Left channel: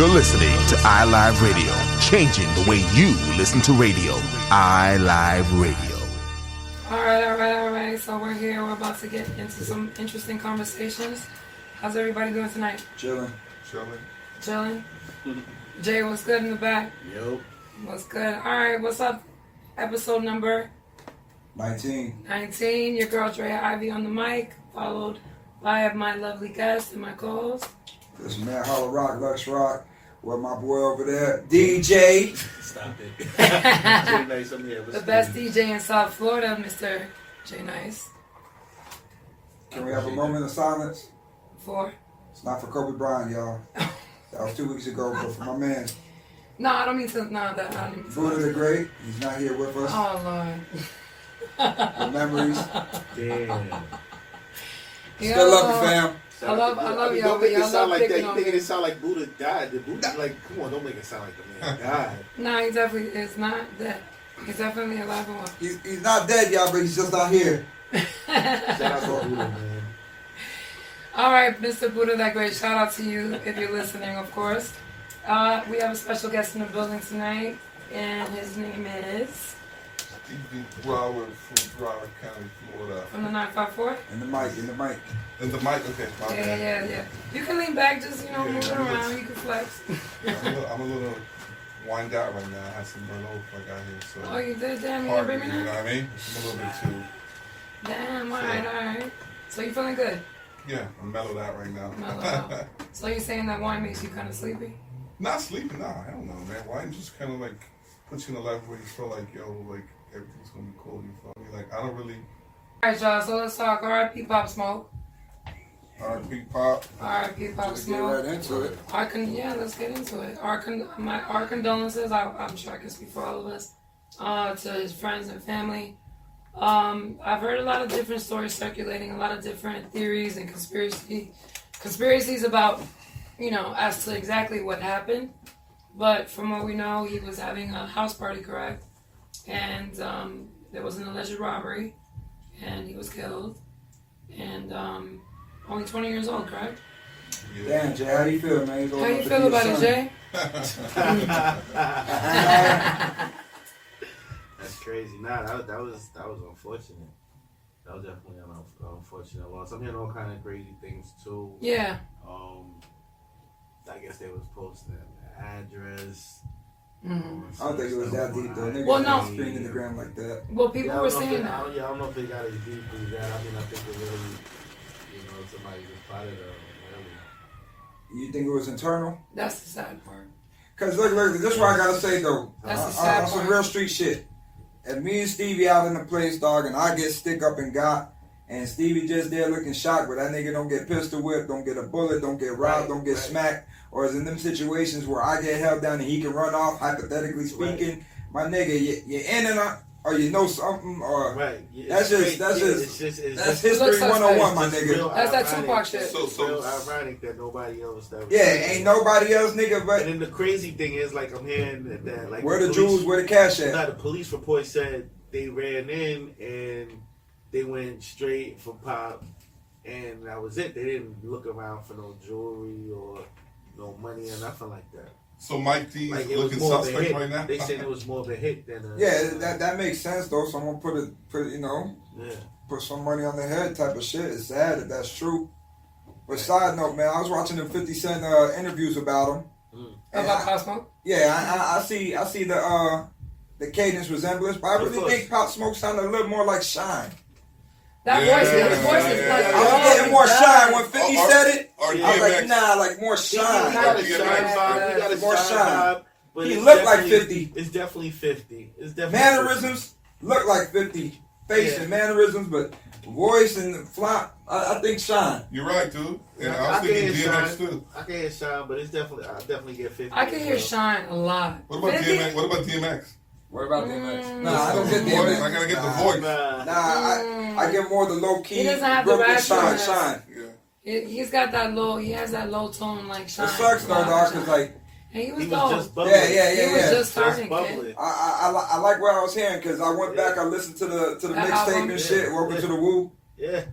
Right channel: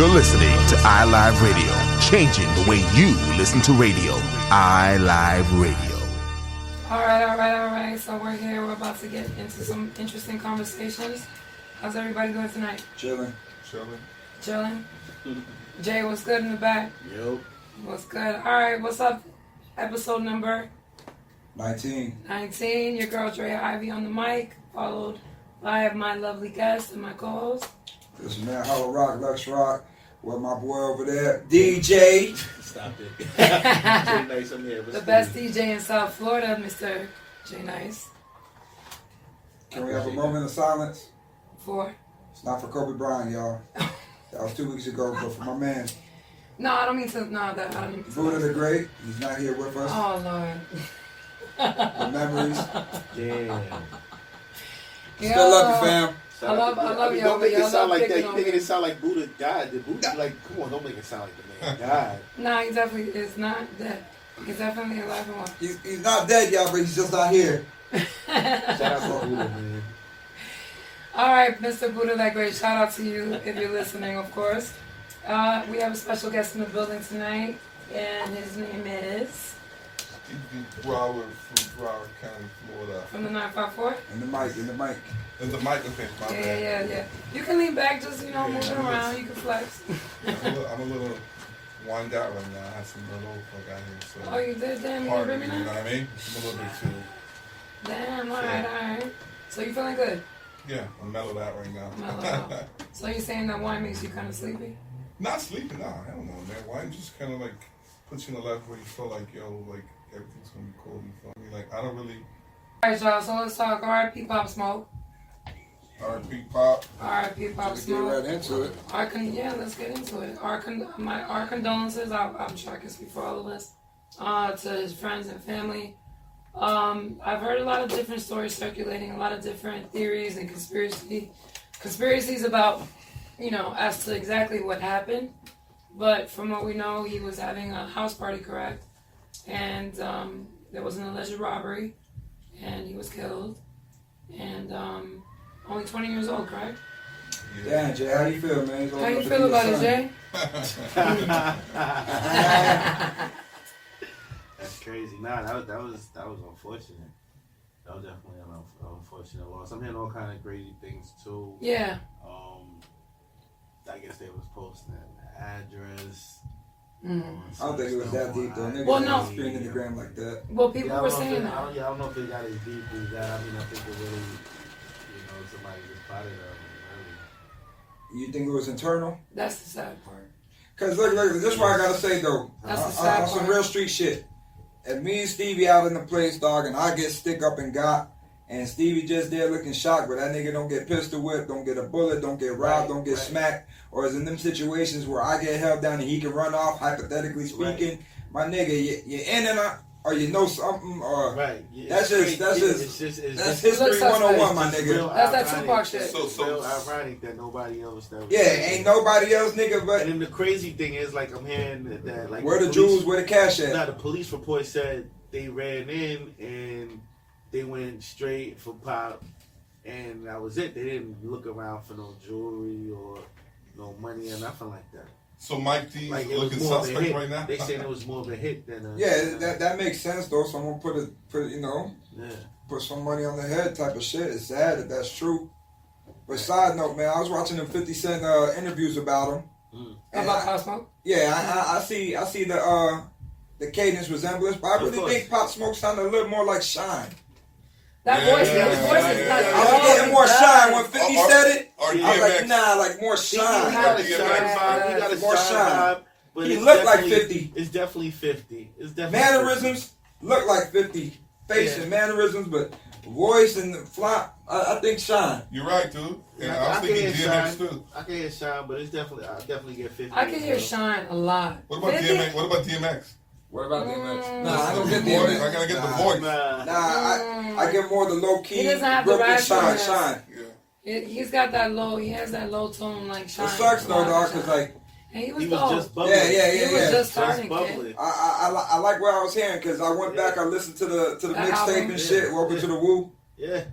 You're listening to iLive Radio, changing the way you listen to radio. iLive Radio. All right. So we're here. We're about to get into some interesting conversations. How's everybody doing tonight? Chilling. Jay, what's good in the back? Yep. What's good? All right, what's up? Episode number 19. Your girl Draya Ivy on the mic, followed by my lovely guest and my co-host. This man, Lex Roc, with my boy over there, DJ. Stop it. Jay Nice, I'm here. The best DJ in South Florida, Mr. Jay Nice. Can we have a moment of silence? For? It's not for Kobe Bryant, y'all. That was 2 weeks ago, but for my man. No, I don't mean to. No, that I don't mean to. Buddha the Great, he's not here with us. Oh, Lord. The memories. Damn. Still love you, fam. I love y'all. Don't make it sound like that. You You making it sound like Buddha died. The Buddha, like, come on, don't make it sound like the man died. No, he definitely is not dead. He's definitely alive and well. He's not dead, y'all, but he's just not here. Shout out to Buddha, man. All right, Mr. Buddha the Great, shout out to you if you're listening, of course. We have a special guest in the building tonight, and his name is? Stevie Broward from Broward County, Florida. From the 954? In the mic. And the mic, okay, my bad. Yeah. You can lean back, just, move it around. You can flex. I'm a little wind out right now. I had some Merlot I got here, so. Oh, you did? Damn, you Party, didn't bring me you know none? what I mean? I'm a little bit too. Damn, all right. So you feeling good? Yeah, I'm mellowed out right now. Mellow. So you're saying that wine makes you kind of sleepy? Not sleeping, nah, I don't know, man. Wine just kind of like puts you in a level where you feel like, like everything's gonna be cool. You feel me? Like I don't really. All right, y'all. So let's talk. R.I.P. Pop Smoke. R.I.P. Pop. R.I.P. Pop Let's Smoke. get right into it. Let's get into it. Our condolences. I'm sure I can speak for all of us. To his friends and family. I've heard a lot of different stories circulating, a lot of different theories and conspiracies about, as to exactly what happened. But from what we know, he was having a house party, correct? And there was an alleged robbery, and he was killed. And only 20 years old, correct? Yeah. Damn, Jay, how do you feel, man? How you feel about it, Jay? That's crazy. Nah, that was unfortunate. That was definitely an unfortunate loss. I'm hearing all kind of crazy things too. Yeah. I guess they was posting the address. Mm-hmm. I don't think it was that deep, though. Niggas Well, no. spinning in the ground like that. Well, people were saying that. I don't know if it got as deep as that. I mean, I think it really, somebody just plotted really. You think it was internal? That's the sad part. Because look, this is what I gotta say, though. That's the sad on some part. real street shit. If me and Stevie out in the place, dog, and I get stick up and got, and Stevie just there looking shocked, but that nigga don't get pistol whipped, don't get a bullet, don't get robbed, don't get smacked, or is in them situations where I get held down and he can run off, hypothetically speaking, my nigga, you're in and out, or you know something, or that's history 101, my nigga. That's that Tupac shit. So ironic that nobody else. Ain't nobody else, nigga, but. And then the crazy thing is, like, I'm hearing that like, where the jewels, where the cash at? Now, the police report said they ran in and they went straight for Pop, and that was it. They didn't look around for no jewelry or no money or nothing like that. So Mike D Like, is looking suspect right now? They said it was more of a hit than a... Yeah, that makes sense, though. Someone put Yeah. put some money on their head type of shit. It's sad if that's true. But side note, man, I was watching them 50 Cent interviews about him. About Pop Smoke? Yeah, I see the cadence resemblance, but I really think Pop Smoke sounded a little more like Shine. That voice is like... I was getting more Shine when 50 said it. Or I was like, DMX. nah, like more Shine. More Shine. But He it's looked like definitely- 50. It's definitely 50. It's definitely Mannerisms look like 50. Face and mannerisms, but voice and the flop, I think Shine. You're right, dude. And I I was can thinking hear DMX Shine. too. I can hear Shine, but it's definitely, I definitely get 50. I can hear Shine a lot. What about 50? DMX? What about DMX? What about DMX? Nah, I don't get The voice. DMX. I gotta get the voice. Nah, I get more the low key He doesn't have the Brooklyn raspiness. Shine. Yeah. He's got that low, he has that low tone like Shine. It sucks though, dog, cause like, and he was He dope. was just bubbling. He was just starting, Just kid. bubbling. I like what I was hearing, cause I went back, I listened to the That mixtape album? and shit. Welcome Yeah. to the Woo. Yeah.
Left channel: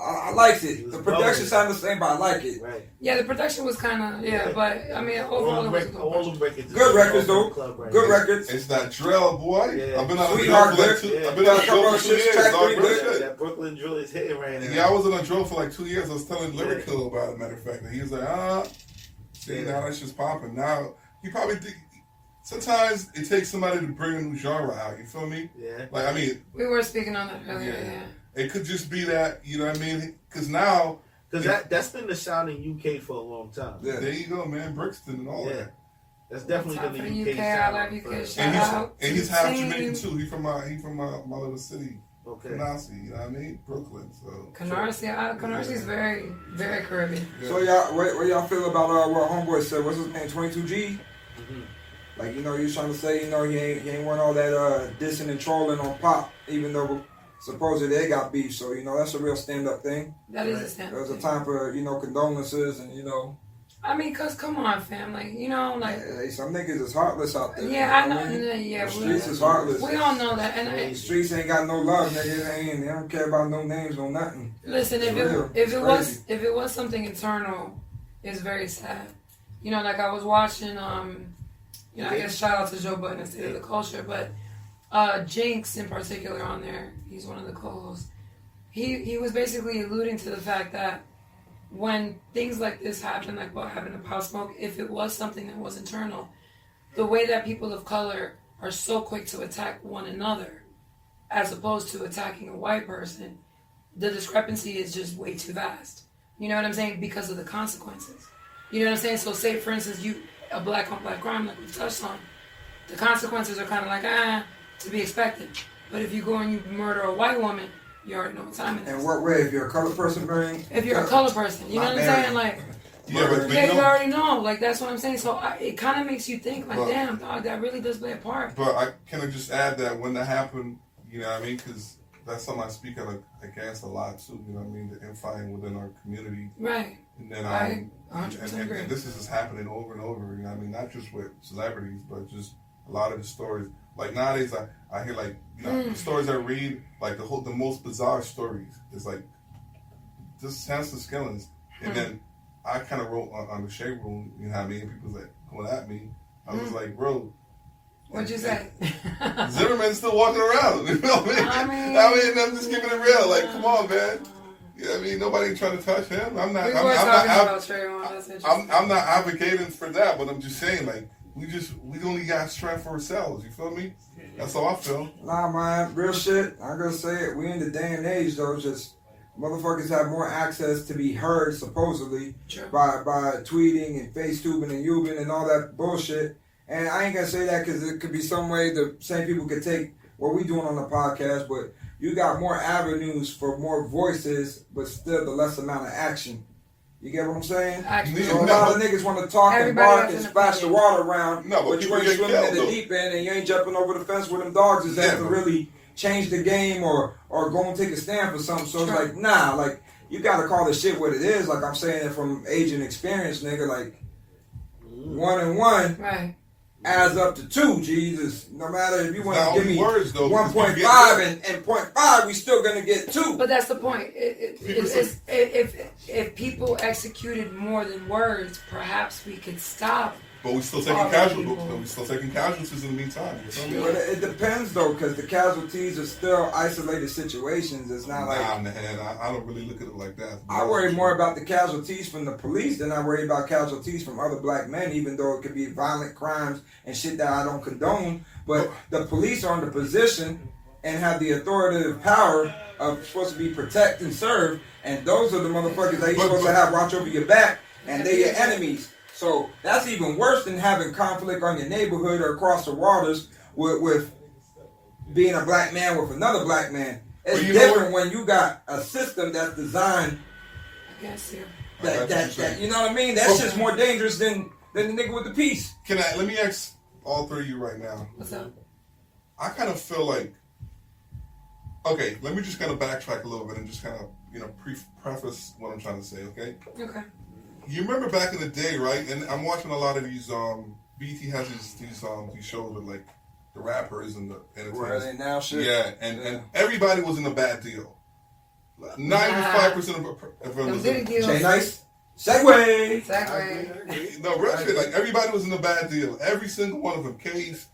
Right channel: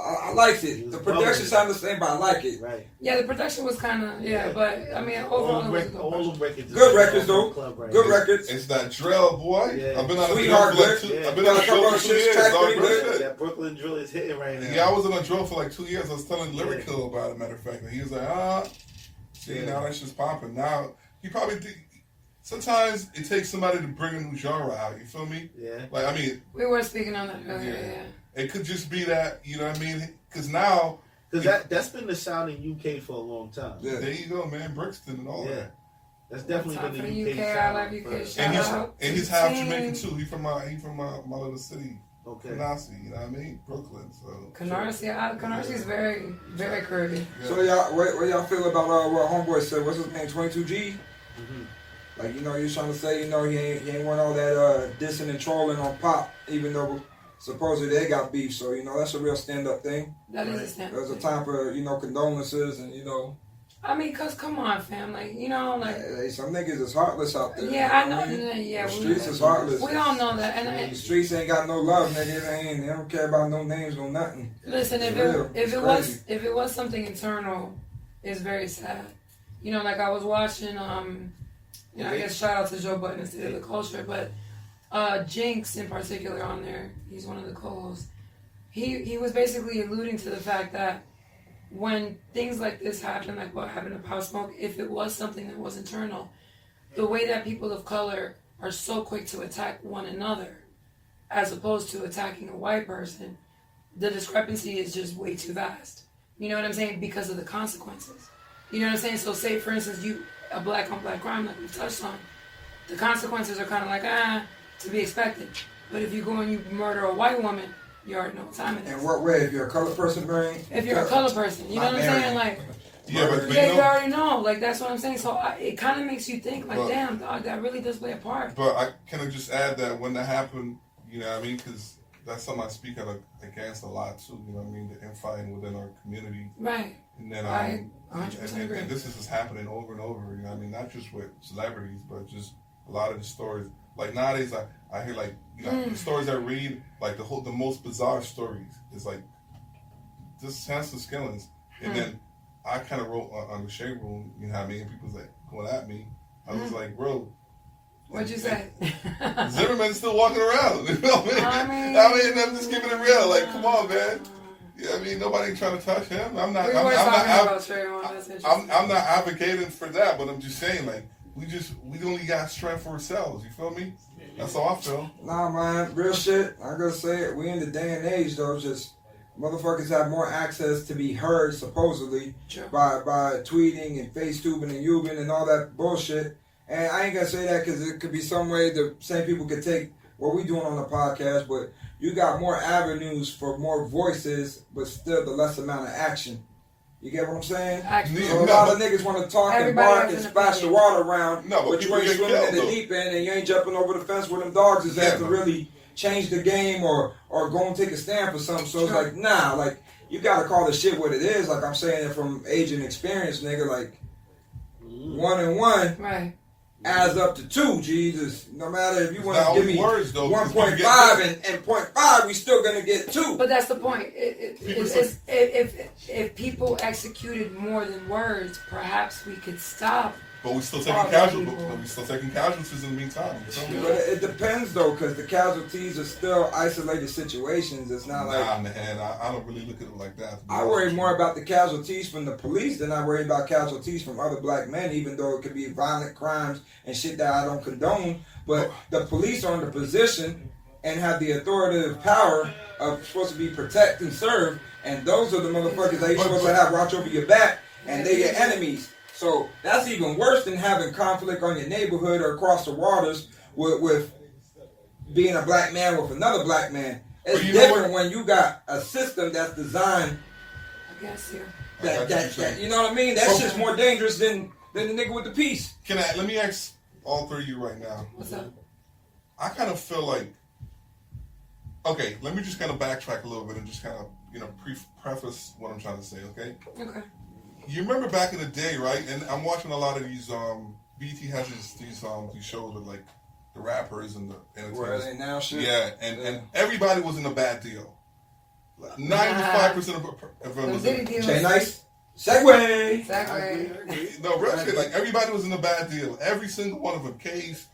I liked it. The production sounded the same, but I like it. Right. Yeah, the production was kind of but I mean overall it was a good all project. the records. Good records though. Right Good now. records. It's that drill, boy. Yeah. I've been on a Sweetheart drill for good. like 2. Yeah. I've been on a drill for 2 years, Track dog. three Real good. shit. That Brooklyn drill is hitting right now. Yeah, I was on a drill for like 2 years. I was telling Lyrical about it, matter of fact. And he was like, see, now that's just popping. Now, you probably think, sometimes it takes somebody to bring a new genre out, you feel me? Yeah. Like, I mean. We were speaking on that earlier, yeah. It could just be that, you know what I mean? Because now. Because that's been the sound in UK for a long time. Yeah. There you go, man. Brixton and all that. That's definitely been the UK sound. I love UK. And he's half Jamaican too. He's from my little city. Okay. Canarsie, you know what I mean? Brooklyn. So Canarsie is very, very Caribbean. Yeah. So y'all, what y'all feel about what Homeboy said? What's his name? 22G. Like, you know, he was trying to say, you know, he ain't want all that dissing and trolling on Pop, even though supposedly they got beef. So, you know, that's a real stand-up thing. That is a stand-up There's a thing. time for, you know, condolences and, you know. I mean, cause come on, fam, like, you know, like. Hey, some niggas is heartless out there. Yeah, I know. The streets is heartless. We all know that. And the streets ain't got no love, niggas. They don't care about no names, no nothing. Listen, if it was something internal, it's very sad. You know, like I was watching, you know, I guess shout out to Joe Budden and State of the Culture, but Jinx in particular on there, he's one of the co-hosts. He was basically alluding to the fact that when things like this happen, like what happened to Pop Smoke, if it was something that was internal, the way that people of color are so quick to attack one another as opposed to attacking a white person, the discrepancy is just way too vast. You know what I'm saying? Because of the consequences. You know what I'm saying? So say, for instance, a black on black crime like we've touched on, the consequences are kind of like, to be expected. But if you go and you murder a white woman, you already know what time it is. In what way? If you're a color person, if you're a color person, you know what I'm saying? Like, yeah, but you already know. Like, that's what I'm saying. So it kind of makes you think, like, damn, dog, that really does play a part. But I kind of just add that when that happened, you know what I mean? Because that's something I speak against a lot too. You know what I mean? The infighting within our community. Right. And then and this is just happening over and over. You know what I mean? Not just with celebrities, but just a lot of the stories. Like nowadays, I hear like, you know, the stories I read, like the most bizarre stories is like just senseless killings. And then I kind of wrote on the shade room, you know what I mean? People's like going at me. I was like, bro. What'd you say? Zimmerman's still walking around. You know what I mean? I mean, I'm just keeping it real. Like, come on, man. You know what I mean? Nobody trying to touch him. I'm not advocating for that, but I'm just saying, like, we only got strength for ourselves. You feel me? That's how I feel. Nah, man, real shit. I'm gonna say it. We in the day and age though, just motherfuckers have more access to be heard supposedly by tweeting and FaceTubing and Ubing and all that bullshit. And I ain't gonna say that because it could be some way the same people could take what we doing on the podcast, but you got more avenues for more voices, but still the less amount of action. You get what I'm saying? So a lot of niggas want to talk and bark and splash the water around, but you ain't swimming in the deep end and you ain't jumping over the fence where them dogs is at to really change the game or go and take a stand for something. So it's like, nah, like, you gotta call the shit what it is. Like I'm saying it from age and experience, nigga. Like, 1 and 1 adds up to 2, Jesus. No matter if you want to give me 1.5 and 0.5, we still gonna get 2. But that's the point. If people executed more than words, perhaps we could stop. But we still taking casualties. But we still taking casualties in the meantime. You feel me? But it depends though, because the casualties are still isolated situations. It's not like. Nah, man. I don't really look at it like that. I worry more about the casualties from the police than I worry about casualties from other black men, even though it could be violent crimes and shit that I don't condone. But the police are in the position and have the authoritative power of supposed to be protect and serve, and those are the motherfuckers that you're supposed to have watch over your back, and they're your enemies. So that's even worse than having conflict on your neighborhood or across the waters with being a black man with another black man. It's different when you got a system that's designed. I guess that you know what I mean? That shit's more dangerous than the nigga with the piece. Let me ask all three of you right now. What's up? I kind of feel like, okay, let me just kind of backtrack a little bit and just kind of, you know, preface what I'm trying to say, okay? Okay. You remember back in the day, right? And I'm watching a lot of these, BT has these shows with like the rappers and the entertainers. Where they now shit. Yeah, and everybody was in a bad deal. 95% of them was Diddy deals. Jay Nice. Segway. Exactly. no real shit. Like everybody was in a bad deal. Every single one of them. Case,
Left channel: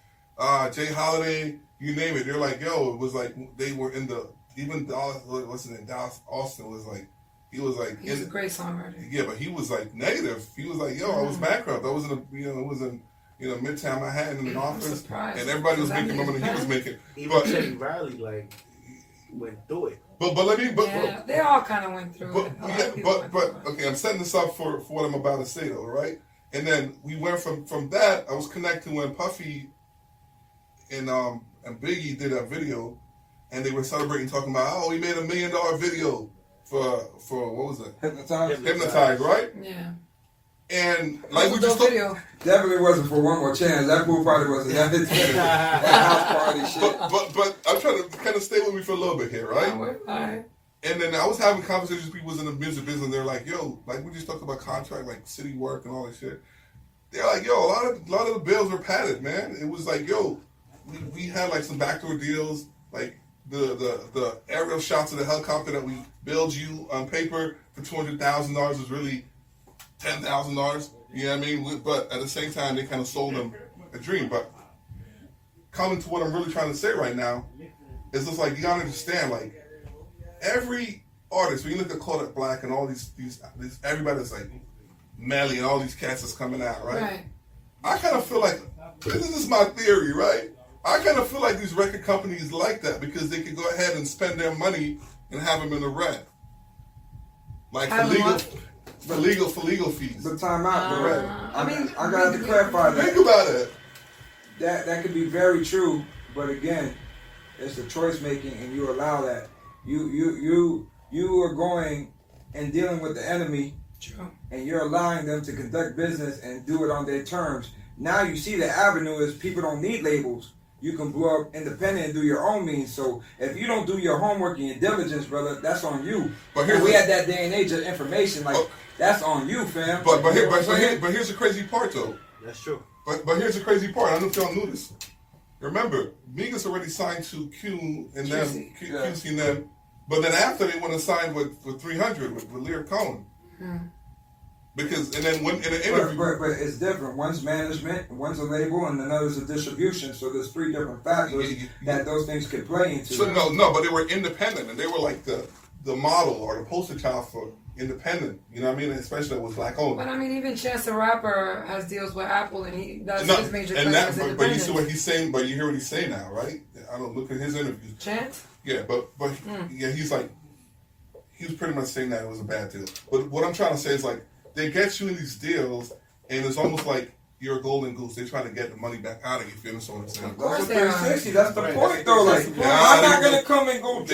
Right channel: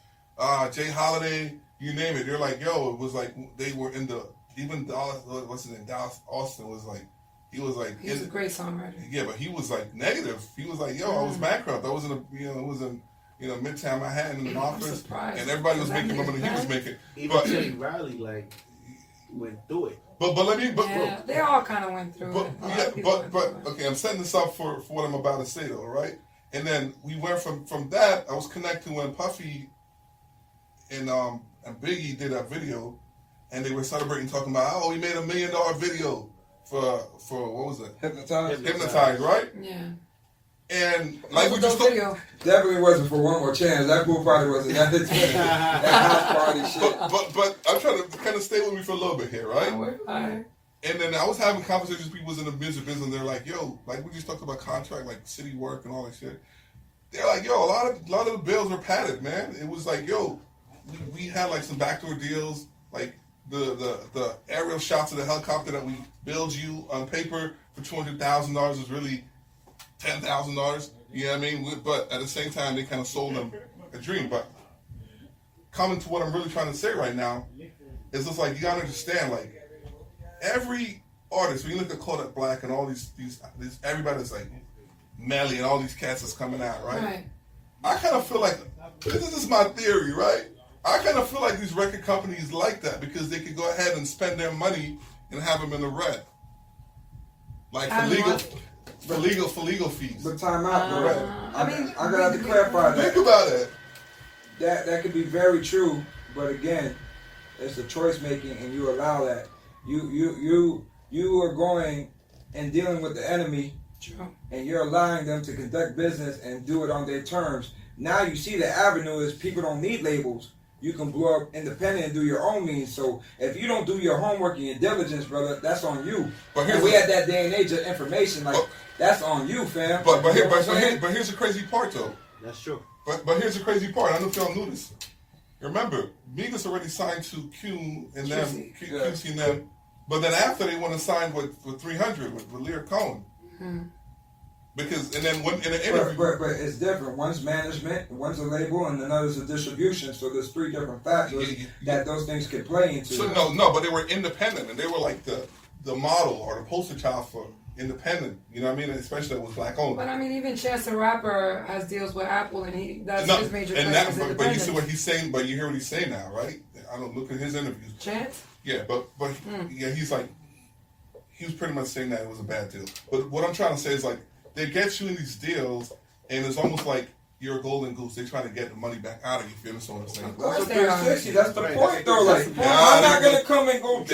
Jay Holiday, you name it. They're like, yo, it was like they were in the even Dallas. What's his name? Dallas Austin was like. He was like. He's a great songwriter. Yeah, but he was like negative. He was like, yo, I was bankrupt. I was in Midtown Manhattan in an office, and everybody was making more than he was making. Even Teddy Riley like went through it. But They all kind of went through it. Okay, I'm setting this up for what I'm about to say though, right? And then we went from that. I was connecting when Puffy and Biggie did that video, and they were celebrating, talking about, oh, we made $1 million video for what was it? Hypnotized, right? Yeah. And like we just video. Definitely wasn't for One More Chance. That pool party wasn't that house party shit. But I'm trying to kind of stay with me for a little bit here, right? All right. And then I was having conversations with people in the music business, and they're like, yo, like we just talked about contract, like city work and all that shit. They're like, yo, a lot of the bills were padded, man. It was like, yo, we had like some backdoor deals, like the aerial shots of the helicopter that we billed you on paper for $200,000 was really $10,000. You know what I mean? But at the same time, they kind of sold them a dream. But coming to what I'm really trying to say right now is just like, you gotta understand, like every artist, when you look at Kodak Black and all these everybody's like Melly and all these cats that's coming out, right? I kind of feel like, this is just my theory, right? I kind of feel like these record companies like that because they could go ahead and spend their money and have them in the red. Like for legal fees. But time out, the red. I gotta have to clarify that. Think about it. That could be very true, but again, it's a choice making, and you allow that. You are going and dealing with the enemy, and you're allowing them to conduct business and do it on their terms. Now you see the avenue is people don't need labels. You can blow up independent and do your own means. So if you don't do your homework and your diligence, brother, that's on you. But we had that day and age of information, that's on you, fam. But here's the crazy part, though. That's true. But here's the crazy part. I don't know if y'all knew this. Remember, Migos already signed to Q and them, QC and them. But then after they want to sign with 300 with Lear Cohen. Because and then when in an interview, but it's different. One's management, one's a label, and another's a distribution. So there's three different factors that those things could play into. So no, but they were independent, and they were like the model or the poster child for independent. You know what I mean? Especially that was black owned. But I mean, even Chance the Rapper has deals with Apple, and that's his major claim as independent. But you see what he's saying. But you hear what he's saying now, right? I don't look at his interviews. Chance? Yeah, but yeah, he's like, he was pretty much saying that it was a bad deal. But what I'm trying to say is like, they get you in these deals, and it's almost like you're a golden goose. They try to get the money back out of you. If you understand what I'm saying? Of course, 360. That's the point, though. Like, I'm not gonna come and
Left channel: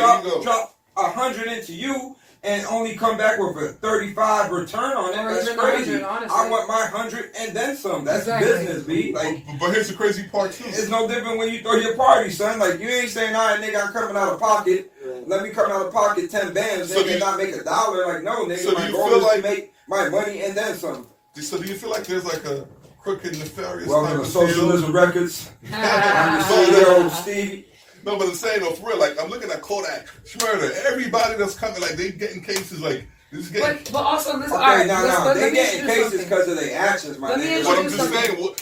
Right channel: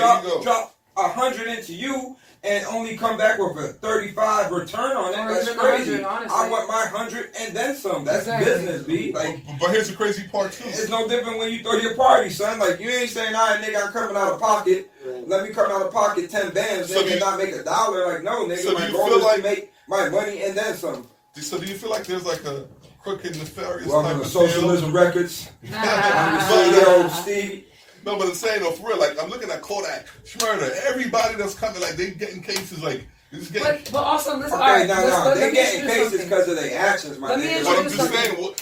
drop 100 into you and only come back with a 35 return on it. That's crazy. I want my 100 and then some. That's business, B. Like, but here's the crazy part too. It's no different when you throw your party, son. Like, you ain't saying, all right, nigga, I'm coming out of pocket. Let me come out of pocket 10 bands, nigga, and not make $1. Like, no, nigga. So my goal is to make my money and then some. So do you feel like there's like a crooked, nefarious Welcome type to of Socialism deal? Records. I'm your CEO, Stevie. No, but I'm saying though, for real, like I'm looking at Kodak, Schmurder, everybody that's coming, like they getting cases like this. But also, listen. Okay, now they getting cases because of their actions, my nigga. But I'm just saying,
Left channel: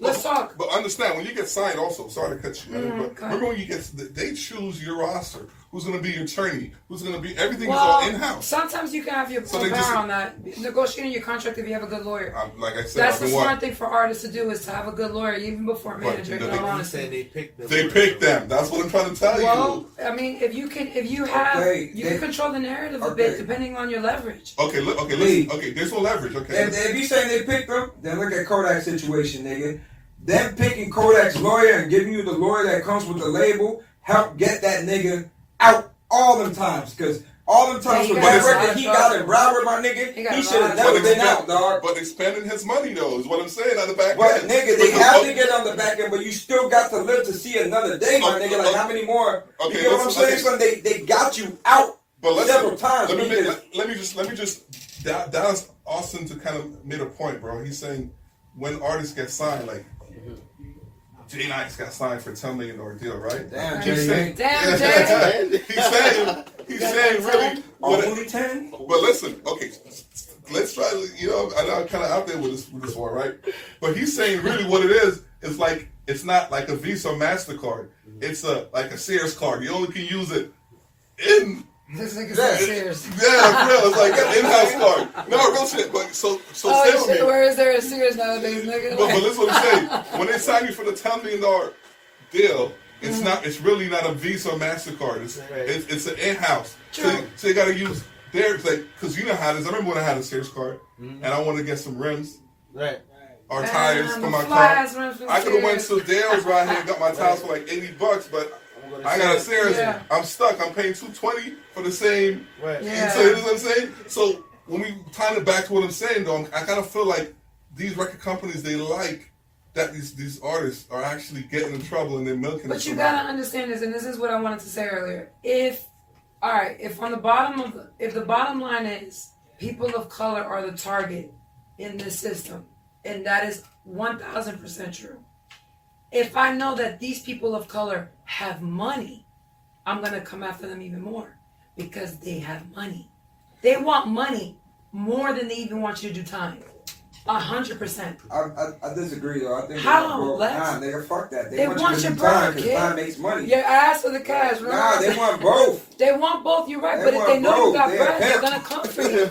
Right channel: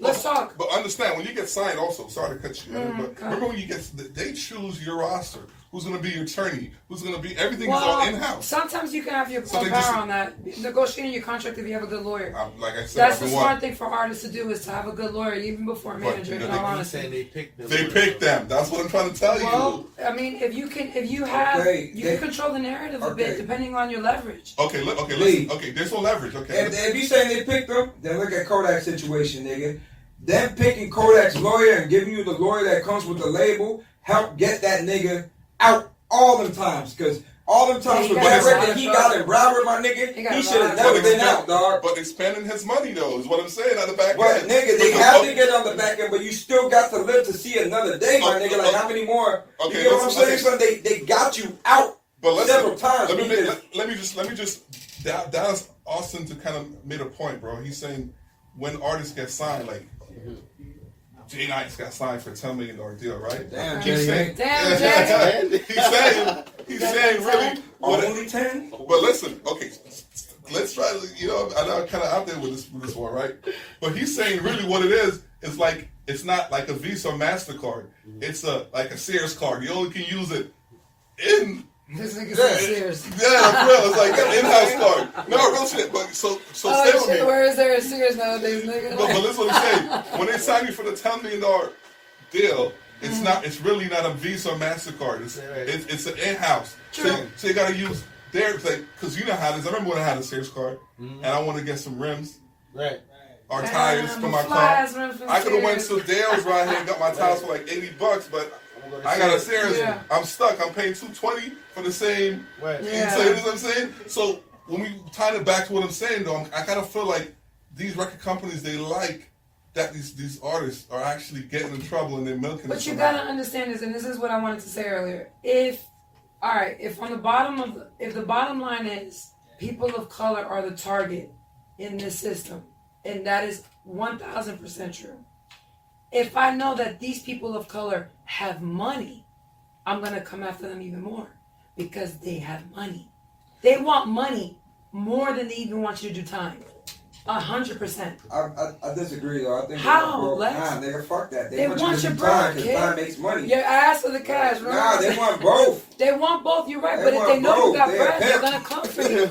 let's talk. But understand when you get signed, also sorry to cut you, but remember when you get, they choose your roster. Who's going to be your attorney? Who's going to be, everything is all in-house. Sometimes you can have your own power on that. Negotiating your contract if you have a good lawyer. Like I said, that's the smart thing for artists to do, is to have a good lawyer even before a manager. They picked them. That's what I'm trying to tell you. Well, I mean, you can control the narrative a bit depending on your leverage. Listen. Okay, there's no leverage. Okay. If you saying they picked them, then look at Kodak's situation, nigga. Them picking Kodak's lawyer and giving you the lawyer that comes with the label help get that nigga out all them times, because all them times with that record he got in Broward, my nigga, he should have never been out, dog. But they spending his money though, is what I'm saying on the back end. But nigga, they have to get on the back end, but you still got to live to see another day, my nigga. Like how many more? Okay, you know what I'm saying? Son, they got you out several times. Let me just Dallas Austin to kind of made a point, bro. He's saying when artists get signed, like Jay Nice got signed for a $10 million deal, right? Damn, Jay. Damn, Jay. He's saying really Only 10? But listen, okay, let's try. I know I'm kind of out there with this one, right? But he's saying really what it is like it's not like a Visa or MasterCard. It's like a Sears card. You only can use it in. This nigga said Sears. Yeah, for real. It's like an in-house card. No, real shit. But so stay with me. Where is there a Sears nowadays, nigga? But this is what I'm saying. When they sign you for the $10 million deal, it's not. It's really not a Visa or MasterCard. It's an in-house. So you got to use their because you know how it is. I remember when I had a Sears card and I wanted to get some rims, right, or tires for my car. I could have went to Dale's right here and got my tires for like $80, but I got a Sears. Yeah. I'm stuck. I'm paying $220 for the same. Right. Yeah. So you know what I'm saying? So when we tie it back to what I'm saying, though, I kind of feel like these record companies, they like that these artists are actually getting in trouble and they're milking. But you gotta understand this, and this is what I wanted to say earlier. If the bottom line is people of color are the target in this system, and that is 1,000% true. If I know that these people of color have money, I'm going to come after them even more because they have money. They want money more than they even want you to do time. 100%. I disagree though. I think how? Nah, nigga, fuck that. They want you to do time because time makes money. Yeah, I asked for the cash, right? Nah, they want both. They want both. You're right, but if they know you got bread, they're gonna come for you.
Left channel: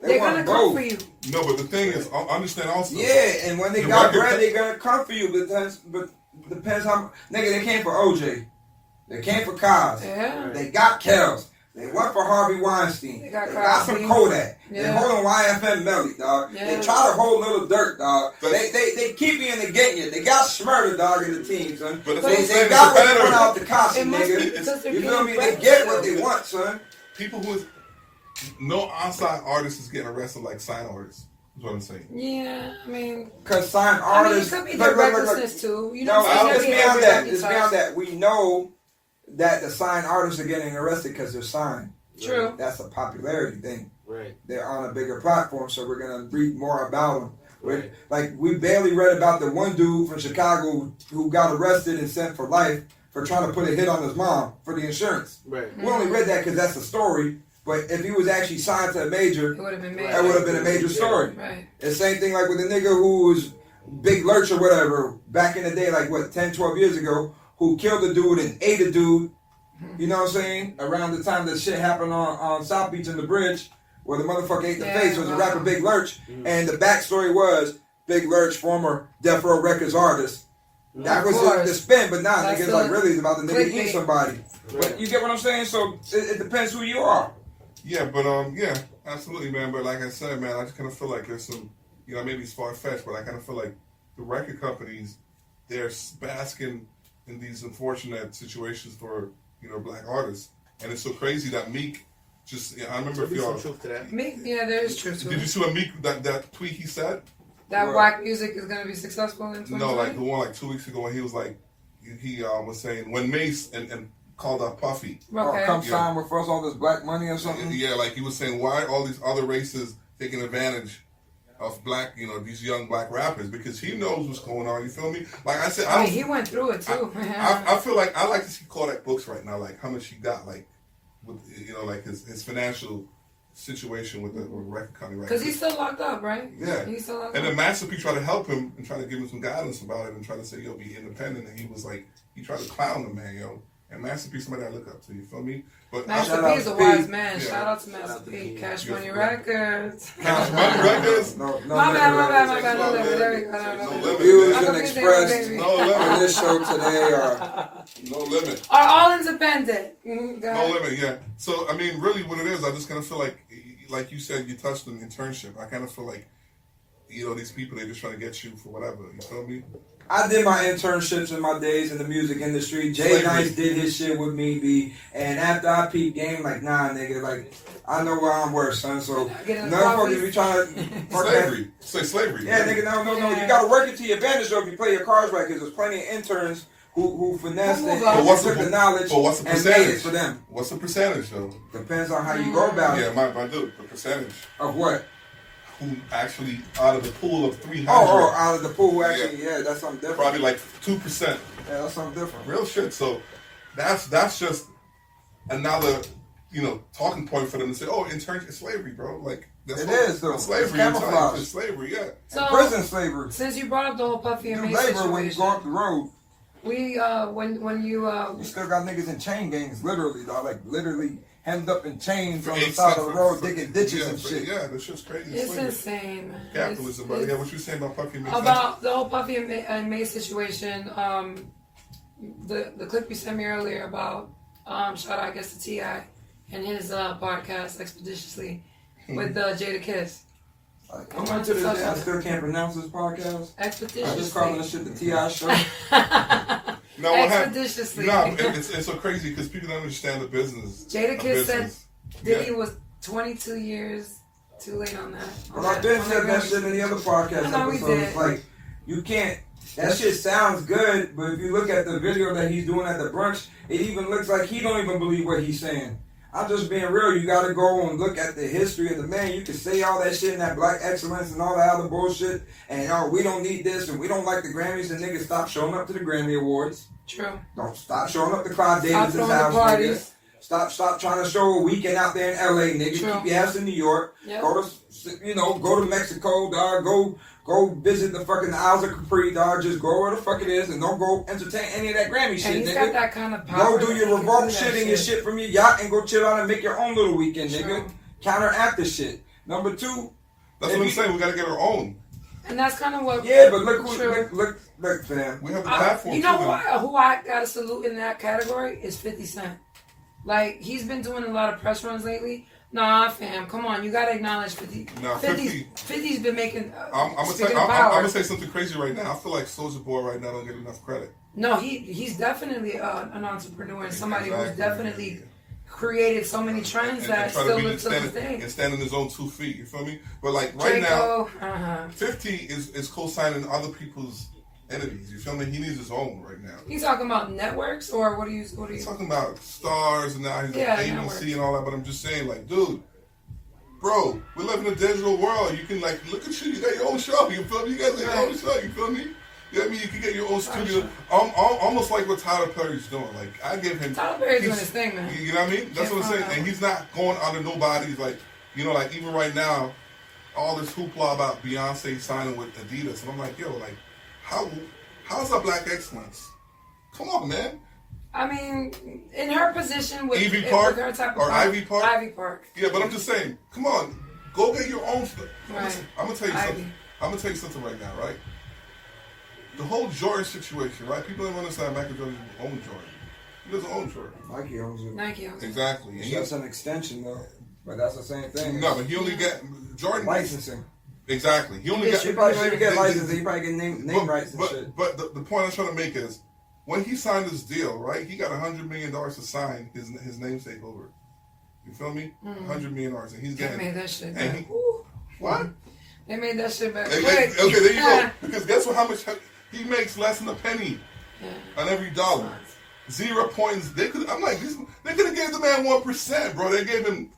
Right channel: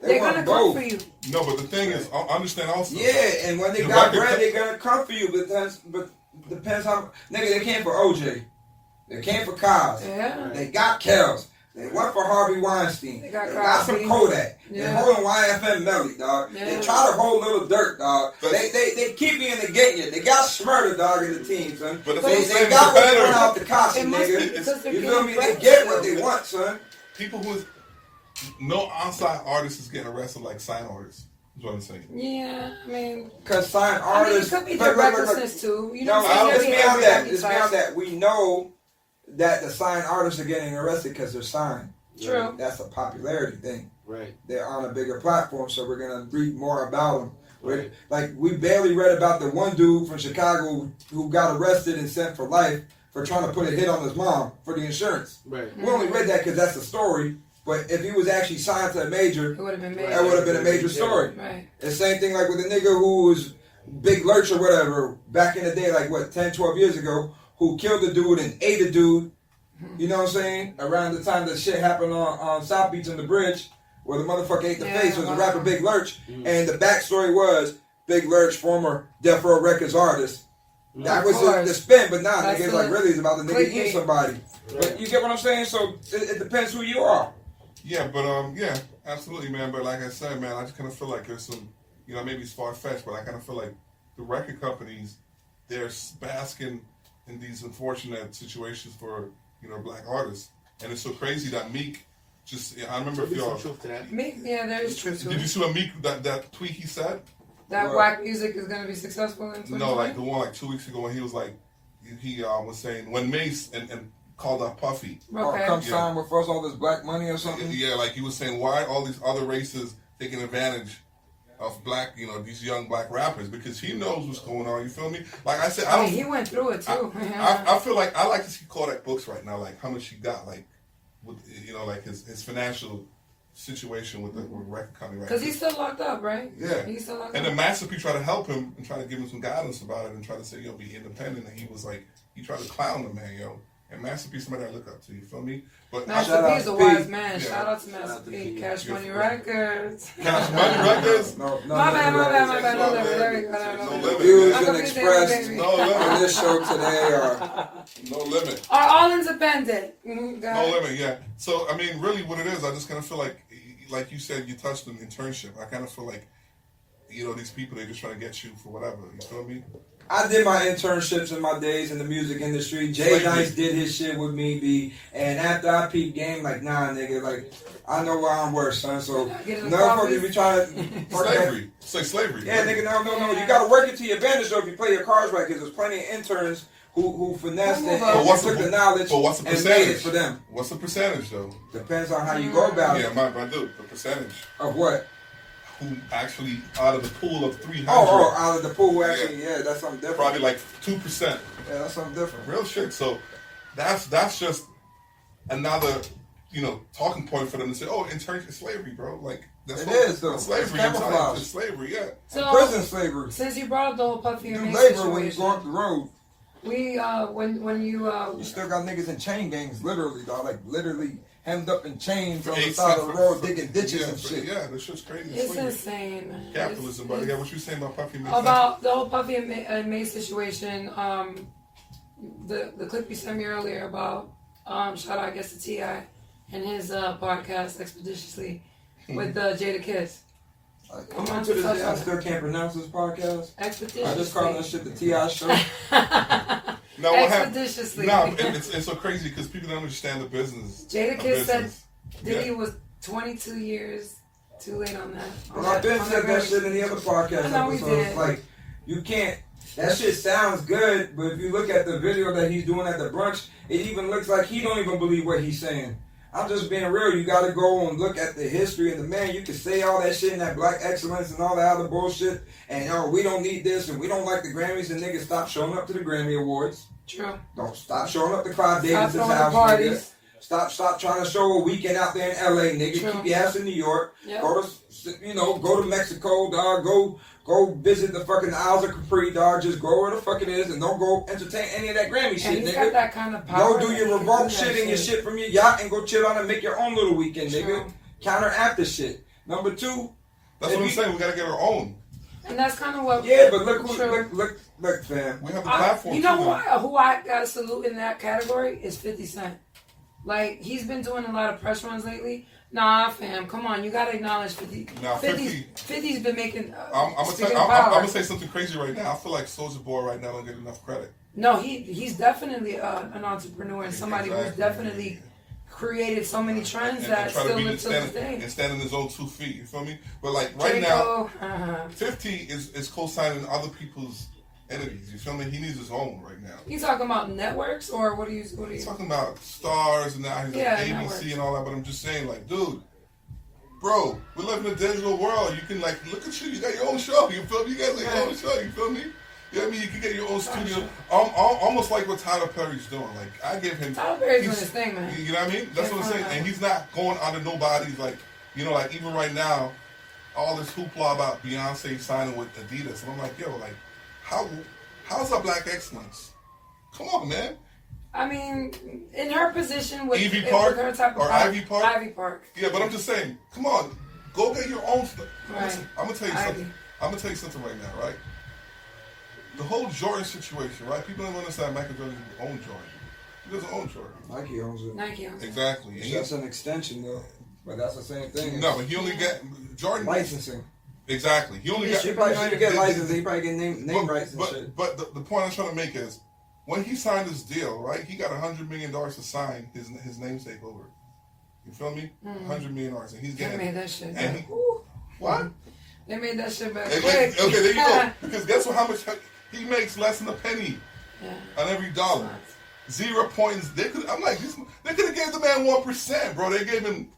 They're gonna come for you. No, but the thing is, I understand also. Yeah, and when they got bread, they're gonna come for you. But depends how. Nigga, they came for OJ. They came for Kaz. Yeah. They got Kels. They went for Harvey Weinstein. They got some Kodak. Yeah. They holding YFN Melly, dog. Yeah. They try to hold Little Dirt, dog. They keep you and they get you. They got Smurder, dog, in the team, son. But they got what they want out the costume, nigga. You feel me? They get what they want, son. People who is no outside artist is getting arrested like sign artists. Is what I'm saying. Yeah, I mean, because sign artists. I mean, it could be their recklessness too. You know, it's beyond that. It's beyond that. We know that the signed artists are getting arrested because they're signed. True. That's a popularity thing. Right. They're on a bigger platform, so we're gonna read more about them. Right. Like we barely read about the one dude from Chicago who got arrested and sent for life for trying to put a hit on his mom for the insurance. Right. We only read that because that's the story. But if he was actually signed to a major, it would have been major. That would have been a major story. Yeah. Right. The same thing like with the nigga who was Big Lurch or whatever back in the day, like 10, 12 years ago, who killed a dude and ate a dude. You know what I'm saying? Around the time that shit happened on South Beach in the bridge, where the motherfucker ate the face, was the rapper Big Lurch. And the backstory was Big Lurch, former Death Row Records artist. That was the spin, but nah, niggas like really it's about the nigga eating somebody. Right. But you get what I'm saying? So it depends who you are. Yeah, but yeah, absolutely, man. But like I said, man, I just kind of feel like there's some, maybe it's far-fetched, but I kind of feel like the record companies, they're basking in these unfortunate situations for black artists, and it's so crazy that Meek I remember if y'all Meek, yeah, there is truth to it. Did you see what Meek that tweet he said? That whack music is gonna be successful in 2020? No, like the one like 2 weeks ago when he was like he was saying when Mace and called out Puffy. Okay. Come sign with us all this black money or something. Yeah, like he was saying why all these other races taking advantage of black, these young black rappers, because he knows what's going on. You feel me? Like I said, I mean, he went through it too. I feel like I like to see Kodak books right now, like how much he got, like with like his financial situation with the record company, right? Because he's still locked up, right? Yeah, he's still locked up. And then Master P tried to help him and try to give him some guidance about it and try to say, be independent. And he was like, he tried to clown the man, And Master P, somebody I look up to. You feel me? But Master P is a wise man. Yeah. Shout out to Master P. Cash Money Records. Cash Money Records? No, my bad. No limit. There we go. No limit. Views and expressed no limit. on this show today are no limit. Are all independent. No limit, yeah. So, I mean, really what it is, I just kind of feel like you said, you touched on internship. I kind of feel like, these people, they're just trying to get you for whatever. You feel me? I did my internships in my days in the music industry. Jay Nice did his shit with me, B. And after I peeped game, like, nah, nigga, like, I know where I'm worse, son. So, motherfuckers be trying to... Slavery. Say slavery. Yeah, nigga, no. You got to work it to your advantage, though, if you play your cards right, because there's plenty of interns who finessed it and took the knowledge and made it for them. What's the percentage, though? Depends on how you go about it. Yeah, I do. The percentage. Of what? Who actually, out of the pool of 300. Oh, out of the pool, actually, yeah, that's something different. Probably like 2%. Yeah, that's something different. Real shit. So that's just another talking point for them to say, oh, internship slavery, bro. Like, that's It is, though. It's slavery. It's camouflage. It's slavery, yeah. So, prison slavery. Since you brought up the whole Puffy and Do Mace labor when you go situation, up the road. we when You still got niggas in chain gangs, literally, dog. Like, literally hemmed up in chains For on the 8 side cents of the road, digging ditches yeah, and shit. Yeah, that shit's crazy. it's slavery. insane, man. Capitalism, but yeah, what you saying about Puffy and Mace? About the whole Puffy and Mace situation, the clip you sent me earlier about shout out I guess to T.I. and his podcast Expeditiously with Jada Kiss. I'm to this day, I still can't pronounce this podcast. Expeditiously. I just call this shit the T.I. show. No, what happened? Expeditiously. No, it's so crazy because people don't understand the business. Jada Kiss said Diddy Yeah. was 22 years too late on that. But I've been said that shit in the other podcast I know we episodes. did. Like, you can't. That shit sounds good, but if you look at the video that he's doing at the brunch, it even looks like he don't even believe what he's saying. I'm just being real. You gotta go and look at the history of the man. You can say all that shit and that black excellence and all that other bullshit, and we don't need this and we don't like the Grammys, and niggas stop showing up to the Grammy Awards. True. Don't stop showing up to Clive Stop Davis's throwing house, the parties. nigga. Stop trying to show a weekend out there in LA, nigga. True. Keep your ass in New York. Yep. Go to Mexico, dog. Go visit the fucking Isles of Capri, dog. Just go where the fuck it is and don't go entertain any of that Grammy And shit, he's nigga. got that kind of power. Go do your revolt shit and your shit from your yacht and go chill out and make your own little weekend, nigga. True. Counteract the shit. Number 2. That's what I'm saying. We gotta get our own. And that's kind of what. Yeah, but look, True. look, fam. We have the platform. You know too, who I gotta salute in that category is 50 Cent. Like, he's been doing a lot of press runs lately. Nah, fam, come on, you gotta acknowledge 50. Nah, 50's been making. I'm gonna say something crazy right now. I feel like Soulja Boy right now don't get enough credit. No, he's definitely an entrepreneur and somebody who's definitely created so many trends that try still to be live to this day. and stand on his own 2 feet. You feel me? But like right now, Draco, 50 is co-signing other people's entities. You feel me? He needs his own right now. You talking about networks or what are you? He's talking about stars and now he's Yeah, like networks. ABC and all that. But I'm just saying, like, dude, bro, we live in a digital world. You can like look at you. You got your own show. You feel me? You guys got your own show. You feel me? You know what I mean? You can get your own studio. Almost like what Tyler Perry's doing. Like, I give him... Tyler Perry's doing his thing, man. You know what I mean? That's what I'm saying. And he's not going under nobody's, like, like, even right now, all this hoopla about Beyonce signing with Adidas. And I'm like, yo, like, how's that black excellence? Come on, man. I mean, in her position with Ivy Park with her type of or park, Ivy Park? Ivy Park. Yeah, but I'm just saying, come on. Go get your own stuff. Right. I'm going to tell you Ivy. something. I'm going to tell you something right now, right? The whole Jordan situation, right? People don't understand Michael Jordan owns Jordan. He doesn't own Jordan. Nike owns it. Nike owns it. Exactly. And That's an extension, though. But that's the same thing. no, but he only got Jordan Licensing. Exactly. He only got. He probably don't even get licensing. He probably get name rights and shit. But the point I'm trying to make is, when he signed this deal, right? He got $100 million to sign his namesake over. You feel me? $100 million, and he's They getting. made that shit And back. what? They made that shit back Okay, quick. there you go. Because guess what? How much he makes? Less than a penny Yeah. on every dollar. 0 points. I'm like, they could have gave the man 1%, bro. They gave him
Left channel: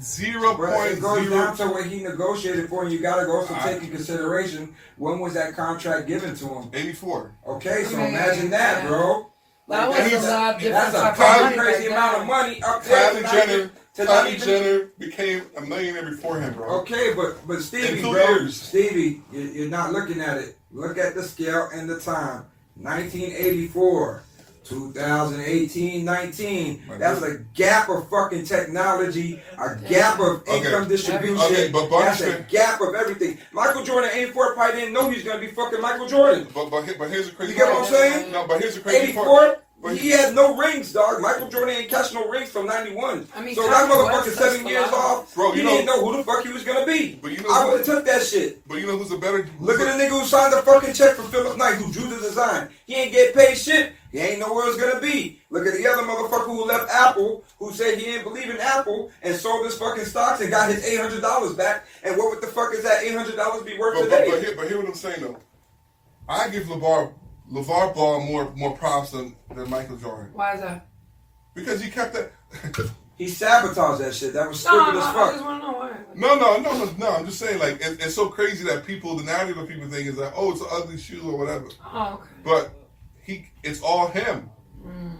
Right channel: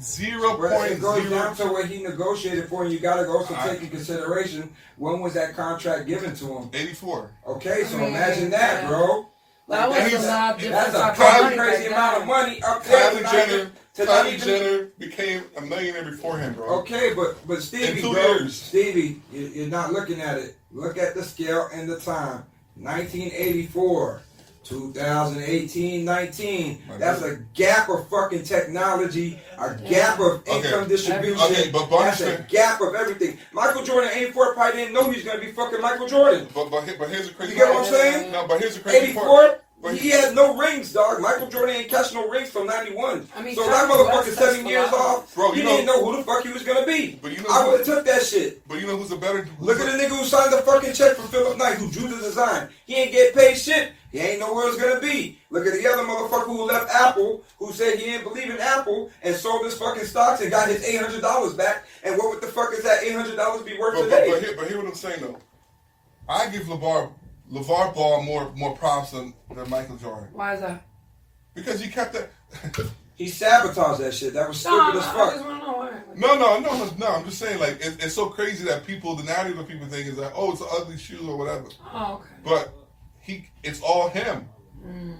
0 But it goes down to 0.0. what he negotiated for, and you got to also take in consideration when was that contract given to him. 84. Okay, so I mean, imagine that, yeah. bro. That Like, was a lot different that's a type of crazy, money crazy back amount then. of money up there. Kylie Jenner became a millionaire before him, bro. Okay, but Stevie, In 2 bro, years. Stevie, you're not looking at it. Look at the scale and the time. 1984, 2018, 19. That's a gap of fucking technology, a gap of income distribution. Okay, but that's a gap of everything. Michael Jordan, 84, probably didn't know he was going to be fucking Michael Jordan. But here's the crazy You get part. what I'm saying? No, but here's the crazy 84, part. But he had no rings, dog. Michael Jordan ain't catch no rings from 91. I mean, so that Kanye motherfucker West 7 touched years a lot. off, Bro, he you know- didn't know who the fuck he was going to be. But you know I who- would have took that shit. But you know who's a better... Look at the nigga who signed the fucking check for Philip Knight, who drew the design. He ain't get paid shit. He ain't know where it's gonna be. Look at the other motherfucker who left Apple, who said he didn't believe in Apple and sold his fucking stocks and got his $800 back. And what the fuck is that $800 be worth today? But hear what I'm saying though. I give LeVar Ball more props than Michael Jordan. Why is that? Because he kept that... He sabotaged that shit. That was stupid No, as I just fuck. want to know why. No. I'm just saying, like, it's so crazy that the narrative of people think is like, oh, it's an ugly shoe or whatever. Oh, okay. But it's all him.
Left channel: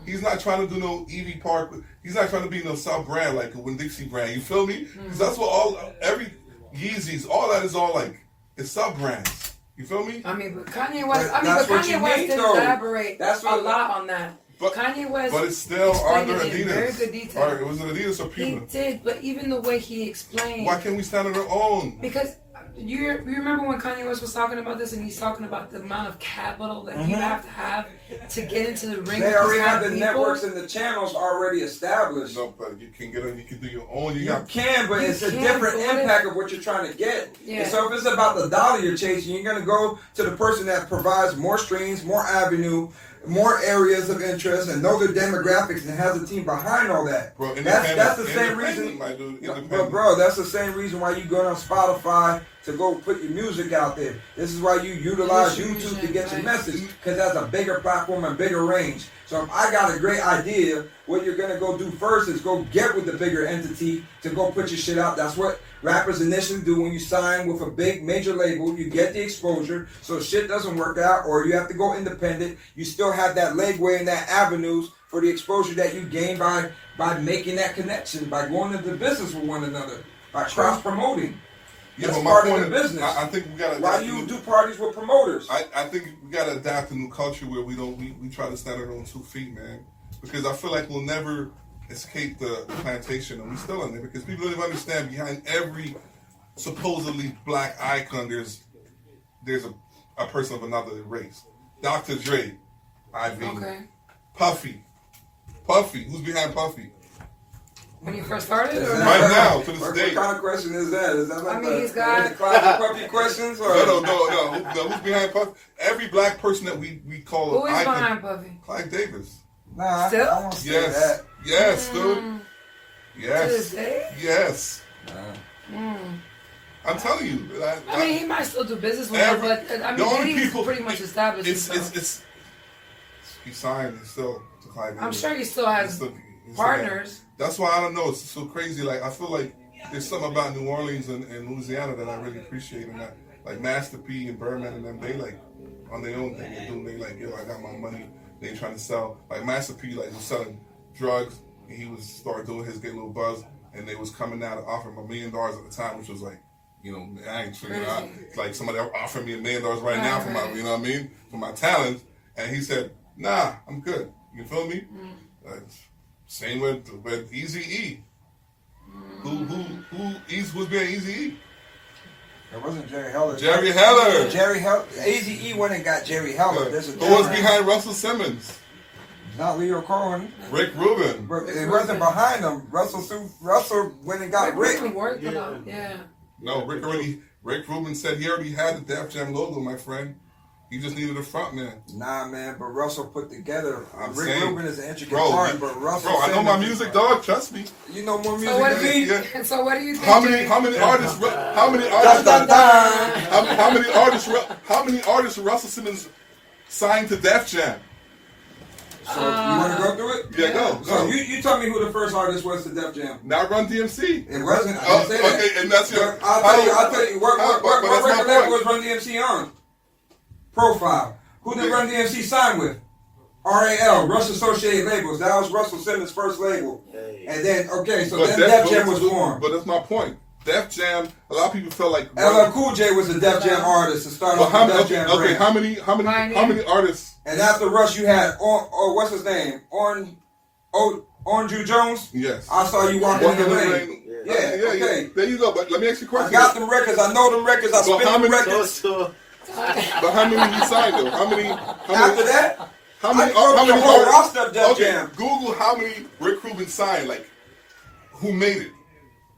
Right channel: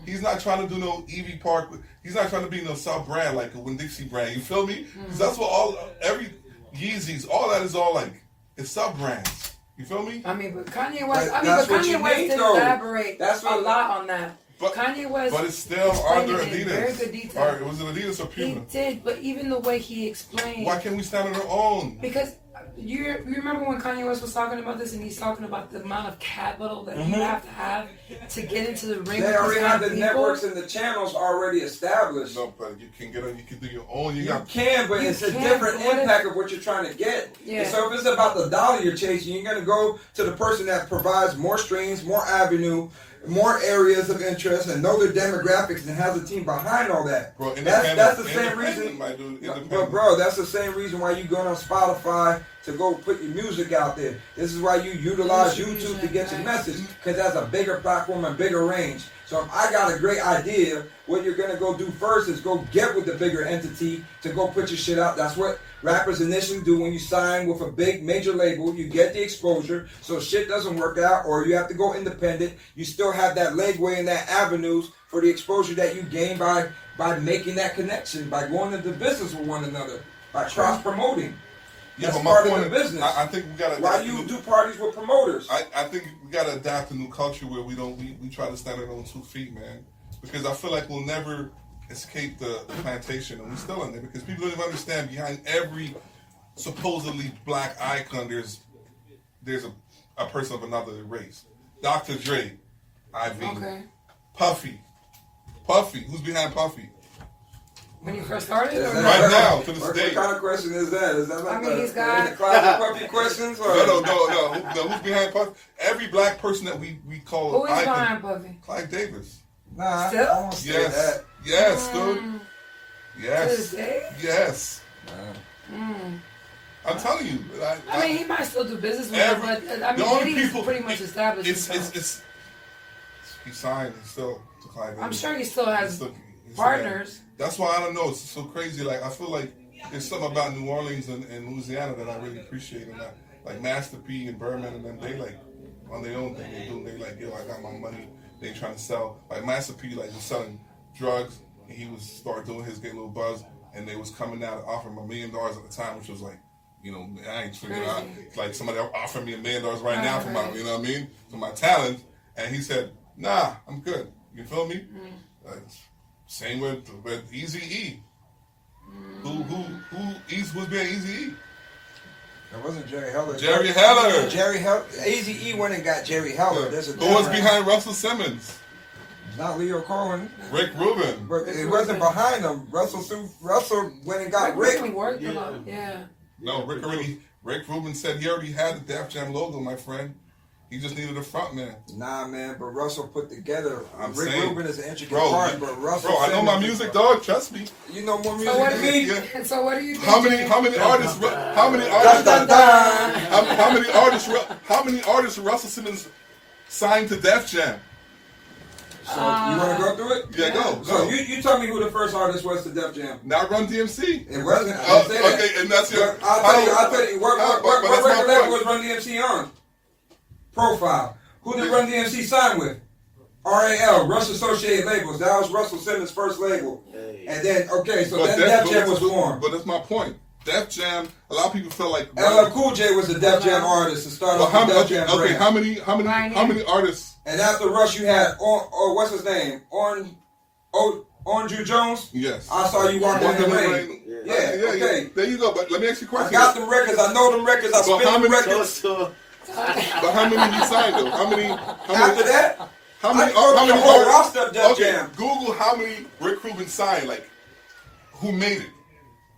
He's not trying to do no Evie Park. He's not trying to be no South brand like a Winn-Dixie brand. You feel me? Because that's what every Yeezys, all that is all like, it's sub brands. You feel me? I mean, but Kanye West. But But that's what Kanye you West need, didn't though. elaborate That's what- a lot on that. But Kanye West. But it's still explained under it in Adidas. very good detail. Or was it Adidas or He Puma? did, but even the way he explained. Why can't we stand on our own? Because you remember when Kanye West was talking about this, and he's talking about the amount of capital that you have to get into the ring. They already have the people. networks and the channels already established. No, but you can get on. You can do your own. You can, but it's a can, different but what impact of what you're trying to get. Yeah. And so if it's about the dollar you're chasing, you're going to go to the person that provides more streams, more avenue, more areas of interest, and know their demographics and has a team behind all that. Bro, That's the same reason. My dude, Bro, that's the same reason why you go on Spotify to go put your music out there. This is why you utilize YouTube to get your message, because that's a bigger platform and bigger range. So if I got a great idea, what you're gonna go do first is go get with the bigger entity to go put your shit out. That's what rappers initially do when you sign with a big major label. You get the exposure, so shit doesn't work out, or you have to go independent. You still have that legway and that avenues for the exposure that you gain by making that connection, by going into business with one another, by cross promoting. That's part of the business. I think we gotta. Why you do parties with promoters? I think we gotta adapt a new culture where we try to stand on our own 2 feet, man. Because I feel like we'll never escape the plantation, and we're still in there. Because people don't even understand behind every supposedly black icon, there's a person of another race. Dr. Dre, Ivy, Puffy. Who's behind Puffy? When he first started, or Right now, to this What day. kind of question is that? Is that like he's got the Clyde Puppy questions? Or? No. Who's behind Puffy? Every black person that we call who is icon. behind Puffy? Clyde Davis. Nah, Still? I won't say Yes. that. Yes, dude. To this Yes. day? Yes. I'm telling you. I mean, he might still do business with Every- her, but I the mean, only he's people- pretty much established himself. It's he signed still to Clyde Davis. I'm sure he still has He's partners. That's why I don't know. It's so crazy. Like I feel like there's something about New Orleans and Louisiana that I really appreciate, and that like Master P and Birdman and them, they like on their own thing. They do. They like, yo, I got my money. They ain't trying to sell. Like Master P like was selling drugs, and he was start doing his get a little buzz, and they was coming out and offering him $1 million at the time, which was like, you know, I ain't figuring out like somebody offered me $1 million right now for my, you know what I mean, for my talent, and he said, nah, I'm good. You feel me? Same with Eazy-E. Who's being Eazy-E? It wasn't Jerry Heller. Jerry Heller. Jerry Heller. AZE went and got Jerry Heller. There's a Who was difference. behind Russell Simmons? Not Leo Cohen. Rick Rubin. But it wasn't behind him. Russell went and got Rick. Worked a lot. Yeah. No, Rick Rubin said he already had the Def Jam logo, my friend. He just needed a front man. Nah, man, but Russell put together. Rick saying, Rubin is an intricate part, but Russell. I know my music, dog. Trust me. You know more music So what than do me. you? So what do you think? How many artists? How many artists Russell Simmons signed to Def Jam? So you want to go through it? Yeah, go. So you tell me who the first artist was to Def Jam. Not Run DMC. It wasn't. I didn't say that. Okay, and that's your. I'll tell you. What but that's my record label was point. Run DMC on? Profile. Who did Run DMC sign with? RAL, Rush Associated Labels. That was Russell Simmons' first label. And then, then Def Jam was formed. But that's my point. Def Jam, a lot of people feel like LL Cool J was a Def Jam artist to start off the Def Jam brand. how many artists? And after Rush, you had what's his name? Orange Jones. Yes. I saw you walking in the rain. Yeah. Okay. There you go. But let me ask you a question. I got them records. I know them records. I spin them records. But how many he signed though? How many? After that, how many whole roster of Def Okay, Jam. Google how many Rick Rubin signed. Like, who made it?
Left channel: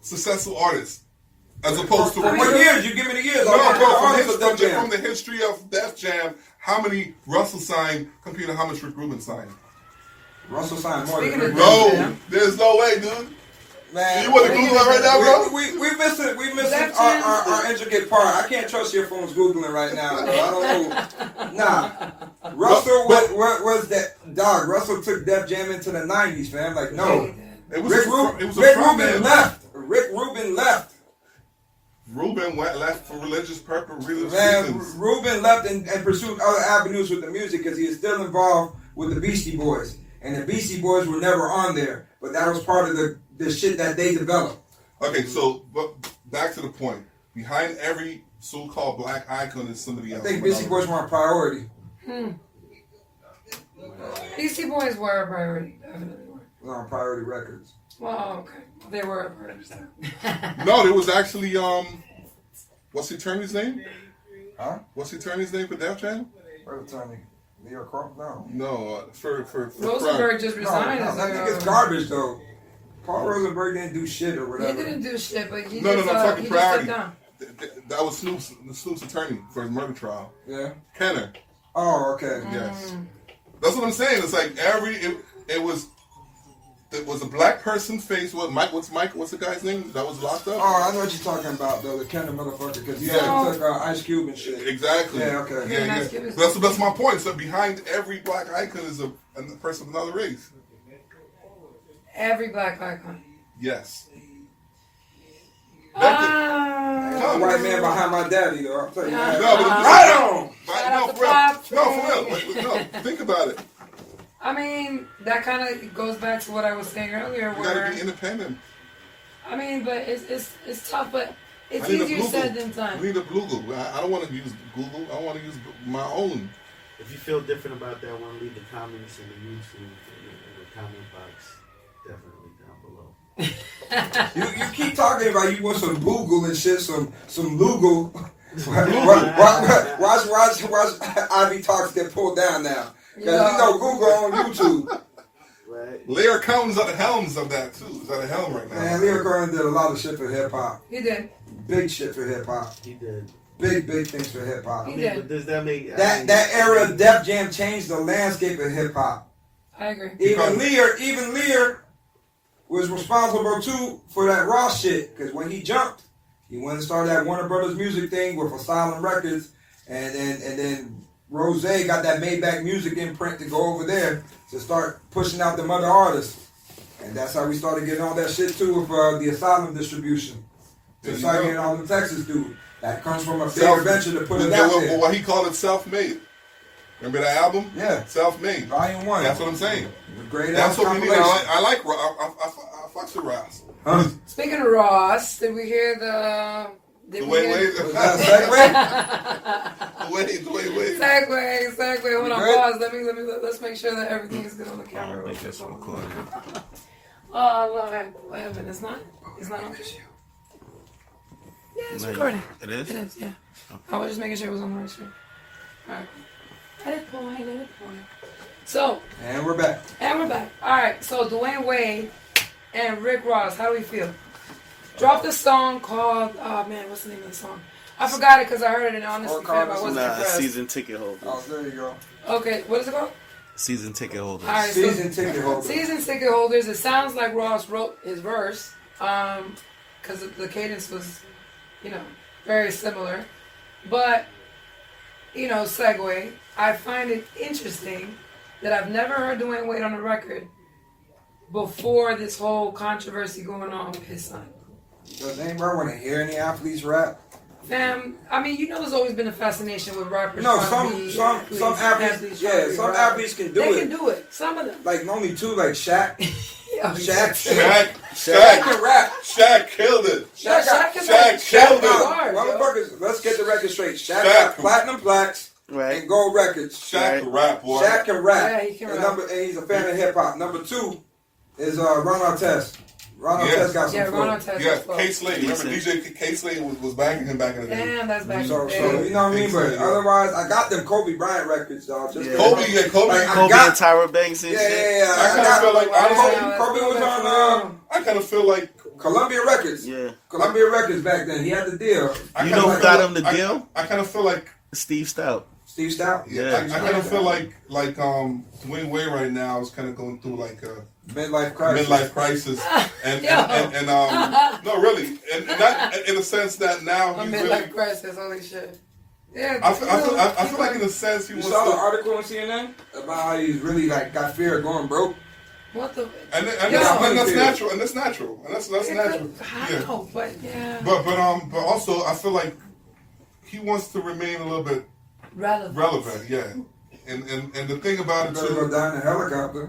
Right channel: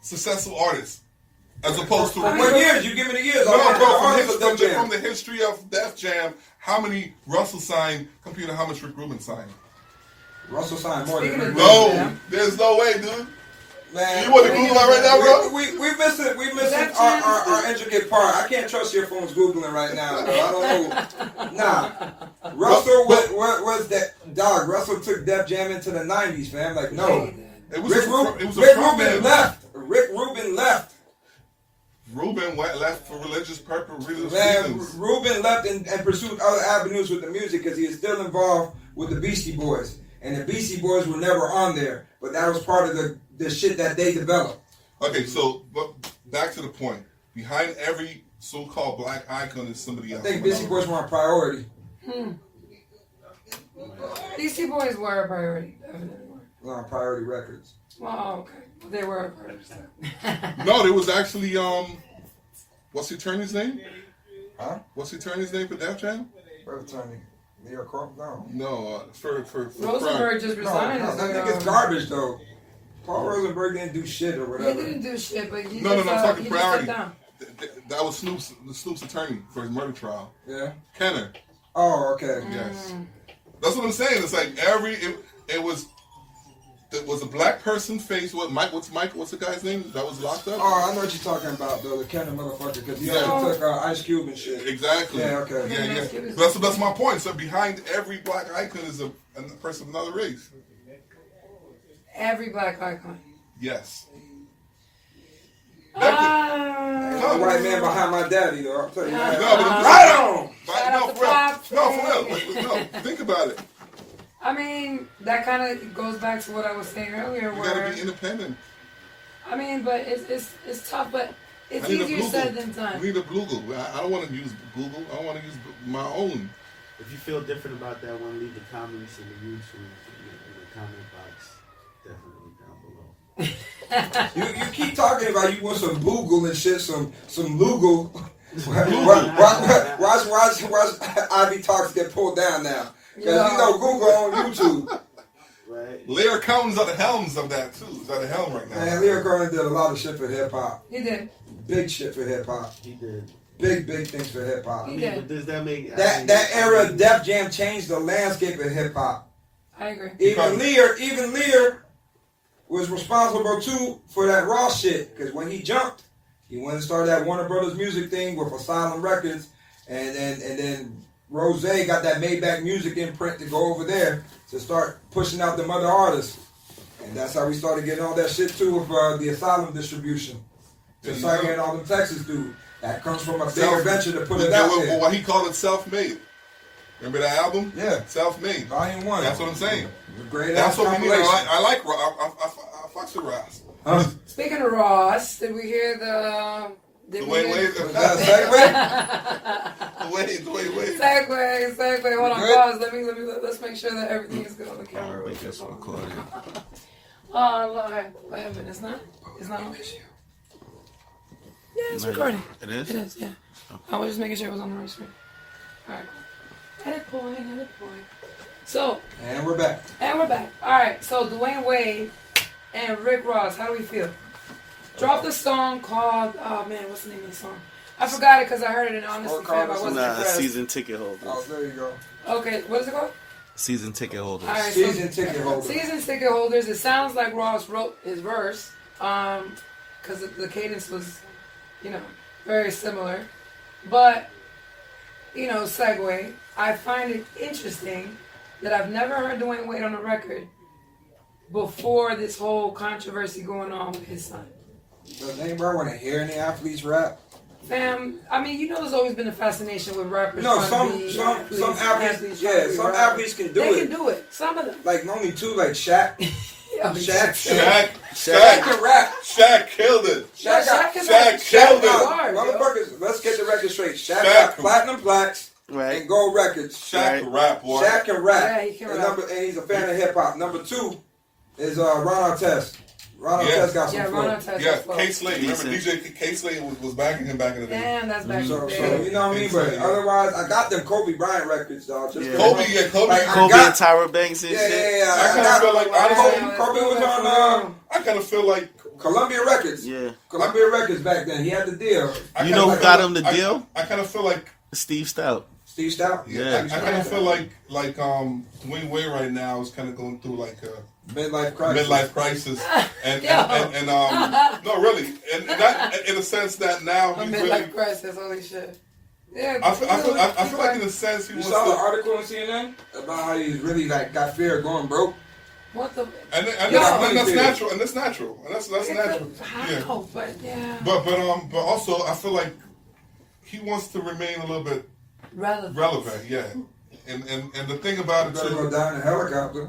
Successful artists, as opposed to What years? You give me the years. No, bro. Artists of Def Jam. From the history of Def Jam, how many Russell signed compared to how much Rick Rubin signed? Russell signed more than Speaking Rick of Rubin. No, there's no way, dude. Man, You want to Google that right now, bro? We missing our intricate part. I can't trust your phone's Googling right now. I don't know. Nah. Russell was that dog. Russell took Def Jam into the 90s, fam. Like, no. It was Rick Rubin left. Rick Rubin left. Rubin left for religious reasons. Man, Rubin left and pursued other avenues with the music because he is still involved with the Beastie Boys. and the Beastie Boys were never on there, but that was part of the shit that they developed. Okay, so but back to the point. Behind every so-called black icon is somebody else. I think Beastie Boys were a priority. Beastie Boys were a priority, definitely were. On Priority Records. Well, okay. They were a priority. No, there was actually what's the attorney's name? Huh? What's the attorney's name for Def Jam? What attorney? Leo Crump? No. No, for Rosenberg just resigned. No, that nigga's garbage though. Paul Rosenberg didn't do shit or whatever. He didn't do shit, but he No, just, I'm talking he priority. just stepped down. That was Snoop's attorney for his murder trial. Yeah. Kenner. Oh, okay. Yes. That's what I'm saying. It's like it was a black person face. What's the guy's name that was locked up? Oh, I know what you're talking about though. The Kenner motherfucker, because he Yeah. took Ice Cube and shit. Exactly. Yeah, okay. Yeah. That's my point. So behind every black icon is a person of another race. Every black icon. Yes. Ain't no white man behind my daddy though. I'll tell you that. No, think about it. I mean, that kind of goes back to what I was saying earlier. You Where gotta be independent. I mean, but it's tough, but it's I need a easier Google. said than I done. need a Google. I don't want to use Google. I want to use my own. If you feel different about that one, leave the comments in the YouTube in the comment box. Definitely down below. You keep talking about you want some Google and shit, some Lugal. Watch Ivy Talks get pulled down now. Because you know Google on YouTube. Right. Lear Cohen's at the helms of that too. He's at the helm right now. Man, Leo Cohen did a lot of shit for hip hop. He did. Big shit for hip hop. He did. Big things for hip hop. He But did. does that make That era of Def Jam changed the landscape of hip hop. I agree. Even Lear was responsible too for that raw shit. Because when he jumped, he went and started that Warner Brothers music thing with Asylum Records, and then Rose got that Maybach Music imprint to go over there to start pushing out the other artists. And that's how we started getting all that shit too with the Asylum distribution. To start getting all them Texas dudes. That comes from a big venture to put it out there. What he called it, self-made. Remember that album? Yeah. Self-made. Volume 1. That's what I'm saying. The great That's what we need. compilation. I like Ross. I fucks with Ross. Huh? Speaking of Ross, did we hear the? Wait. Was that a segue? Wait. Segue. Hold on, Good? pause. Let's make sure that everything is good on the camera. Make this recorded. Oh, live. It's not an issue. Yeah, it's recording. It is? It is, yeah. I was just making sure it was on the right screen. Alright. Edit point. So, And we're back. Alright, so Dwayne Wade and Rick Ross, how do we feel? Dropped a song called, oh man, what's the name of the song? I forgot it because I heard it in Honesty Fam. I wasn't impressed. Season ticket holders. Oh, there you go. Okay, what is it called? Season ticket holders. Alright, Season ticket holder. Season ticket holders. It sounds like Ross wrote his verse, because the cadence was, very similar. But, segue. I find it interesting that I've never heard Dwayne Wade on a record before this whole controversy going on with his son. Does anybody want to hear any athletes rap? Fam, I mean, there's always been a fascination with rappers. No, trying to some be athletes, trying to be some rappers. athletes can do They it. can do it. Some of them. Like only two, like Shaq. Shaq Shaq can rap. Shaq killed it. Shaq killed it. Motherfuckers, let's get the record straight. Shaq Shaq. got platinum plaques Right. and gold records. Shaq can rap, boy. Shaq can rap. Yeah, he can and rap. and he's a fan of hip hop. Number 2 is Ron Artest. Ron Artest got some Yeah, flow. Ron Artest. Yeah, flow. K Slade. Remember DJ K Slade was backing him back in the day. Damn, that's back So in the day. you know what I mean? But otherwise, I got them Kobe Bryant records, dog. Just Yeah. Kobe. Like, I Kobe got- and Tyra Banks and shit. Yeah. I kind of feel like honestly, Kobe was on I kind of feel like Columbia Records. Yeah. Columbia Records back then. He had the deal. You know who got him the deal? I kind of feel like Steve Stout. Steve Stout. Yeah. I kind of feel like Dwayne Wade right now is kind of going through like a Midlife crisis. and no, really, and not in the sense that now A he's really. midlife crisis, holy shit. Yeah, I feel like in a sense he You wants saw the to. article on CNN about how he's really got fear of going broke. What the? And Yo. that's natural, and that's natural. How? Yeah. But yeah. But also I feel like he wants to remain a little bit Relevant. relevant, yeah. And the thing about it Gotta go too, down in a helicopter.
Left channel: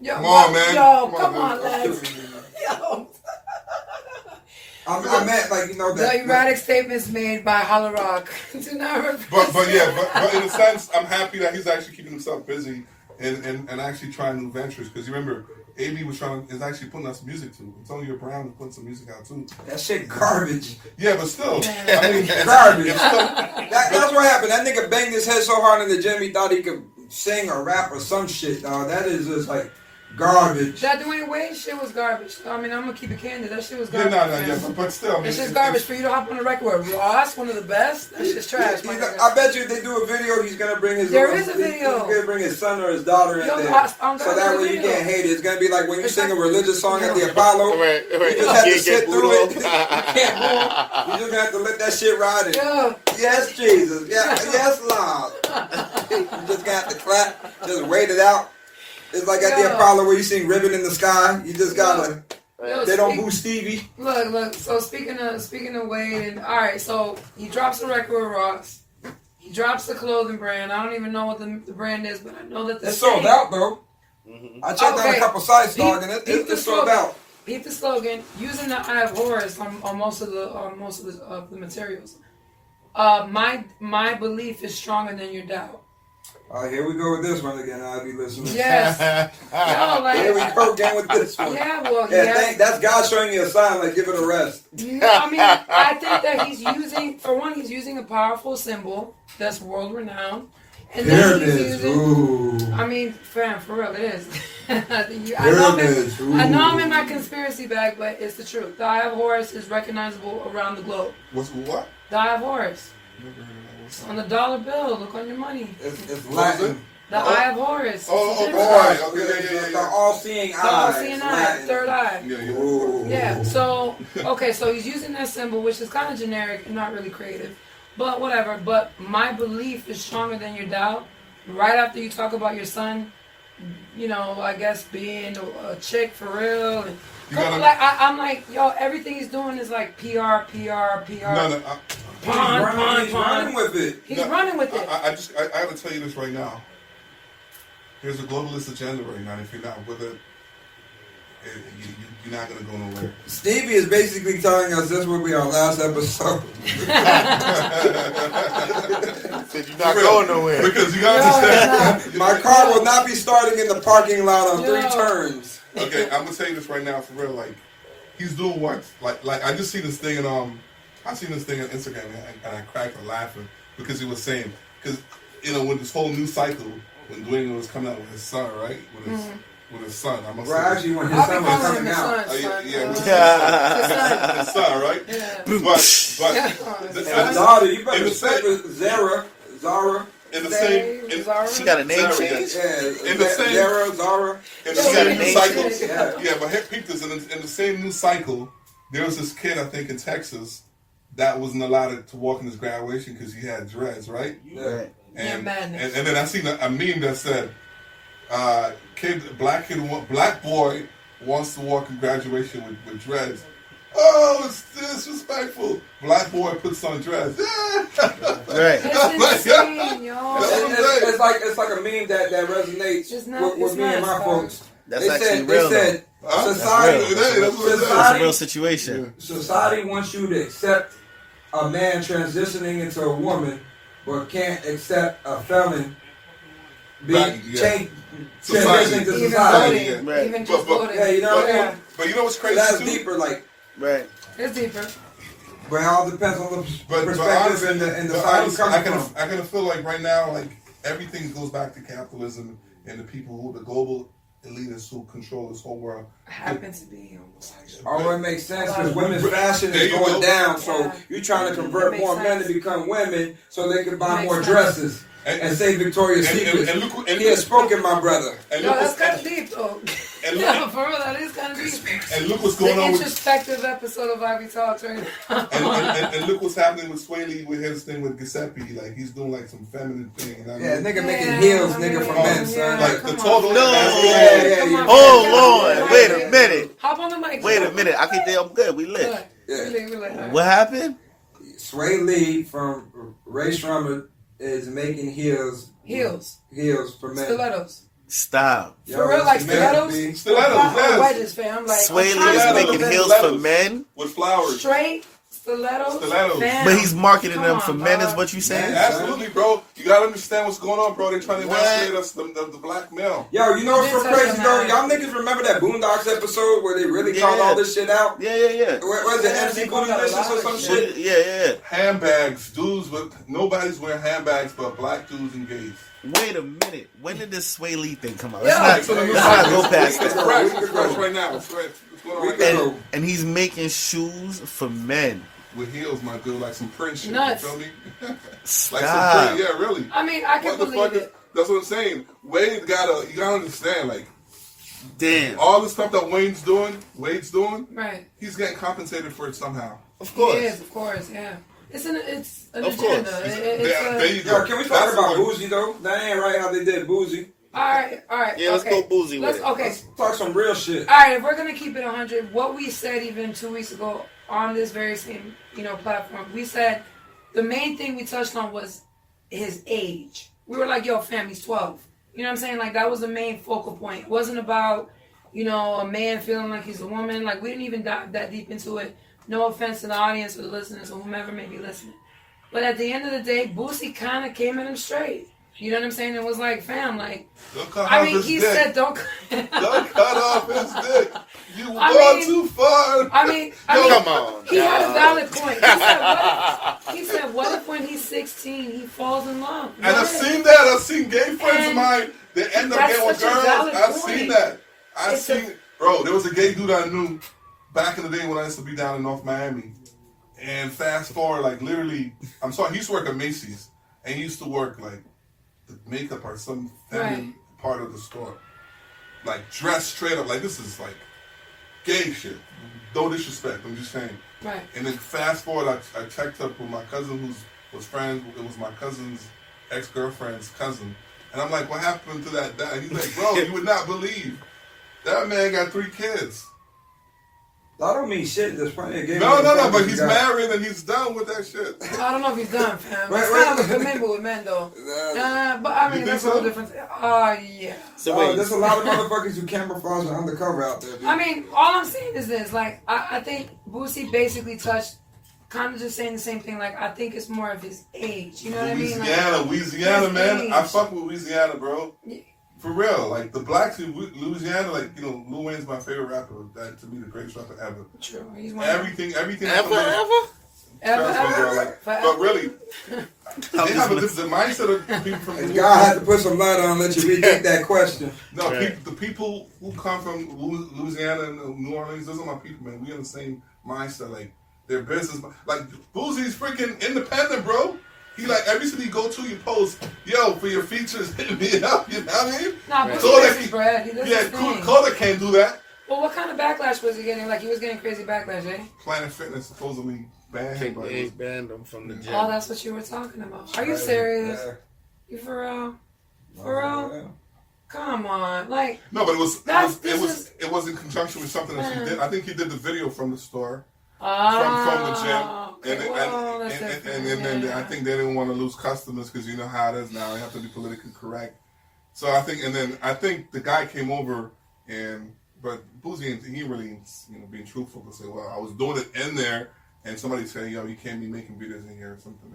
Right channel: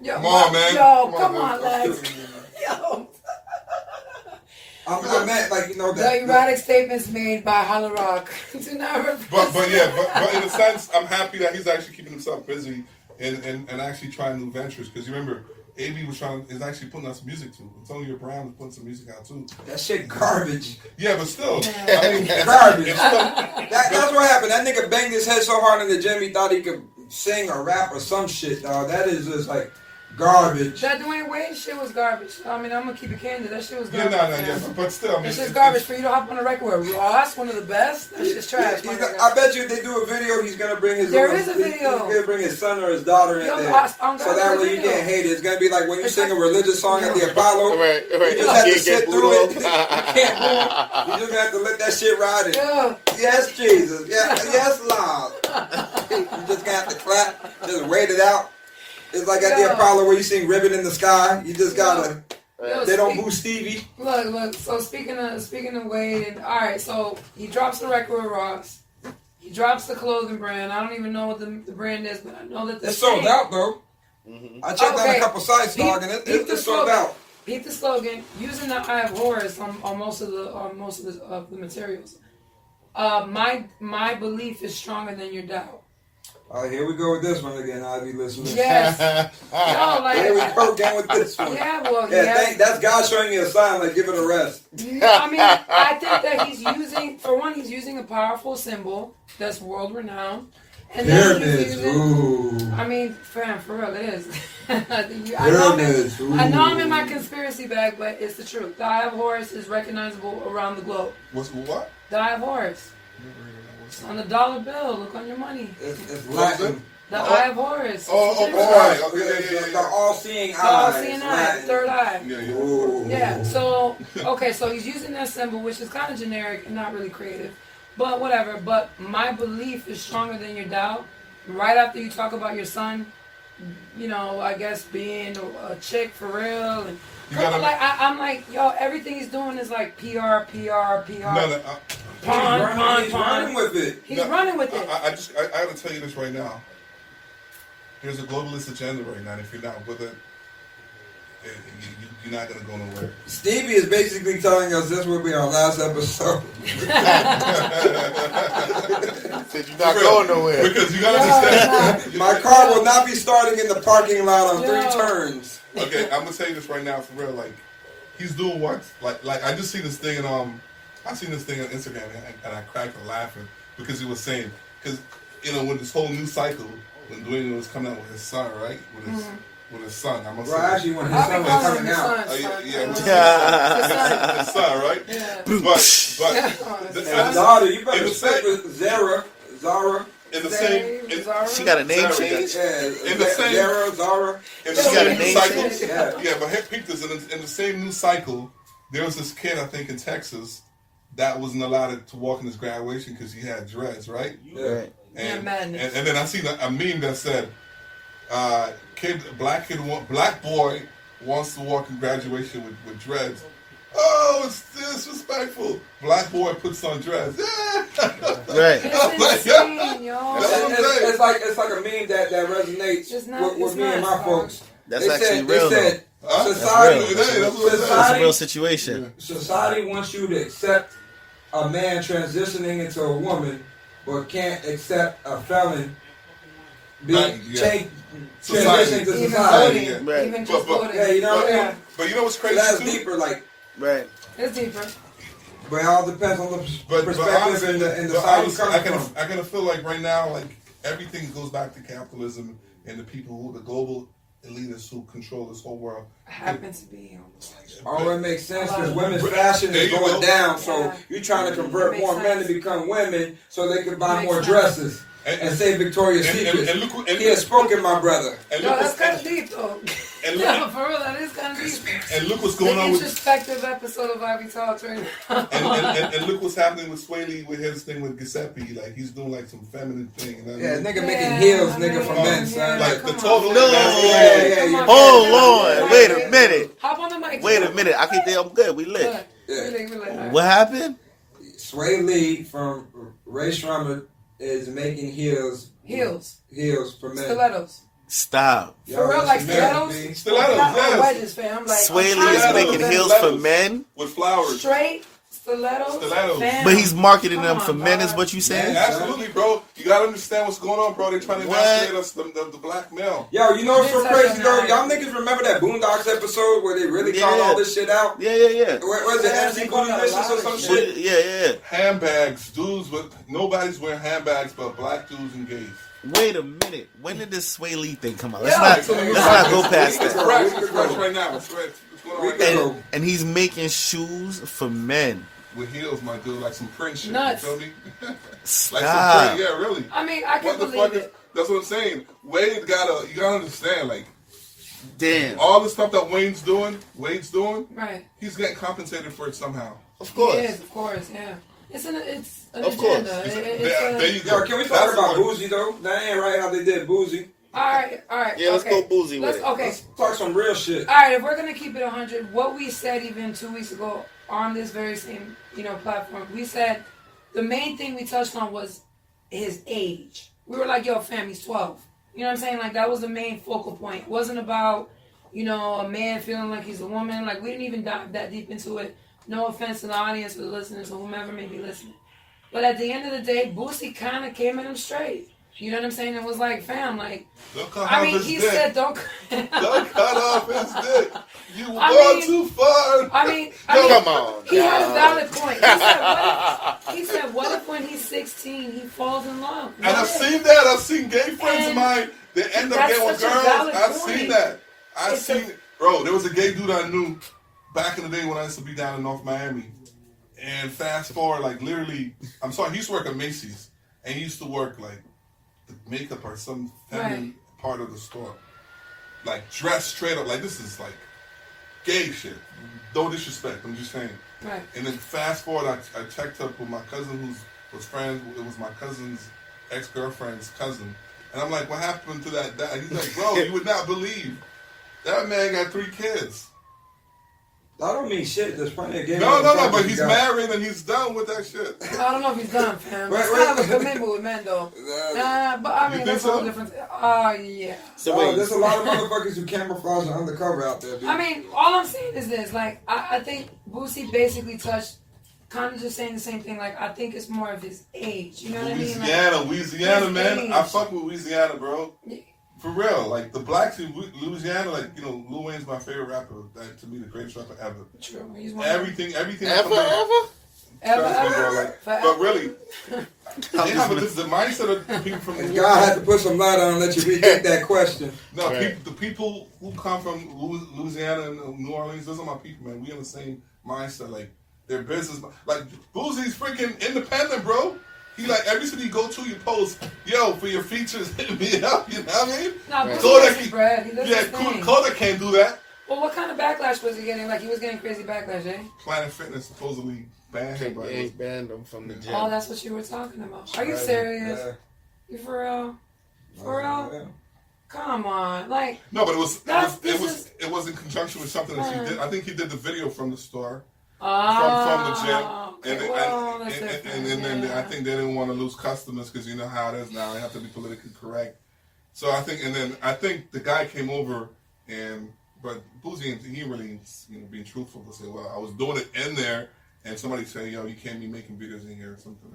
Yo, Come on, man. Yo, come on, man. Lex. Yo. I meant like The erratic statements made by Hollow Rock. Do not repeat. But in a sense, I'm happy that he's actually keeping himself busy and actually trying new ventures. Because you remember, AB is actually putting out some music too. Antonio Brown is putting some music out too. That shit garbage. Yeah, but still, I mean, garbage. That's what happened. That nigga banged his head so hard in the gym he thought he could sing or rap or some shit, dog. That is just like garbage. That Dwayne Wade shit was garbage. I mean, I'm gonna keep it candid. That shit was garbage. But still, I mean, it's just garbage for you to hop on the record with Ross, one of the best. That's just trash. I bet you if they do a video, he's gonna bring his. There is a video. He's gonna bring his son or his daughter in there, so that way you can't hate it. It's gonna be like when you sing a religious song at the Apollo. Right. You just have to sit through it. You can't move. You just gonna have to let that shit ride. Yes, Jesus. Yes, Lord. You just gonna have to clap. Just wait it out. It's like at the Apollo where you sing "Ribbon in the Sky." You just gotta. They don't boo Stevie. Look. So speaking of Wade, and all right. So he drops the record with Ross. He drops the clothing brand. I don't even know what the brand is, but I know that it's sold out though. Mm-hmm. I checked out a couple sites, dog, and it's sold out. Peep the slogan. Using the I have horrors on most of the materials. My belief is stronger than your doubt. Here we go with this one again, Ivy listeners. Yes. Here we go again with this one. Yeah, well, that's God showing me a sign, like give it a rest. I mean, I think that he's using a powerful symbol that's world renowned. And then he's using, I mean, fam, for real, it is. I know I'm in my conspiracy bag, but it's the truth. The Eye of Horus is recognizable around the globe. What? The Eye of Horus. On the dollar bill, look on your money. It's Latin. The Eye of Horus. Right. Okay. The all-seeing eye. The all-seeing eye. Third eye. Yeah. So he's using that symbol, which is kind of generic and not really creative, but whatever. But my belief is stronger than your doubt. Right after you talk about your son, I guess being a chick for real, and I'm like, yo, everything he's doing is like PR. He's running with it. He's running with it. I gotta tell you this right now. There's a globalist agenda right now. If you're not with it, you're not gonna go nowhere. Stevie is basically telling us this will be our last episode. Said you're not going nowhere. Because you gotta understand. My car will not be starting in the parking lot on 3 turns. Okay, I'm gonna tell you this right now for real. Like, he's doing what? Like I just see this thing and I seen this thing on Instagram and I cracked laughing because he was saying, because when this whole new cycle, when Dwayne was coming out with his son, right? With his son, I must say. Actually, when his son was coming out. His son, right? Yeah. But daughter, you better respect Zara. In the same, she got a name change. In the same, Zara. In the same new cycle. Yeah, but peep this. In the same new cycle, there was this kid, I think, in Texas that wasn't allowed to walk in his graduation because he had dreads, right? Yeah. And then I seen a meme that said, black boy wants to walk in graduation with dreads. Oh, it's disrespectful. Black boy puts on dreads. Right. It's insane, yo. It's like a meme that resonates with me and my folks. That's They said society. That's a real situation. Society wants you to accept a man transitioning into a woman, but can't accept a felon being transitioning to society. Even just voting. Yeah, you know what I mean? But you know what's crazy? That's too? deeper, like. Right. It's deeper. But it all depends on the perspective and the side you come from. I kind of feel like right now, like everything goes back to capitalism and the people who the global elitists who control this whole world. Happens to be It makes sense because women's fashion is going down, so you're trying to convert more men to become women so they can buy more dresses and say Victoria's Secret. He has spoken, my brother. That's kind of deep, though. No, for real, that is kind of deep. And look what's going on with... The introspective episode of Ivy Talks right now. and look what's happening with Sway Lee with his thing with Giuseppe. Like, he's doing, like, some feminine thing. You know what I mean? Nigga making heels, nigga, for men, son. Like, the total... Hold on. Wait a minute. Hop on the mic. Wait a minute. I can I'm good. We lit. What happened? Sway Lee from Ray Shrummer is making heels for men. Stilettos. Stop. For real, like stilettos? Stilettos, yes. Wedges, fam. I'm like, Sway Lee is making heels for men with flowers. Straight stilettos. But he's marketing them for men, is what you saying? Yeah, absolutely, bro. You gotta understand what's going on, bro. They're trying to emasculate us, the black male. Yo, you know what's so crazy though? Y'all niggas remember that Boondocks episode where they really called all this shit out? Yeah. Was it MC Boondock or some shit? Yeah. Handbags, dudes nobody's wearing handbags but black dudes and gays. Wait a minute. When did this Sway Lee thing come out? Yeah. Let's not go past It's that. fresh right now. It's fresh. It's going on right now. And he's making shoes for men. With heels, my dude, like some print shit. Nuts. You feel me? Like some print, yeah, really. I mean, I can what the believe fuck it. That's what I'm saying. Wade you gotta understand, like, damn, all the stuff that Wade's doing, right? He's getting compensated for it somehow. Of course. Yes, of course, yeah. It's an of course. agenda. There you go. Yo, can we talk about Boozy though? That ain't right how they did Boozy. All right. Yeah, let's go Boozy with it. Okay. Let's talk some real shit. All right, if we're gonna keep it 100, what we said even 2 weeks ago on this very same, platform, we said the main thing we touched on was his age. We were like, yo, fam, he's 12. You know what I'm saying? Like, that was the main focal point. It wasn't about, a man feeling like he's a woman. Like, we didn't even dive that deep into it. No offense to the audience or the listeners or whomever may be listening. But at the end of the day, Boosie kind of came at him straight. You know what I'm saying? It was like, fam, like, he said, don't cut off his dick. You gone too far. Come on. He had a valid point. He said, what if when he's 16 he falls in love? And I've seen that. I've seen gay friends of mine. They end up getting with girls. I've seen that. Bro, there was a gay dude I knew back in the day when I used to be down in North Miami. And fast forward, like literally, he used to work at Macy's. And he used to work like the makeup or some feminine part of the store. Like dressed straight up. Like this is like gay shit. No disrespect. I'm just saying. Right. And then fast forward, I checked up with my cousin who was friends. It was my cousin's ex-girlfriend's cousin. And I'm like, what happened to that? And he's like, bro, you would not believe. That man got 3 kids. I don't mean shit. There's plenty of games. No, but he's married and he's done with that shit. I don't know if he's done, fam. It's kind of a commitment with men, though. But I mean, that's a whole different. Yeah. There's a lot of motherfuckers who camouflage and undercover out there, dude. I mean, all I'm saying is this. Like, I think Boosie basically touched, kind of just saying the same thing. Like, I think it's more of his age. You know what I mean? Louisiana, man. Age. I fuck with Louisiana, bro. Yeah. For real, like the blacks in Louisiana, like Lil Wayne's my favorite rapper. That to me the greatest rapper ever. True. He's one everything. Ever. But really, they have the mindset of people from. God had to put some light on and let you rethink that question. No, the people who come from Louisiana and New Orleans, those are my people, man. We in the same mindset, like their business. Like Boosie's freaking independent, bro. He like every city you go to, you post, yo, for your features, hit me up. You know what I mean? Nah, Boosie his bread. He does his thing. Kodak can't do that. Well, what kind of backlash was he getting? Like, he was getting crazy backlash, eh? Planet Fitness supposedly banned him. They banned him from the gym. Oh, that's what you were talking about. Are you serious? Yeah. You for real? For real? Yeah. Come on, like. No, but it was in conjunction with something that she did. I think he did the video from the store. From the gym, okay. And I think they didn't want to lose customers because you know how it is now. They have to be politically correct. So I think the guy came over but Boosie, he really being truthful to say, well, I was doing it in there, and somebody said, yo, you can't be making videos in here or something.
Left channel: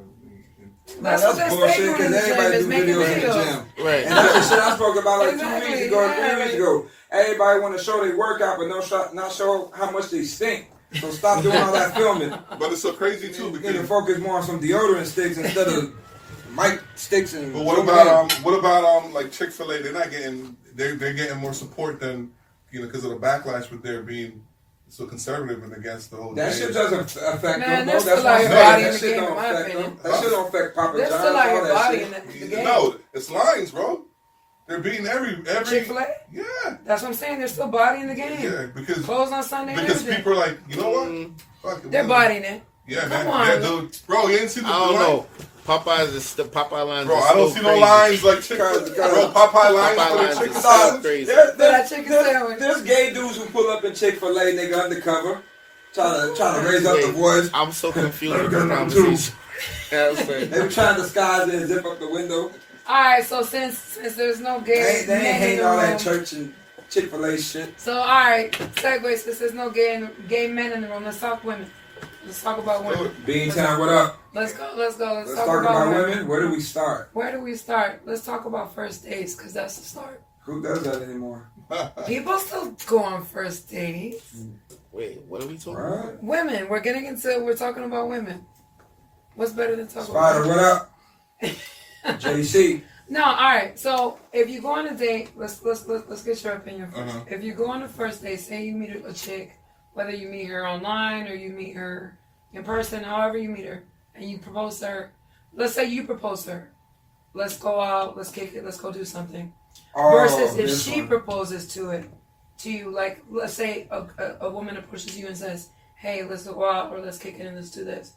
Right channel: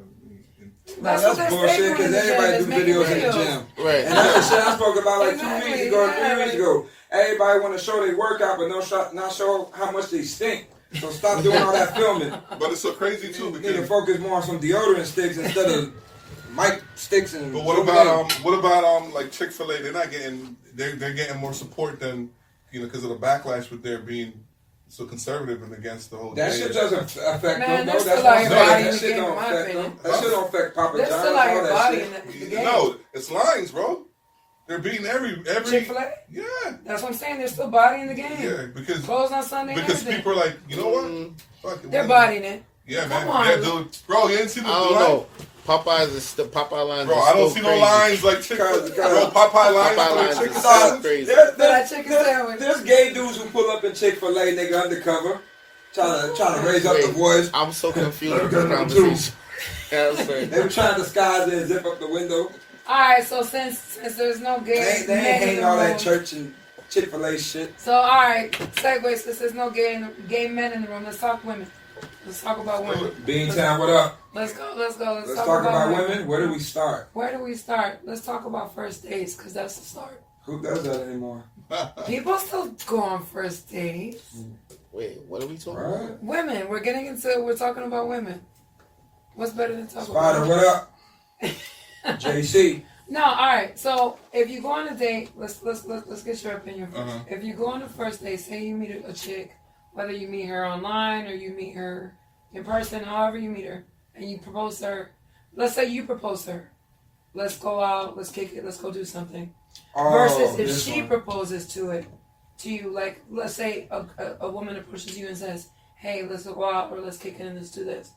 That's bullshit because everybody do videos in the gym. Right. And that's the shit I spoke about like 2 weeks ago, 3 weeks ago. Everybody want to show their workout, but not show how much they stink. So stop doing all that filming. But it's so crazy too because you focus more on some deodorant sticks instead of mic sticks and. But what about like Chick-fil-A? They're getting more support than because of the backlash with their being so conservative and against the whole. That shit doesn't affect them. No, that's why that shit don't affect them. That shit don't affect Papa John's. Still like your body in the game. No, it's lines, bro. They're beating every Chick-fil-A? Yeah. That's what I'm saying. They're still bodying the game. Yeah, because closed on Sunday. Because people are like, you know what? Fuck it. They're bodying it. Yeah, Come man. on. Yeah, dude. Bro, you didn't see the I don't know. Popeye lines. Bro, I don't see no lines like chicken. Bro, Popeye lines for chicken sandwich. There's gay dudes who pull up in Chick-fil-A, nigga, undercover, trying to raise up the voice. I'm so confused with this conversation. They were trying to disguise it and zip up the window. Alright, so since there's no gay They ain't men in hating the all room. that church and Chick-fil-A shit. So alright, segue, since there's no gay men in the room, let's talk women. Let's talk about women. Beantown, what up? Let's go. Let's talk about women. Where do we start? Let's talk about first dates, because that's the start. Who does that anymore? People still go on first dates. Wait, what are we talking about? Women. We're talking about women. What's better than talking Spider, about what up? JC. No, alright. So if you go on a date, let's get your opinion first. If you go on a first date, say you meet a chick, whether you meet her online or you meet her in person, however you meet her, and you propose to her. Let's say you propose to her. Let's go out, let's kick it, let's go do something. Versus if she proposes to you, like let's say a woman approaches you and says, hey, let's go out or let's kick it and let's do this.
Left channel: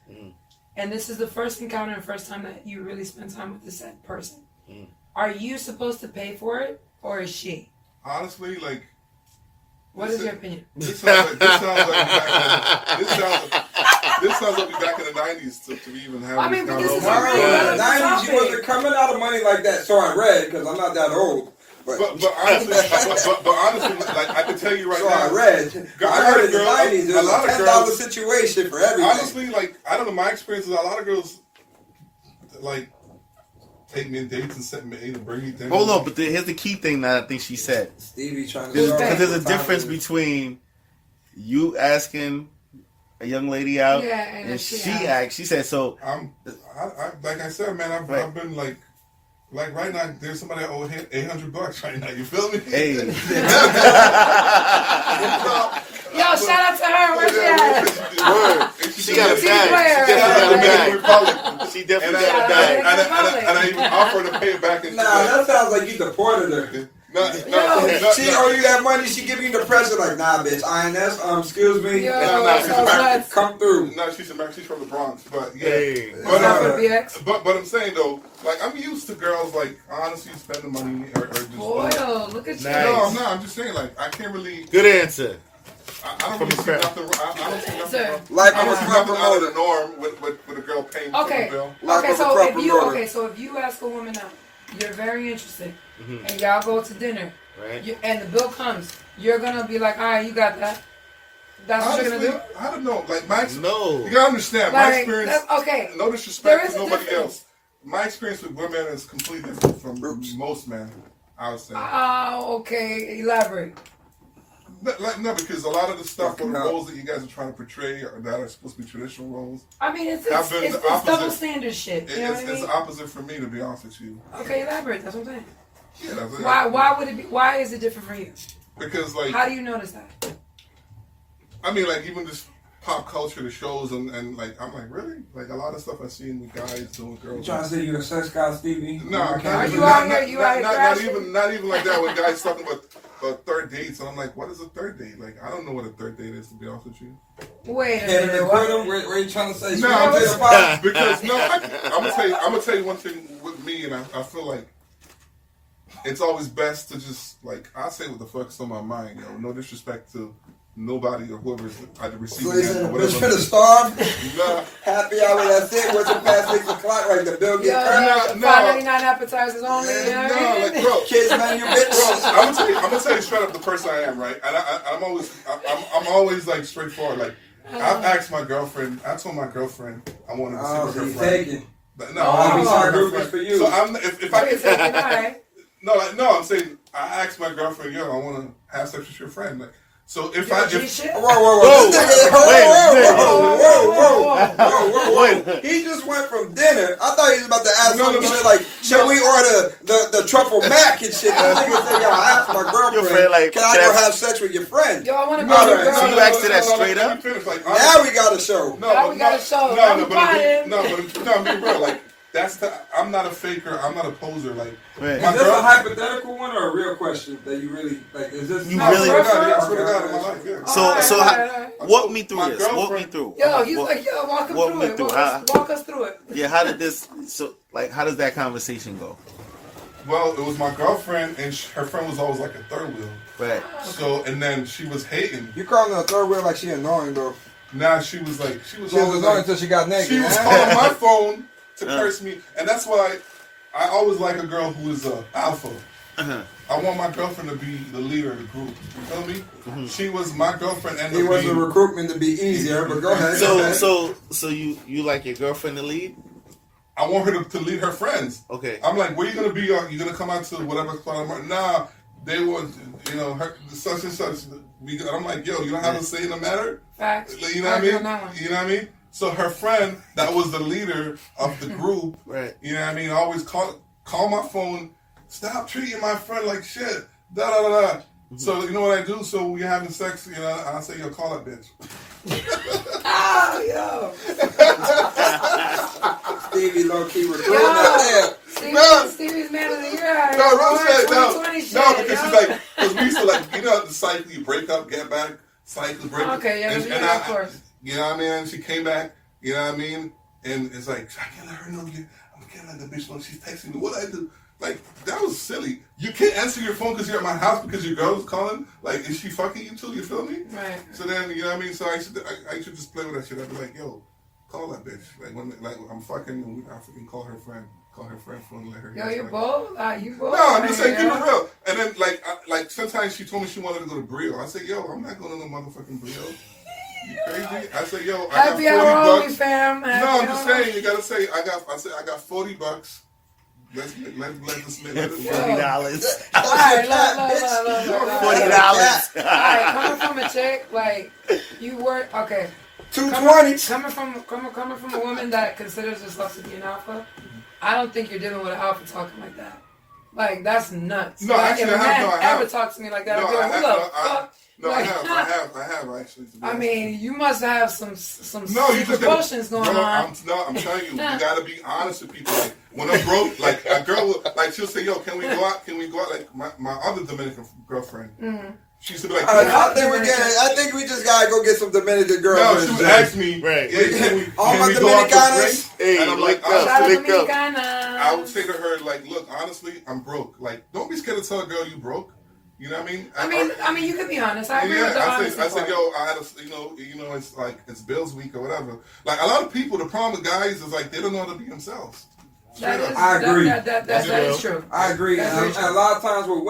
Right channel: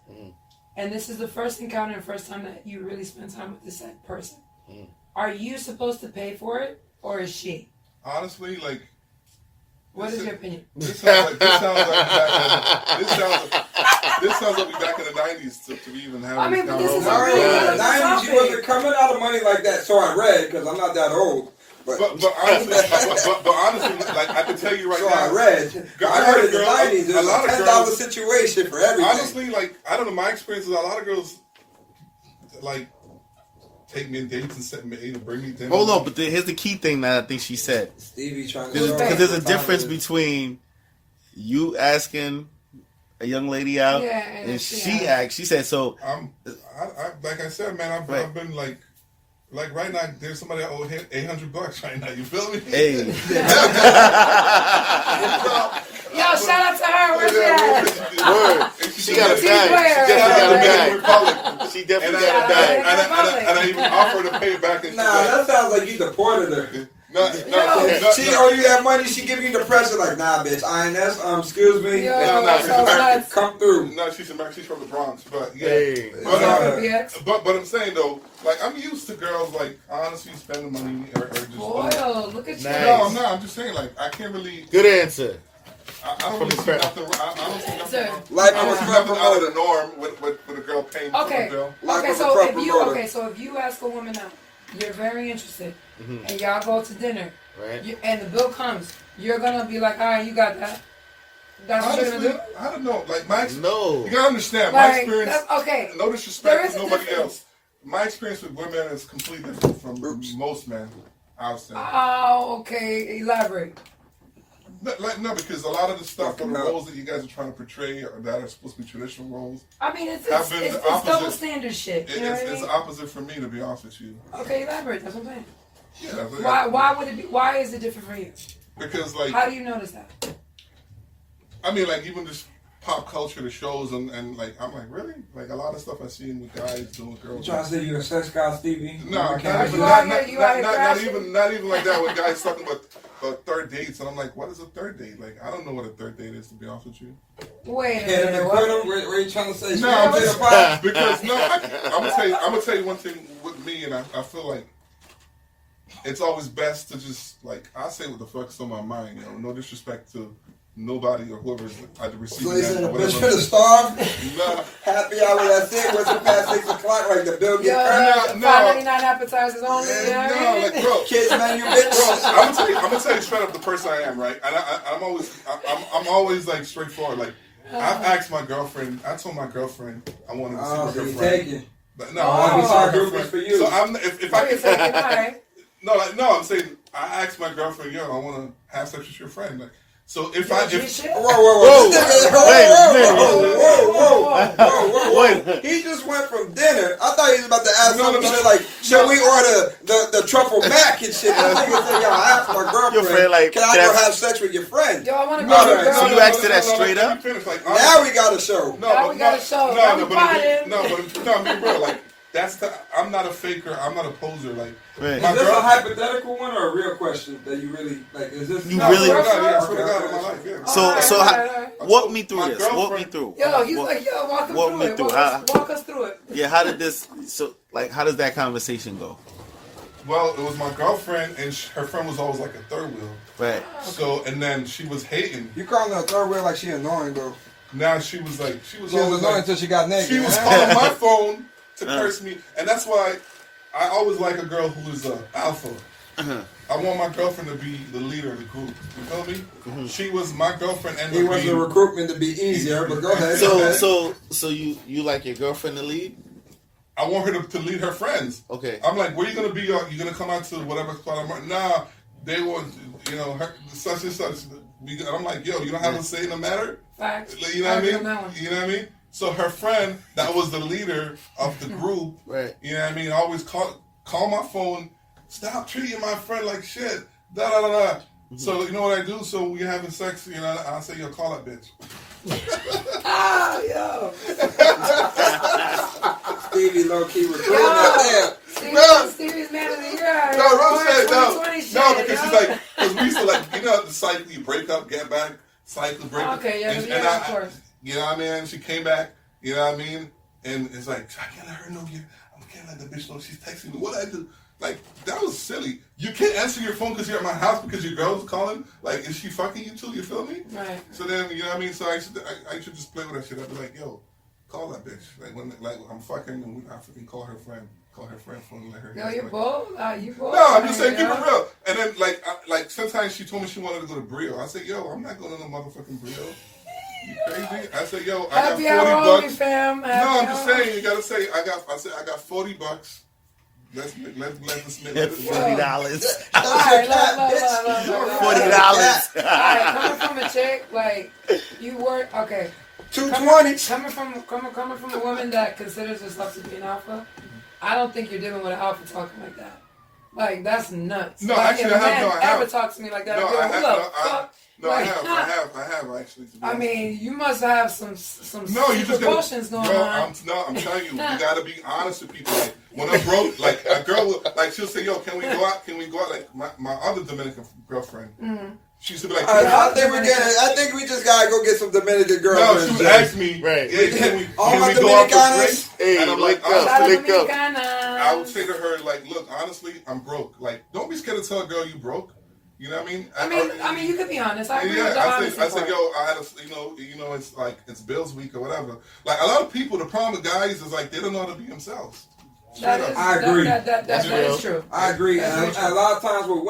And this is the first encounter and first time that you really spend time with this said person. Are you supposed to pay for it or is she? Honestly, like. What is your opinion? This sounds like back in the 90s to even have this conversation. In the 90s, you wasn't coming out of money like that. So I read, because I'm not that old. But honestly, like I can tell you right now. So I read. I heard in the 90s, it was a $10 situation for everything. Honestly, like, I don't know, my experience is a lot of girls, like, take me on dates and set me and bring me dinner. Hold on, but here's the key thing that I think she said. Stevie trying to because there's a difference between you asking a young lady out and she asked. She said so. Like I said, man, I've been like right now, there's somebody that owe $800 right now. You feel me? Hey. Yo, shout out to her. Where's she at? Word. She got a bag. She definitely got a bag. And I even offered to pay it back. And that sounds like you deported her. She owe you that money. She give you the present like, nah, bitch. INS, excuse me. Come through. No, she's from the Bronx, but yeah. But I'm saying though, like I'm used to girls like honestly spending money or just. Boy, look at you. Nice. No, I'm just saying like I can't really. Good answer. I don't really see nothing. I don't see nothing. Like I don't see nothing out of the norm with a girl paying for the bill. So if you ask a woman out, you're very interested, and y'all go to dinner, right? And the bill comes, you're gonna be like, all right, you got that. That's what you're gonna do. I don't know. Like my no, you gotta understand my experience. Okay. No disrespect to nobody else. My experience with women is completely different from most men. I would say. Oh, okay. Elaborate. No, because a lot of the stuff, the roles that you guys are trying to portray that are supposed to be traditional roles. I mean, it's double standard shit. You know what I mean? It's the opposite for me, to be honest with you. Okay, elaborate. That's what I'm saying. Yeah. Why would it be? Why is it different for you? Because like. How do you notice that? I mean, like even just pop culture, the shows, and like I'm like, really? Like a lot of stuff I've seen with guys doing girls. You trying to say you a sex guy, Stevie? No, not even like that. When guys talking about third dates, and I'm like, what is a third date? Like, I don't know what a third date is, to be honest with you. Wait a minute. Where are you trying to say? No, I'm just because I'm gonna tell you one thing with me, and I feel like it's always best to just like I say what the fuck's on my mind, yo. No disrespect to nobody or whoever's either receiving that or whatever. Bitch finna starve? No. Happy hour, that's it. What's it past 6 o'clock? Like the bill get cut? No. $5.99 appetizers only. No, like bro. Kids menu, bitch. I'm gonna tell you straight up the person I am, right? And I'm always like straightforward. Like I've asked my girlfriend. I told my girlfriend I wanted to see her friend. But no, I want to see her friend. So I'm if I can. No, I'm saying I asked my girlfriend, yo, I want to have sex with your friend. Like. So if whoa, he just went from dinner. I thought he was about to ask something like, shall we order the truffle mac and shit? And nigga said, yo, I asked my girlfriend, like, can I go have sex with your friend? Yo, I want to go. So you asked her that straight up? Now we got a show. I'm being real. Like, I'm not a faker. I'm not a poser. Like, is this a hypothetical one or a real question that you really like? Is this? You really? I swear to God, in my life. Yeah. So walk me through this. Walk me through. Yo, he's like, yo, walk us through it. Yeah, how did this? So, like, how does that conversation go? Well, it was my girlfriend, and her friend was always like a third wheel. Right. So, and then she was hating. You calling her a third wheel like she annoying though? Now she was always annoying until she got naked. She was calling my phone to curse me, and that's why I always like a girl who is alpha. Uh-huh. I want my girlfriend to be the leader of the group. You feel me? Mm-hmm. She was my girlfriend, and He wants the recruitment to be easier, but go ahead. So you like your girlfriend to lead? I want her to lead her friends. Okay. I'm like, where you gonna be? You gonna come out to whatever spot? Nah, they want her such and such. I'm like, yo, you don't have a say in the matter. Facts. You know what I mean? You know what I mean? So her friend that was the leader of the group, right? You know what I mean? Always call my phone. Stop treating my friend like shit. Da da da da. Mm-hmm. So you know what I do? So when you're having sex, I say, yo, call that bitch. Yo. Stevie low key was putting that there. Stevie's man of the year. No, because she's like, because we used to the cycle, you break up, get back, cycle, break up. Okay, yeah, of course. You know what I mean? She came back, you know what I mean? And it's like, I can't let her know I can't let the bitch know she's texting me. What I do? Like, that was silly. You can't answer your phone because you're at my house because your girl was calling. Like, is she fucking you too? You feel me? Right. So then, you know what I mean? So I should just play with that shit. I'd be like, yo, call that bitch. Like, when I'm fucking and I freaking call her friend phone and let her. Yo, you're bold. You bold. No, I'm just saying, keep it real. And then, like sometimes she told me she wanted to go to Brio. I said, yo, I'm not going to no motherfucking Brio. You crazy? I said, yo, I got $40. Fam. No, I'm just saying, you gotta say, I got $40. Let's $40. All right, $40. All right, coming from a chick, like, you work, okay. $220. Coming from a woman that considers herself to be an alpha, I don't think you're dealing with an alpha talking like that. Like, that's nuts. No, like, actually, if a man I have. ever talks to me like that, No, I'll be like, I have actually. I mean, you must have some secret potions going on. I'm telling you, you gotta be honest with people. Like, when I'm broke, like a girl will, like she'll say, yo, can we go out? Like my other Dominican girlfriend. Mm-hmm. She used to be like, I think we just gotta go get some Dominican girls. No, she would ask me, right? Can we go out for drinks? And I'm like, I would say to her, like, look, honestly, I'm broke. Like, don't be scared to tell a girl you broke. You know what I mean? I mean, you could be honest. I agree with the honesty I said, yo, I had a, it's like, it's bills week or whatever. Like, a lot of people, the problem with guys is like, they don't know how to be themselves. I agree. That is true. I agree. And a lot of times with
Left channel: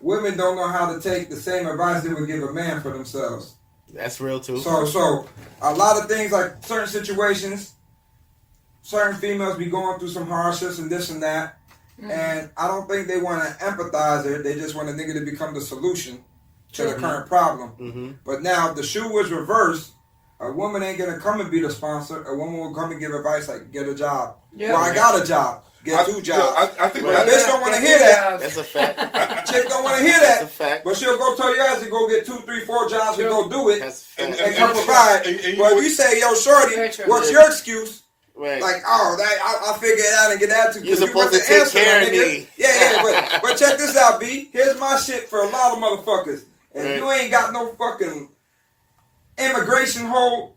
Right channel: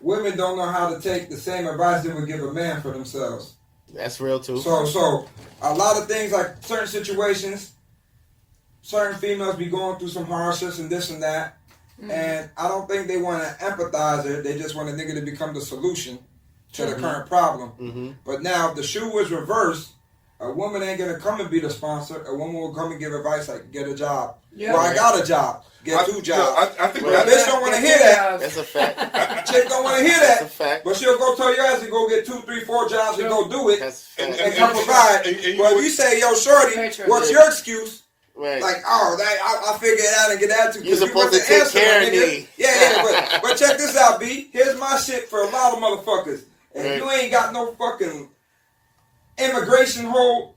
women don't know how to take the same advice they would give a man for themselves. That's real too. So a lot of things, like certain situations, certain females be going through some hardships and this and that. Mm-hmm. And I don't think they want to empathize it. They just want a nigga to become the solution to the current problem. Mm-hmm. But now if the shoe was reversed, a woman ain't going to come and be the sponsor. A woman will come and give advice like, get a job. Yeah. Well, I got a job. Get 2 jobs. I think bitch don't want to hear that. That's a fact. Chick don't want to hear that. That's a fact. But she'll go tell your ass to go get 2, 3, 4 jobs and go do it and come provide. Well, if you say, yo, shorty, what's your excuse? Right. Like, I'll figure it out and get that too. You're supposed to take care of me. Yeah, but check this out, B. Here's my shit for a lot of motherfuckers. If you ain't got no fucking immigration hold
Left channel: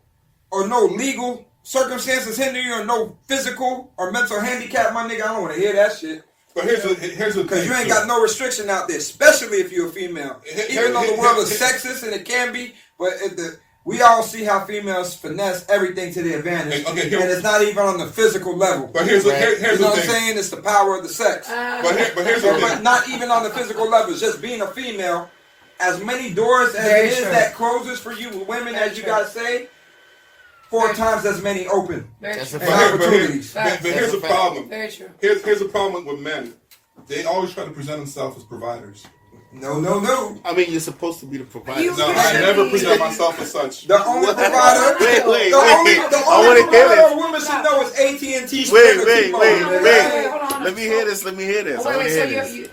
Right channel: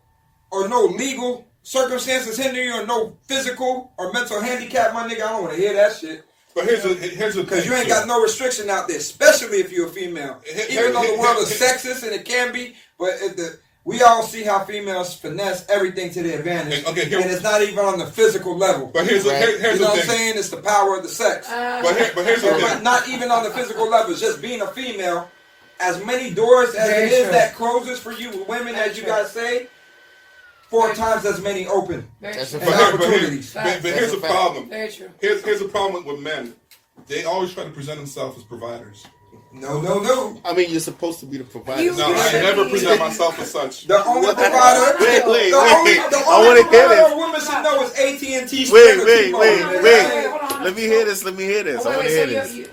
or no legal circumstances hindering you or no physical or mental handicap, my nigga, I don't want to hear that shit. But here's the thing. Because you ain't got no restriction out there, especially if you're a female. Even though the world is sexist and it can be, but we all see how females finesse everything to their advantage. And it's not even on the physical level. But here's the thing. You know what I'm saying? It's the power of the sex. But here's the thing. But not even on the physical level. It's just being a female. As many doors as it is that closes for you with women, as you guys say, 4 times as many open. That's a opportunities. But here's the problem. Very true. Here's the problem with men. They always try to present themselves as providers. No. I mean, you're supposed to be the provider. I never present myself as such. The only provider. Wait. The only provider a woman should know is AT&T. Wait. Let me hear this. Wait. So you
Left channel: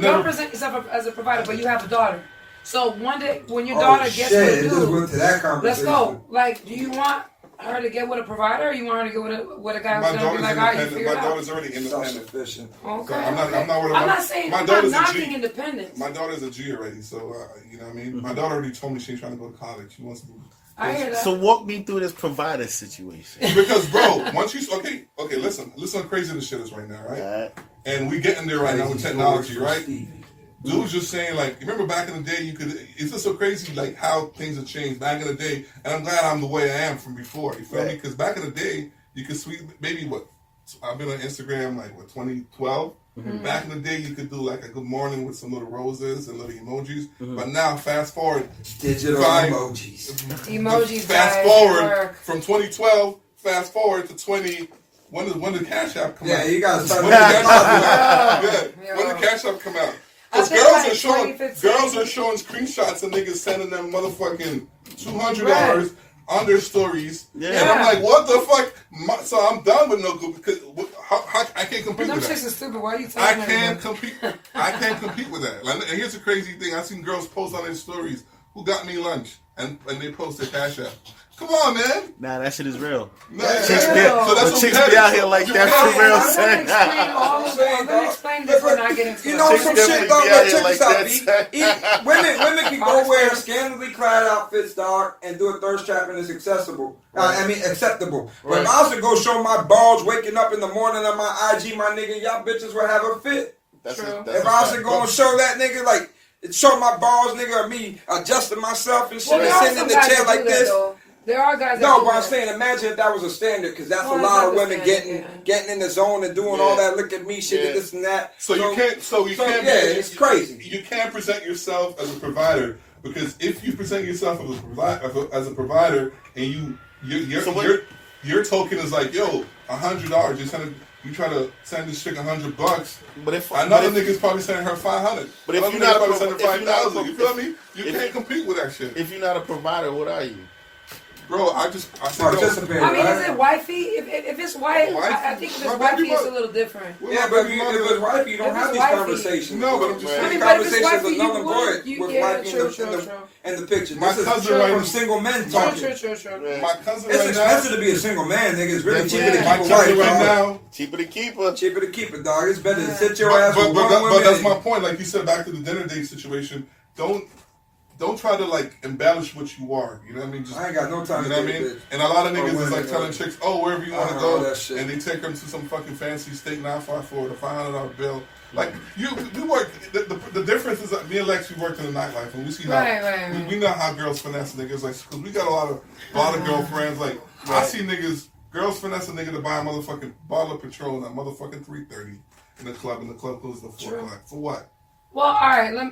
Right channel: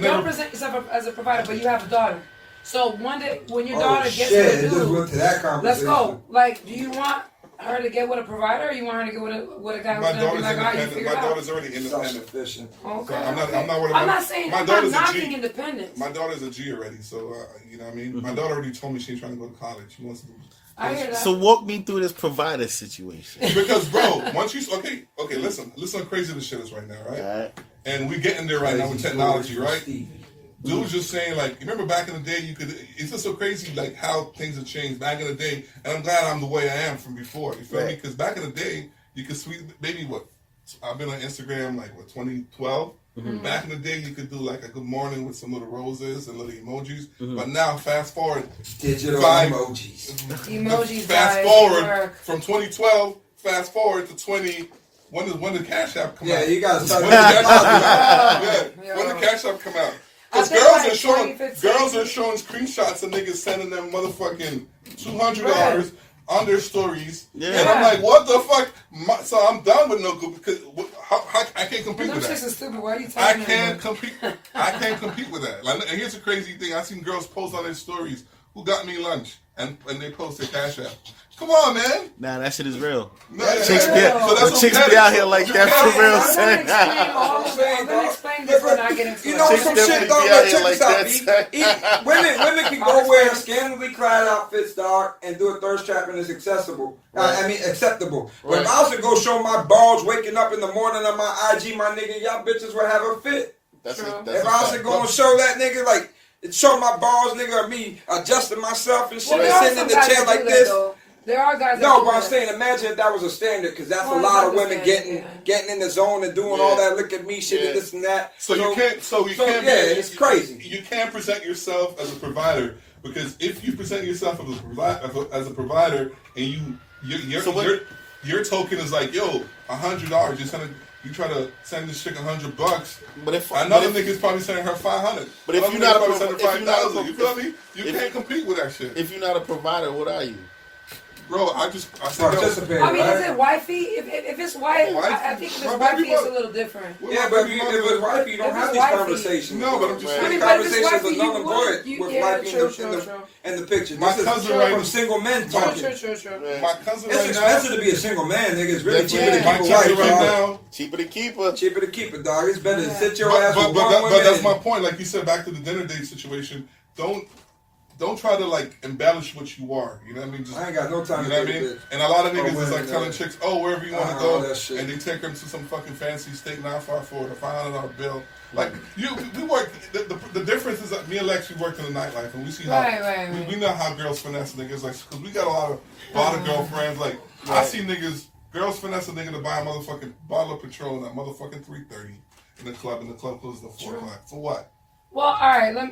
don't present yourself as a provider, but you have a daughter. So one day when your daughter gets with you, went to that conversation. Let's go. Like, do you want her to get with a provider, or you want her to get with a guy who's going to be like, all right, you figure it out? My daughter's already independent. Self-sufficient. Okay. So I'm not worried about. I'm not saying my I'm daughter's not a G. knocking independence. My daughter's a G already, so you know what I mean. My daughter already told me she's trying to go to college. She wants to. I hear that. So walk me through this provider situation. Because, bro, once you listen how crazy this shit is right now, right? And we getting there right now with technology, right? Dude's just saying, like, remember back in the day, it's just so crazy, like, how things have changed back in the day, and I'm glad I'm the way I am from before, you feel me? Because back in the day, you could sweet, maybe, I've been on Instagram like 2012. Mm-hmm. Back in the day, you could do like a good morning with some little roses and little emojis. But now, fast forward, digital emojis. Emojis. Fast forward from 2012. Fast forward to 20. When did Cash App come out? Yeah, you gotta start. When did Cash App come out? Because girls are showing screenshots of niggas sending them motherfucking $200 on their stories. Yeah. And I'm like, what the fuck? So I'm done with no good because how, I can't compete with that. Them chicks are stupid. Why are you talking I can't compete with that. Like, and here's the crazy thing. I've seen girls post on their stories, who got me lunch? And they post their Cash App. Come on, man. Nah, that shit is real. Nah, chicks be out here like that. I'm gonna explain this when I get into it. You know some shit, dog. Like, check this out, B. Women can go wear scantily clad outfits, dog, and do a thirst trap and it's accessible. Acceptable. But if I was to go show my balls waking up in the morning on my IG, my nigga, y'all bitches would have a fit. If I was to go and show that nigga, like, show my balls, nigga, or me adjusting myself and shit, and sitting in the chair like this. There are guys. No, but I'm saying, imagine if that was a standard, because that's a lot of women getting in the zone and doing all that look at me shit and this and that. So you can't. It's crazy. You can't present yourself as a provider, because if you present yourself as a provider and your token is like, yo, $100, you try to send this chick $100, but another nigga's probably sending her $500. But if you're not probably sending $5,000, you feel me? You can't compete with that shit. If you're not a provider, what are you? Bro, I mean, is it wifey? If it's wife, I think if it's wifey, it's a little different. Yeah, but if it's wifey, you don't have these conversations. No, but I'm just saying. Conversations are null and void with wifey in the picture. My cousin right from single men talking. My cousin right now. It's expensive to be a single man, nigga. It's really cheaper to keep a wife, right now. Cheaper to keep her. Cheaper to keep it, dog. It's better to sit your ass with one woman. But that's my point. Like you said, back to the dinner date situation. Don't try to like embellish what you are. You know what I mean? I ain't got no time. You know what I mean? Bitch. And a lot of niggas is like telling chicks, "Oh, wherever you want to go," and they take them to some fucking fancy steak 954 with a $500 bill. Like we work. The difference is that me and Lex, we worked in the nightlife, and we see how we know how girls finesse niggas. Like, because we got a lot of girlfriends. Like I see girls finesse a nigga to buy a motherfucking bottle of Patron at motherfucking 3:30 in the club, and the club closes at 4 o'clock. For what? Well, all right. Let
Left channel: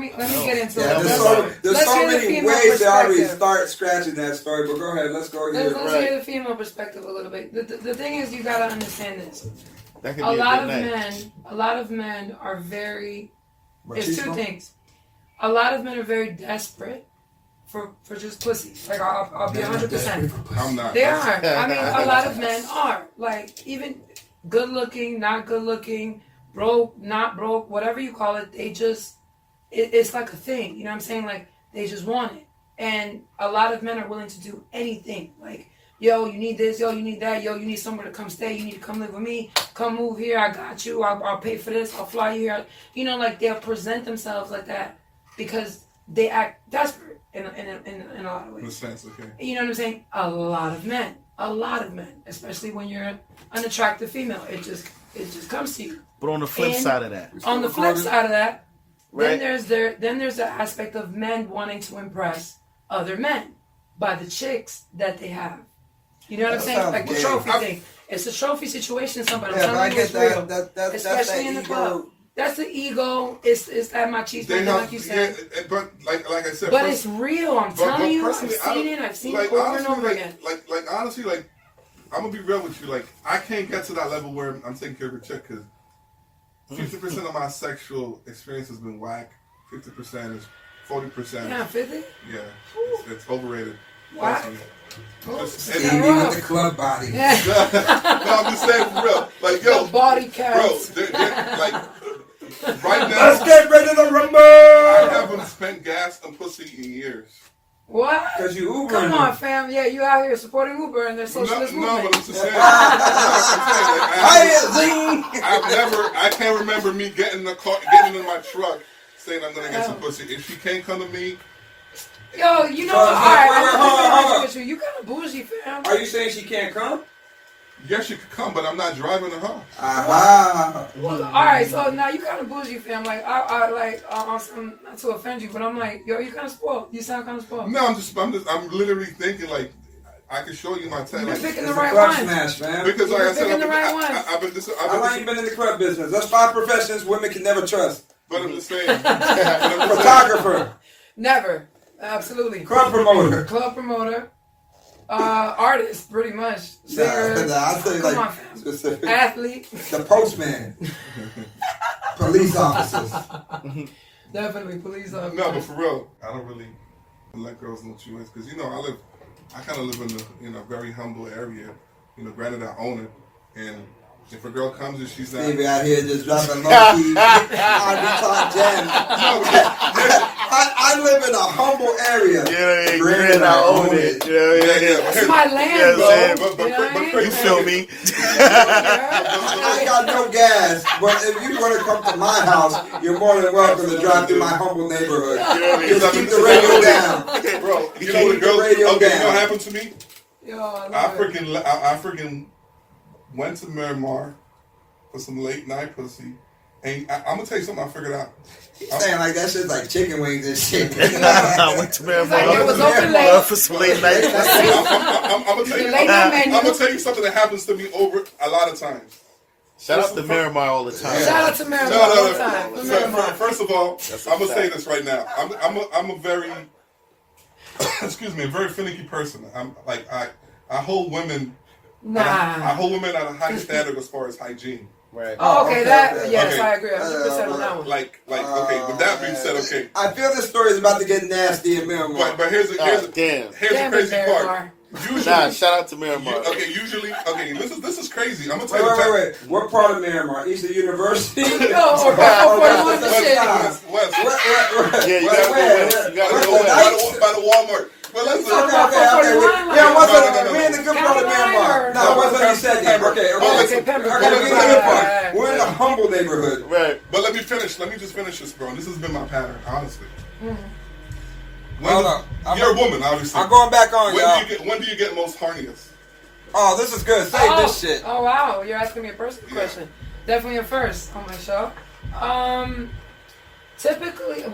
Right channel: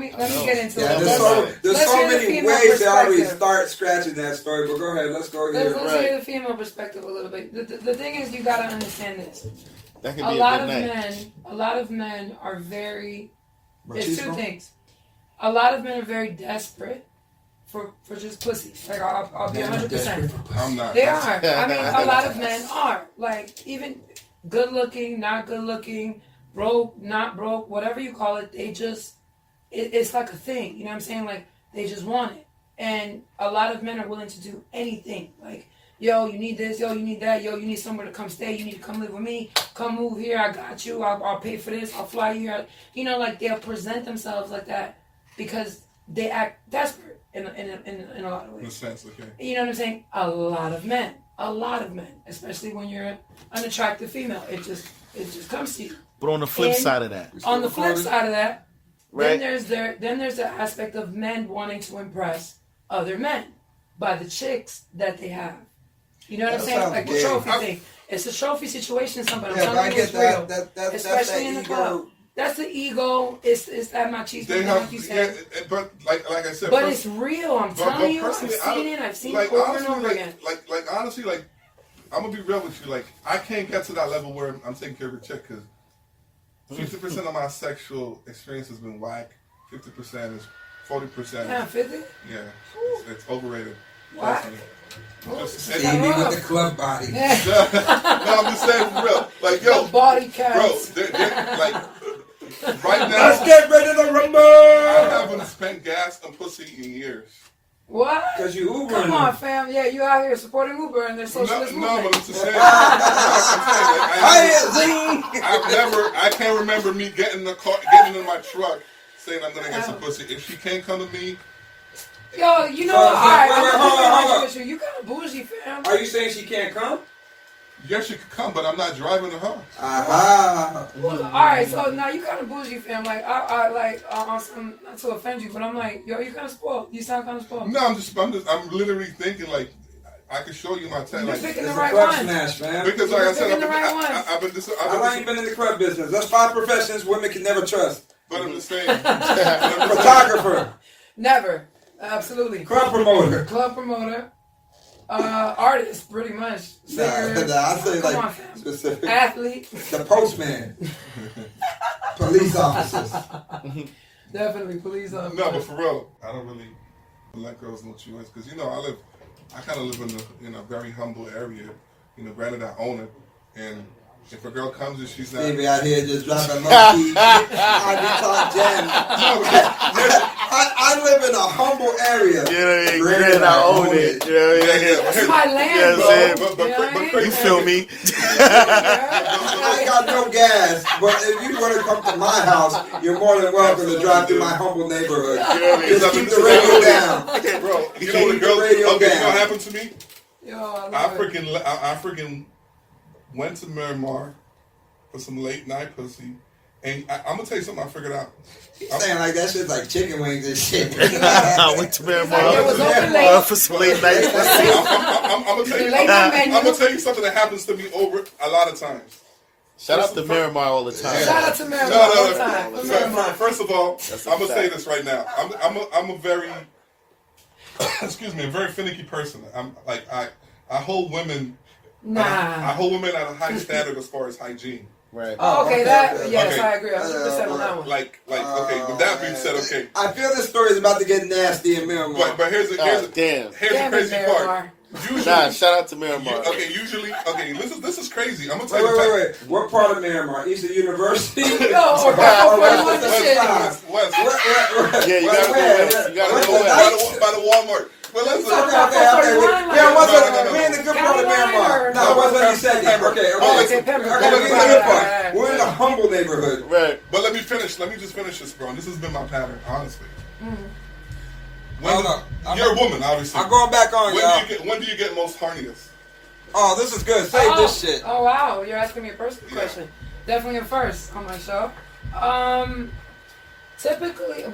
me get into it. There's so many ways to already start scratching that story. But go ahead. Let's go here. Let's hear the female perspective a little bit. The thing is, you gotta understand this. A lot of men are very. It's two things. A lot of men are very desperate for just pussy. Like I'll be 100%. I'm not. They are. I mean, a lot of men are. Like even good looking, not good looking. Broke, not broke, whatever you call it, they just, it's like a thing, you know what I'm saying? Like, they just want it. And a lot of men are willing to do anything. Like, yo, you need this, yo, you need that, yo, you need somewhere to come stay, you need to come live with me, come move here, I got you, I'll pay for this, I'll fly you here. You know, like, they'll present themselves like that because they act desperate in a lot of ways. In a sense, okay. You know what I'm saying? A lot of men, especially when you're an unattractive female, it just comes to you. But on the flip side of that, then there's the aspect of men wanting to impress other men by the chicks that they have. You know what I'm saying? Like the trophy thing. It's a trophy situation. Somebody, I'm telling you, it's real. Especially in the club. That's the ego. It's that machismo, like you said. Yeah, but like I said. But it's real. I'm telling you. I've seen it. I've seen it over and over again. Like honestly, like I'm gonna be real with you. Like I can't get to that level where I'm taking care of a chick because 50% of my sexual experience has been whack. 50% is 40%. Yeah, 50? Yeah, it's overrated. Why? Stevie with the club body. No, I'm just saying for real. Like yo, the body counts. Bro, like right now. Let's get ready to rumble. I haven't spent gas on pussy in years. What? Because you Uber. Come on, fam. Yeah, you out here supporting Uber and their socialist movement. No, but I'm just saying. I can't remember me getting in the car, getting in my truck, saying I'm gonna get some pussy. If she can't come to me. Yo, you know what? Alright, you kind of bougie, fam. Are you saying she can't come? Yes, she could come, but I'm not driving her home. Well, alright, so now you kind of bougie, fam. Like, I on some, not to offend you, but I'm like, yo, you kind of spoiled. You sound kind of spoiled. No, I'm literally thinking like, I can show you my text. You're Like, picking the It's a right club ones. smash, man. because like I said, picking the right ones. I've been I ain't been in the club business. That's 5 professions women can never trust. But I'm just saying. Photographer. Never. Absolutely. Club promoter. Club promoter. Artist, pretty much. Singer. I say Come like on, fam. specific. Athlete. The postman. Police officers. Definitely police officer. No, but for real, I don't really let girls know what you is because I kind of live in a very humble area. Granted I own it, and if a girl comes and she's not, Baby out here just dropping low key. I live in a humble area. Yeah, Granted, I own it. Yeah. That's my land, bro. You feel me? I got no gas, but if you want to come to my house, you're more than welcome to drive through my humble neighborhood. Just keep the radio down. Okay, bro. You know what girls? Okay, you know what happened to me? I freaking went to Miramar for some late night pussy, and I'm gonna tell you something I figured out. I'm saying like that shit's like chicken wings and shit. I went to Miramar for some late night. I'm gonna tell you something that happens to me over a lot of times. Shout out to Miramar all the time. Shout out to Miramar all the time. First of all, I'm gonna say this right now. I'm a very excuse me, a very finicky person. I'm like I hold women. I hold women at a high standard as far as hygiene. Right. Oh, okay. Yes, I agree. 100% on that one. Like, okay. With that being said, okay. I feel this story is about to get nasty in Miramar. But here's the crazy part. Usually, shout out to Miramar. Usually, this is crazy. I'm gonna tell you. Wait. What part of Miramar? East of University? West. Yeah, you gotta go west. By the Walmart. But listen. Okay. Yeah, me and the good part of Miramar. No, it wasn't any second. Okay. We're in a humble neighborhood. Right. But let me just finish this, bro. This has been my pattern, honestly. Hold on. You're a woman, obviously. I'm going back on, y'all. When do you get most horniest? Oh, this is good. Save this shit. Oh, wow. You're asking me a personal question. Definitely a first on my show. Typically, to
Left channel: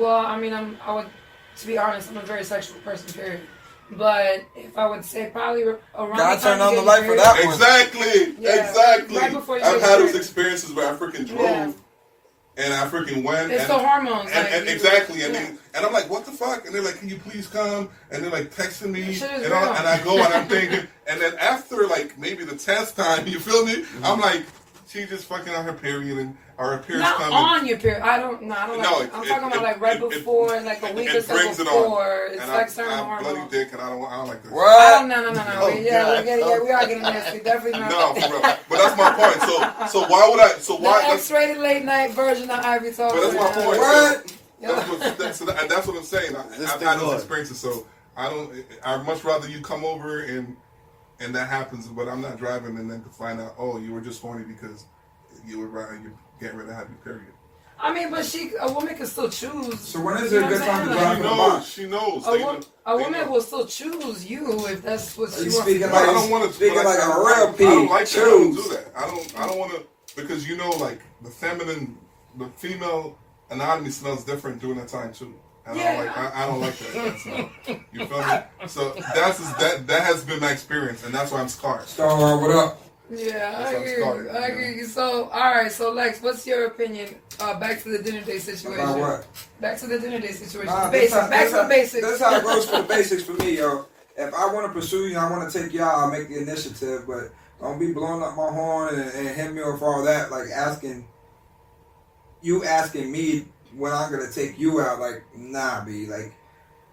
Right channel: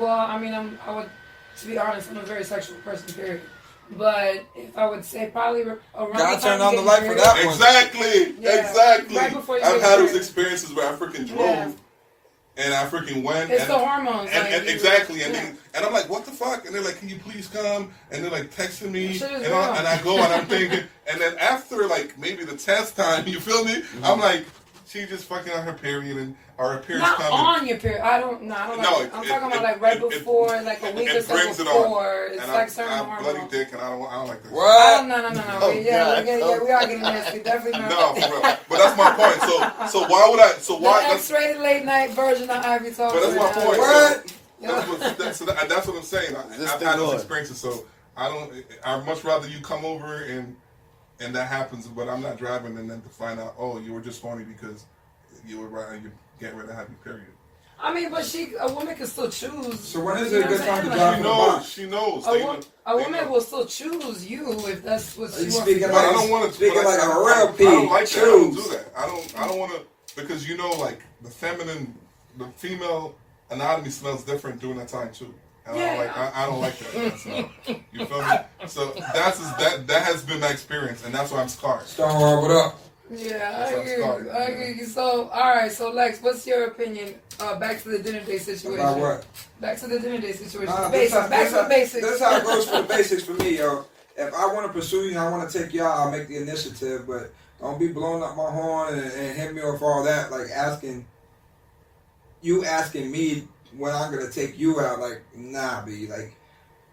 be honest, I'm a very sexual person, period. But if I would say probably around gotta turn on the light for that one. Exactly. Right I've had those experiences where I freaking drove. And I freaking went. It's the hormones. And exactly. And I'm like, what the fuck? And they're like, can you please come? And they're like texting me. And I go and I'm thinking. And then after like maybe the 10th time, you feel me? Mm-hmm. I'm like, she just fucking on her period or her period's not coming. on your period. I'm talking about like right before, like a week or so before. It's like certain hormones. I'm bloody dick and I don't like that. What? No. We are getting this. We definitely not. No, for real. But that's my point. So why would I? So why? The X-rated late night version of Ivy Talks. But that's my point. What? That's what I'm saying. I've had those experiences, so I'd much rather you come over and that happens, but I'm not driving and then to find out, oh, you were just horny because you getting ready to have your period. I mean, but a woman can still choose. So when is it a good time to drive in the box? She knows. A woman will still choose you if that's what she wants. I don't want to speak like a real pig. I don't like that. I don't do that. I don't want to, because like the female anatomy smells different during that time too. And I don't like that. So, you feel me? So that has been my experience, and that's why I'm scarred. Star, what up? Yeah, I agree. So, all right. So, Lex, what's your opinion? Back to the dinner date situation. About what? Back to the dinner date situation. Back to the basics. That's how it goes for the basics for me, yo. If I want to pursue you, I want to take y'all, I'll make the initiative, but don't be blowing up my horn and hit me with all that, like asking me when I'm gonna take you out, like, nah, B. Like,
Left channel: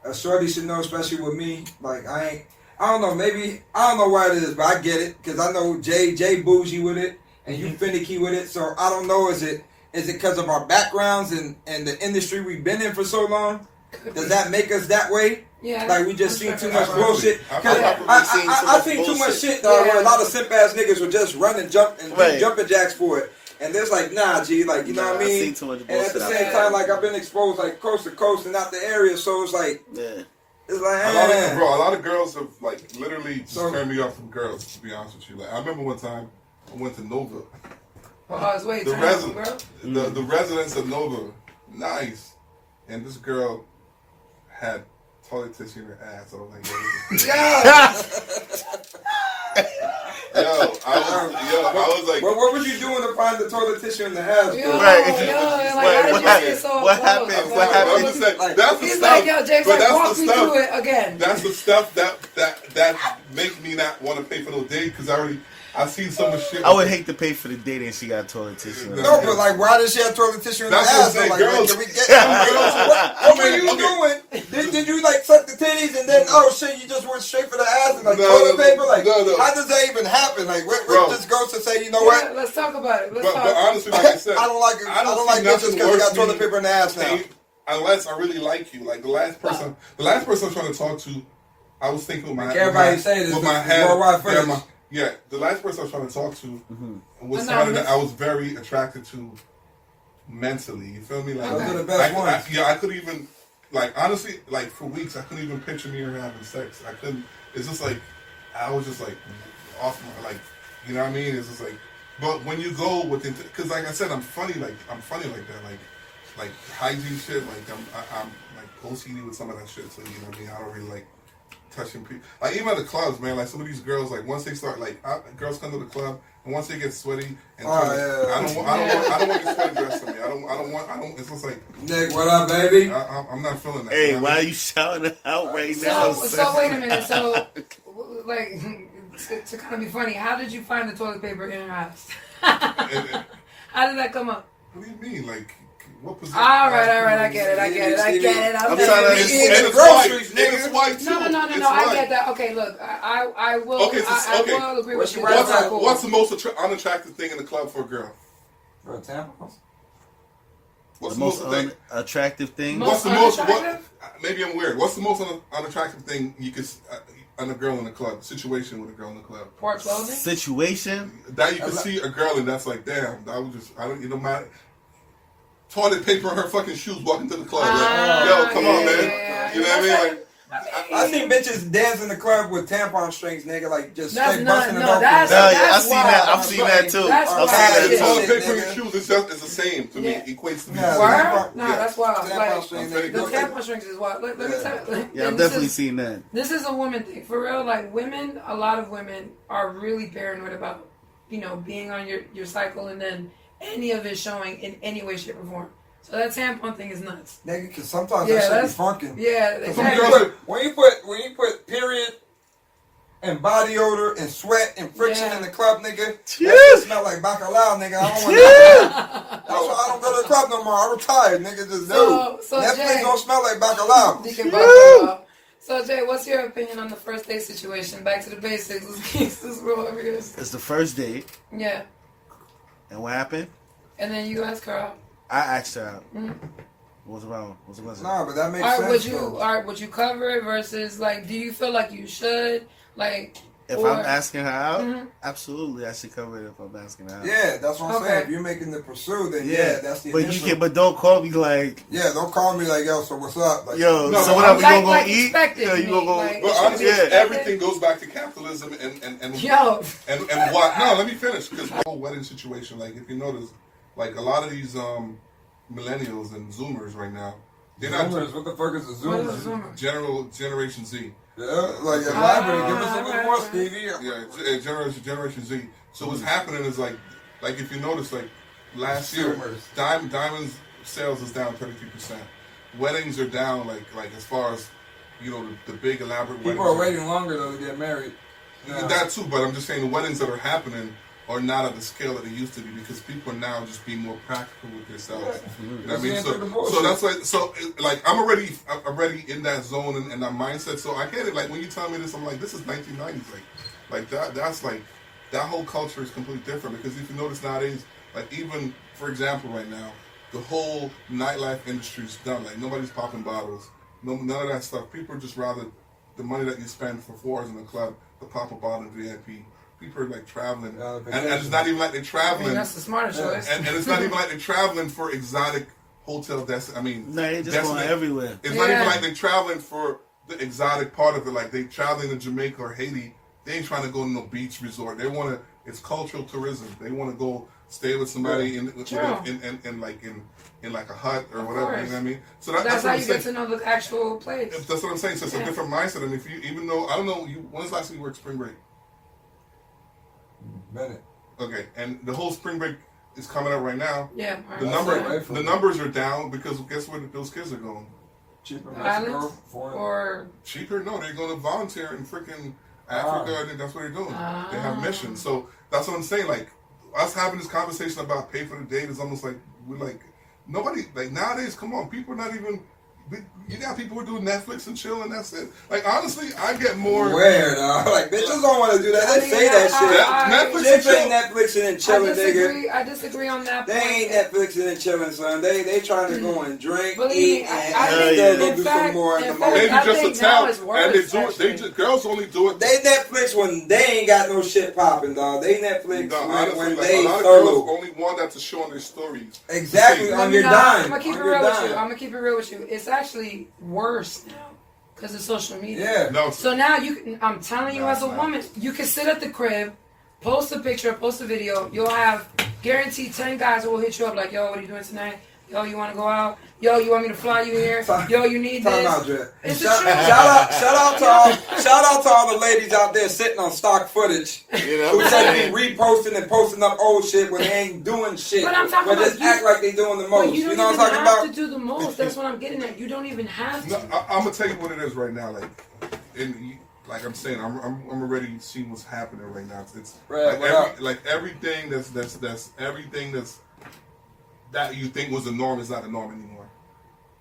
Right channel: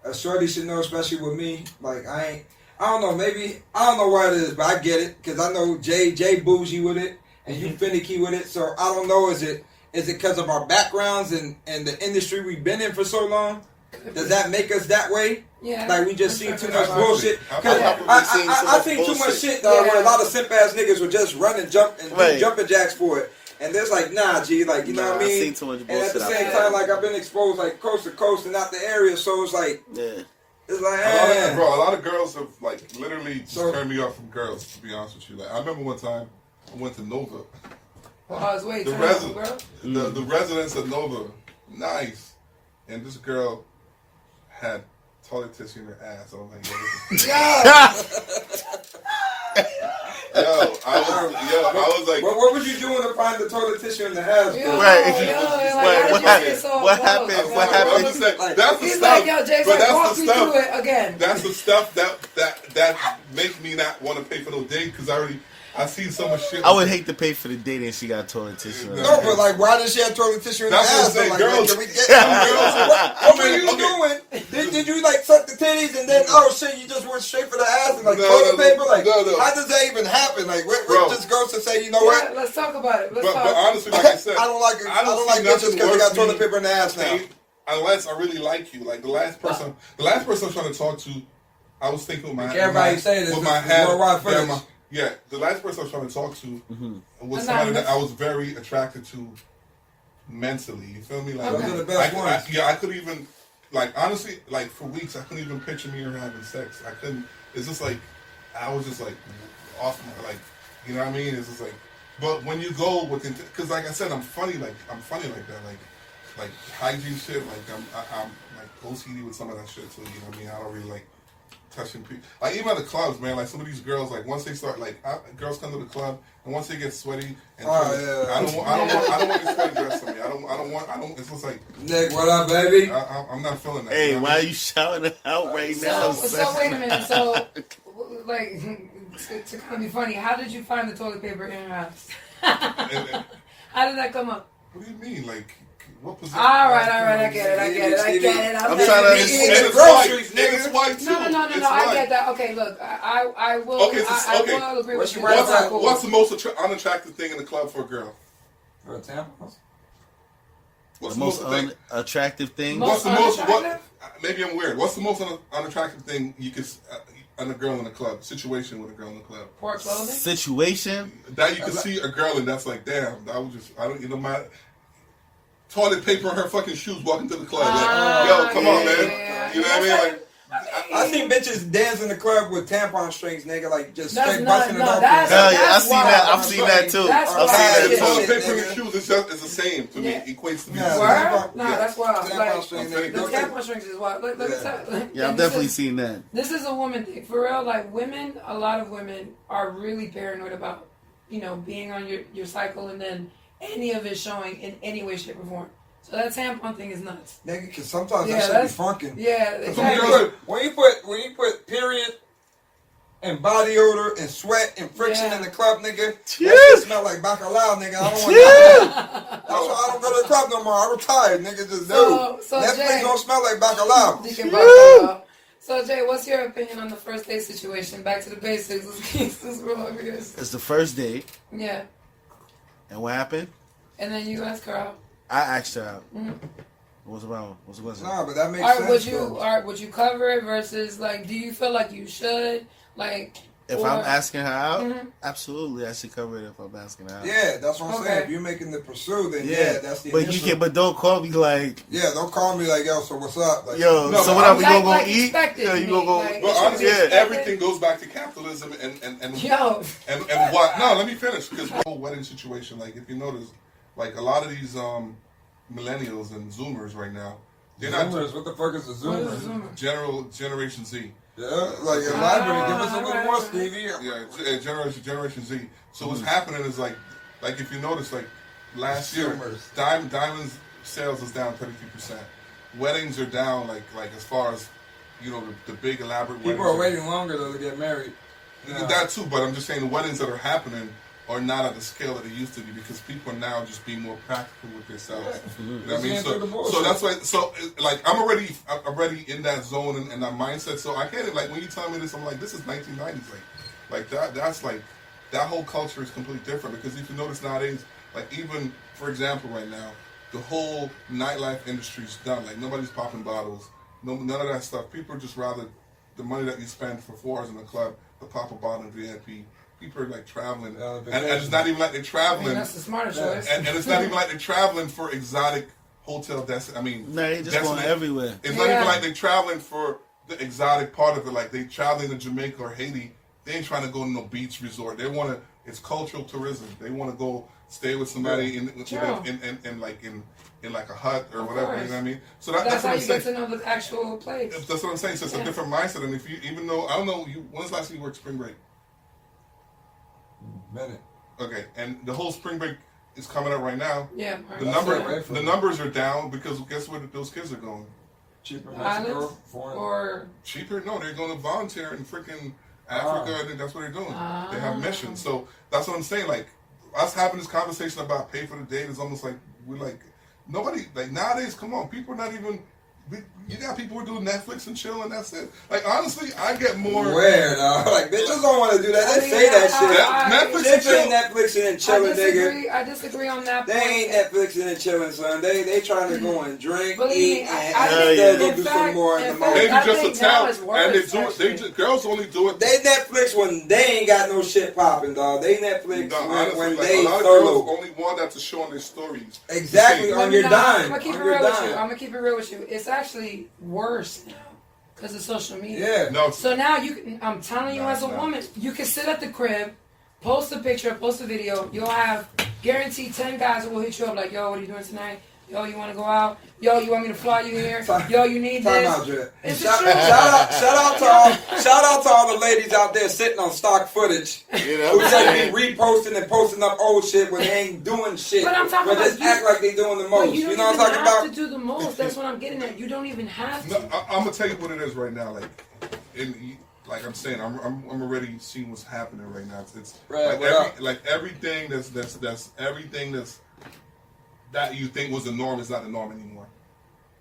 a shorty should know, especially with me. Like, I don't know, maybe, I don't know why it is, but I get it, because I know Jay bougie with it, and you finicky with it, so I don't know, is it because of our backgrounds and the industry we've been in for so long? Does that make us that way? Yeah. Like, we just seen too much bullshit? Because I seen too much shit, dog, where a lot of simp-ass niggas would just run and jump and do jumping jacks for it. And there's like, nah, G, like, you know what I mean? And at the same time, like, I've been exposed, like, coast to coast and not the area, so it's like, it's like, a lot of girls have, like, literally just turned me off from girls, to be honest with you. Like, I remember one time, I went to Nova. The residents of Nova, nice. And this girl had toilet tissue in her ass. I was like, I was like, well, what was you doing to find the toilet tissue in the house? What happened? I'm just saying, that's the He's stuff. like, yo, Jake's but like, that's walk the me stuff. through it again. That's the stuff that make me not want to pay for no date because I've seen so much shit. I would hate to pay for the date and she got toilet tissue. No, but like, why does she have toilet tissue in the That's what I'm ass? saying, Like, girls. can we get what were you doing? Did you like suck the titties and then shit, you just went straight for the ass and like toilet paper? Like, how does that even happen? Like, what just goes to say, you know what? Let's talk about it. But honestly, like I said, I don't like see bitches nothing because they worse got toilet than paper in the ass now. unless I really like you. Like the last person I'm trying to talk to, I was thinking with my everybody say this with my head. worldwide finish. Yeah, the last person I was trying to talk to was somebody that I was very attracted to mentally. You feel me? Like, those are the best ones. I could even, like, honestly, like for weeks, I couldn't even picture me or her having sex. I couldn't. It's just like I was just like off my, like, you know what I mean? It's just like, but when you go with, because like I said, I'm funny like that, like hygiene shit. Like I'm like OCD with some of that shit too. You know what I mean? I don't really like touching people. Like even at the clubs, man. Like some of these girls, like once they start, like girls come to the club and once they get sweaty, and I don't want you sweaty dressed on me. I don't. It's just like, Nick, what up, baby? I'm not feeling that. Hey, you know why are you shouting it out right now? So wait a minute. So, like, to kind of be funny, how did you find the toilet paper in your house? How did that come up? What do you mean, like? What position? All right, I get it. I'm trying to it's groceries, white. It's white too. No, I get that. Okay, look, I will. Okay, I will agree with you. What's the most unattractive thing in the club for a girl? For a tampon? What's the most unattractive thing? What's the most? Maybe I'm weird. What's the most unattractive thing you could on a girl in the club? Situation with a girl in the club. Poor clothing. Situation that you can see a girl and that's like, damn. You know, my toilet paper in her fucking shoes walking to the club. Like, yo, come on, man. You know what I mean? Like, I seen bitches dance in the club with tampon strings, nigga, like just straight busting it open. I've seen that too. The toilet paper in your shoes is the same to me. Equates to me. No, that's wild. The tampon strings is wild. Let me tell you. Yeah, I've definitely seen that. This is a woman thing. For real, like women, a lot of women are really paranoid about, being on your cycle and then any of it showing in any way, shape, or form. So that tampon thing is nuts. Nigga, because sometimes that shit be funkin'. Yeah. Exactly. When you put period and body odor and sweat and friction in the club, nigga, that shit smell like bacalao, nigga. I don't want that. That's why I don't go to the club no more. I retired, nigga. Just Netflix don't smell like bacalao. So Jay, what's your opinion on the first date situation? Back to the basics. Let's roll over here. It's the first date. Yeah. And what happened? And then you asked her out. I asked her out. Mm-hmm. What's wrong? What's the question? Nah, but that makes sense. Would you cover it versus like? Do you feel like you should like? If I'm asking her out, absolutely, I should cover it. If I'm asking her out, yeah, that's what I'm saying. If you're making the pursuit, then that's the. But don't call me like. Yeah, don't call me like, yo. So what's up? Like, yo, so what up? You gonna go eat? Yeah, you gonna go. Well, honestly, everything goes back to capitalism and what? No, let me finish because the whole wedding situation. Like, if you notice, like a lot of these millennials and Zoomers right now, they're not. What the fuck is a Zoomer? Generation Z. Yeah, like elaborate. Give us a little more, Stevie. Yeah, Generation Z. So what's happening is like if you notice, like last year, diamonds sales is down 33%. Weddings are down like as far as the big elaborate. People are waiting longer though to get married. That too, but I'm just saying the weddings that are happening are not at the scale that they used to be because people are now just being more practical with themselves. Yeah. You know what I mean? So that's like I'm already in that zone and that mindset. So I get it. Like when you tell me this, I'm like, this is 1990s. Like that's like that whole culture is completely different because if you notice nowadays, like even for example right now, the whole nightlife industry's done. Like nobody's popping bottles. None of that stuff. People are just rather the money that you spend for 4 hours in the club to pop a bottle in VIP. People are like traveling, and it's not even like they're traveling. That's the smarter choice. And it's not even like they're traveling for exotic hotel they're just going everywhere. It's not even like they're traveling for the exotic part of it. Like they traveling to Jamaica or Haiti. They ain't trying to go to no beach resort. They want to. It's cultural tourism. They want to go stay with somebody in like a hut or whatever. You know what I mean? So that's how you get to know the actual place. That's what I'm saying. So it's a different mindset. And if you, even though I don't know, when was the last time you worked spring break? Minute. Okay, and the whole spring break is coming up right now. Yeah. The numbers are down because guess where those kids are going? Cheaper Islands or cheaper? No, they're going to volunteer in freaking Africa. I think that's what they're doing. They have missions. So that's what I'm saying. Like us having this conversation about pay for the date is almost like we're like nobody like nowadays. Come on, people are not even. You got people who do Netflix and chill, and that's it. Like honestly, I get more. Weird, like bitches don't want to do that. They say that shit. Netflix they say Netflixing and chilling, nigga. I disagree on that. They ain't Netflixing and chilling, son. They trying to go and drink, eat, and still go do some more in the moment. Maybe just a town, and they do it. Girls only do it. They Netflix when they ain't got no shit popping, dog. They Netflix when they a lot of solo. girls only want that to show on their stories. Exactly on your dime. I'm gonna keep it real with you. I'm gonna keep it real with you. It's actually worse now because of social media. Yeah. No. So now you can. I'm telling you, as a woman, you can sit at the crib, post a picture, post a video. You'll have guaranteed 10 guys who will hit you up like, "Yo, what are you doing tonight? Yo, you want to go out? Yo, you want me to fly you here? Yo, you need this." It's the truth. Shout out to all the ladies out there sitting on stock footage. You know, who just be reposting and posting up old shit when they ain't doing shit. But I'm talking about just act like they doing the most. But you know what I'm don't talking even about? have to do the most. That's what I'm getting at. You don't even have to. No, I'm gonna tell you what it is right now. Like I'm saying, I'm already seeing what's happening right now. It's like everything that's everything that you think was the norm is not the norm anymore.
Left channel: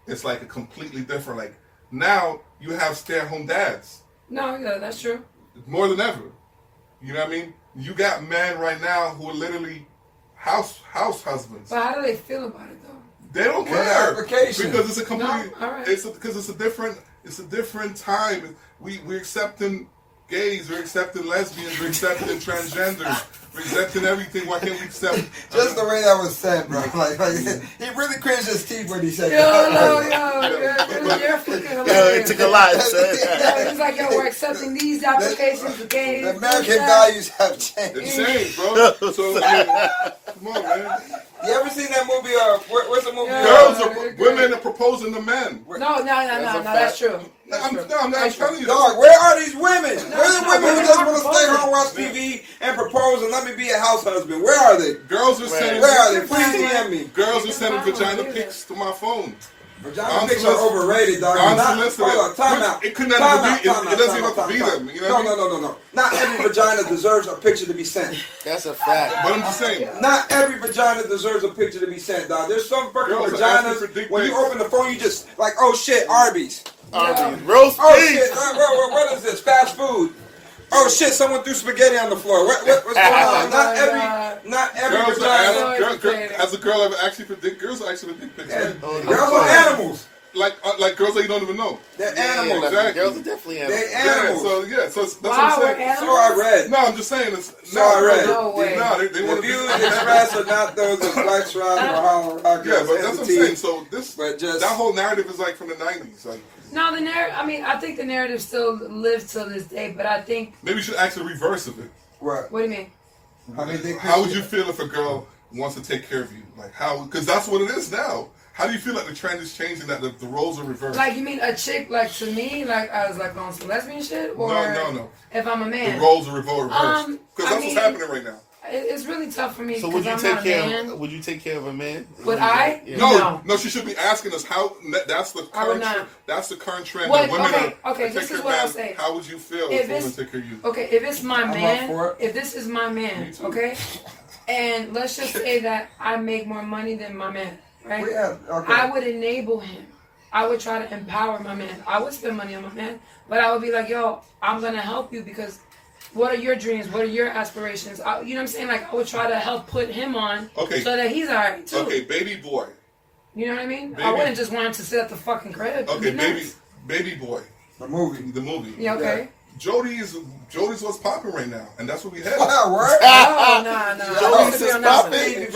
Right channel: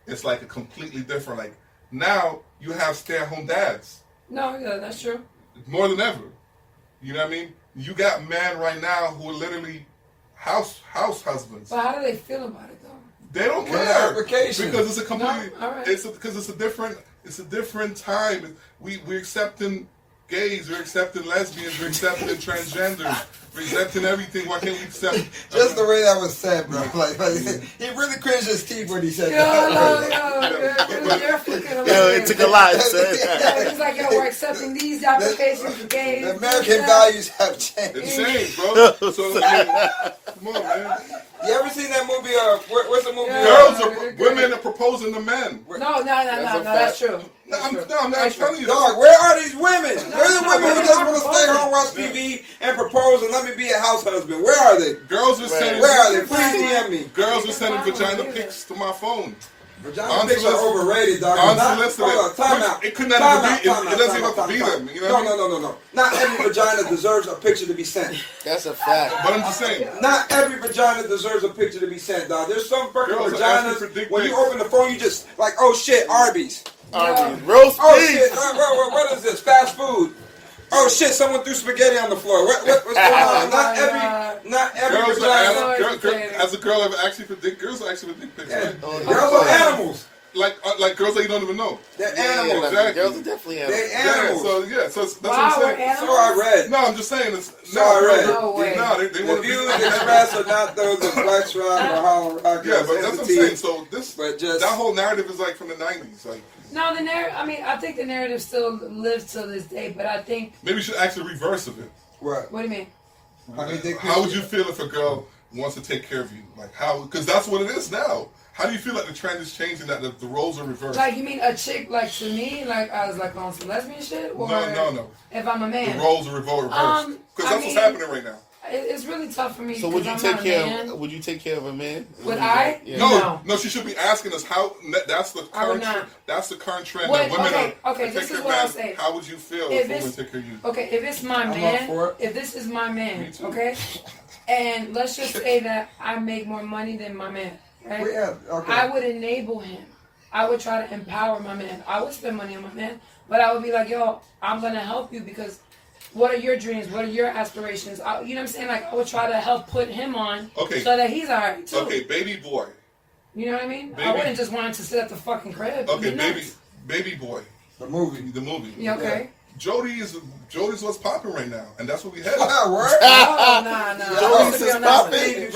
It's like a completely different. Like now you have stay-at-home dads. No, yeah, that's true. More than ever. You know what I mean? You got men right now who are literally house husbands. But how do they feel about it though? They don't care because it's a completely. No? All right. Because it's a different time. We're accepting gays, we're accepting lesbians, we're accepting transgenders, we're accepting everything. Why can't we accept? Just the way that was said, bro. Like he really cringed his teeth when he said that. You're freaking hilarious. It took a lot. He's like, yo, we're accepting these applications for gays. The American values have changed. It's changed, bro. So come on, man. You ever seen that movie? What's the movie? Women are proposing to men. No, that's true. I'm not telling you. Dog, where are these women? Where are the women who just want to stay home, watch TV, and propose and let me be a house husband? Where are they? Girls are sending. Where are they? Please DM me. Girls are sending vagina pics to my phone. Vagina pics are overrated, dog. Time out. It couldn't have be. It doesn't even have to be them. You know No. Not every vagina deserves a picture to be sent. That's a fact. But I'm just saying. Not every vagina deserves a picture to be sent, dog. There's some fucking vaginas. When you open the phone, you just like, oh shit, Arby's. Roast oh shit! What is this? Fast food. Oh shit! Someone threw spaghetti on the floor. What's going on? Not every vagina. As a girl, ever actually predict girls are actually dick pics, right? Girls are animals. Like girls that you don't even know. They're animals. Exactly. Girls are definitely animals. They're animals. So that's what I'm saying. So I read. No, I'm just saying. I read. No way. They want to be. The views expressed are not those of Lex Roc or Harlem Rock. Yeah, but that's what I'm saying. So that whole narrative is like from the 90s. Like. No, the narrative. I mean, I think the narrative still lives till this day, but I think maybe you should actually reverse of it. What? What do you mean? How would you feel if a girl wants to take care of you? Like how? Because that's what it is now. How do you feel like the trend is changing? That the roles are reversed. Like you mean a chick like to me, like I was like on some lesbian shit, or no. If I'm a man, the roles are reversed. Because that's what's happening right now. It's really tough for me. So would you take care? Would you take care of a man? Would I? Yeah. No. She should be asking us how. That's the current. That's the current trend. That women okay. This is what I'll say. How would you feel if women take care of you? Okay, if it's my man, if this is my man, okay, and let's just say that I make more money than my man, right? Yeah, okay. I would enable him. I would try to empower my man. I would spend money on my man, but I would be like, yo, I'm gonna help you because. What are your dreams? What are your aspirations? You know what I'm saying? Like, I would try to help put him on so that he's alright, too. Okay, baby boy. You know what I mean? I wouldn't just want him to sit at the fucking crib. Okay, baby boy. The movie. Yeah, okay. Jody's what's popping right now, and that's what we had. What? No. Jody's is popping.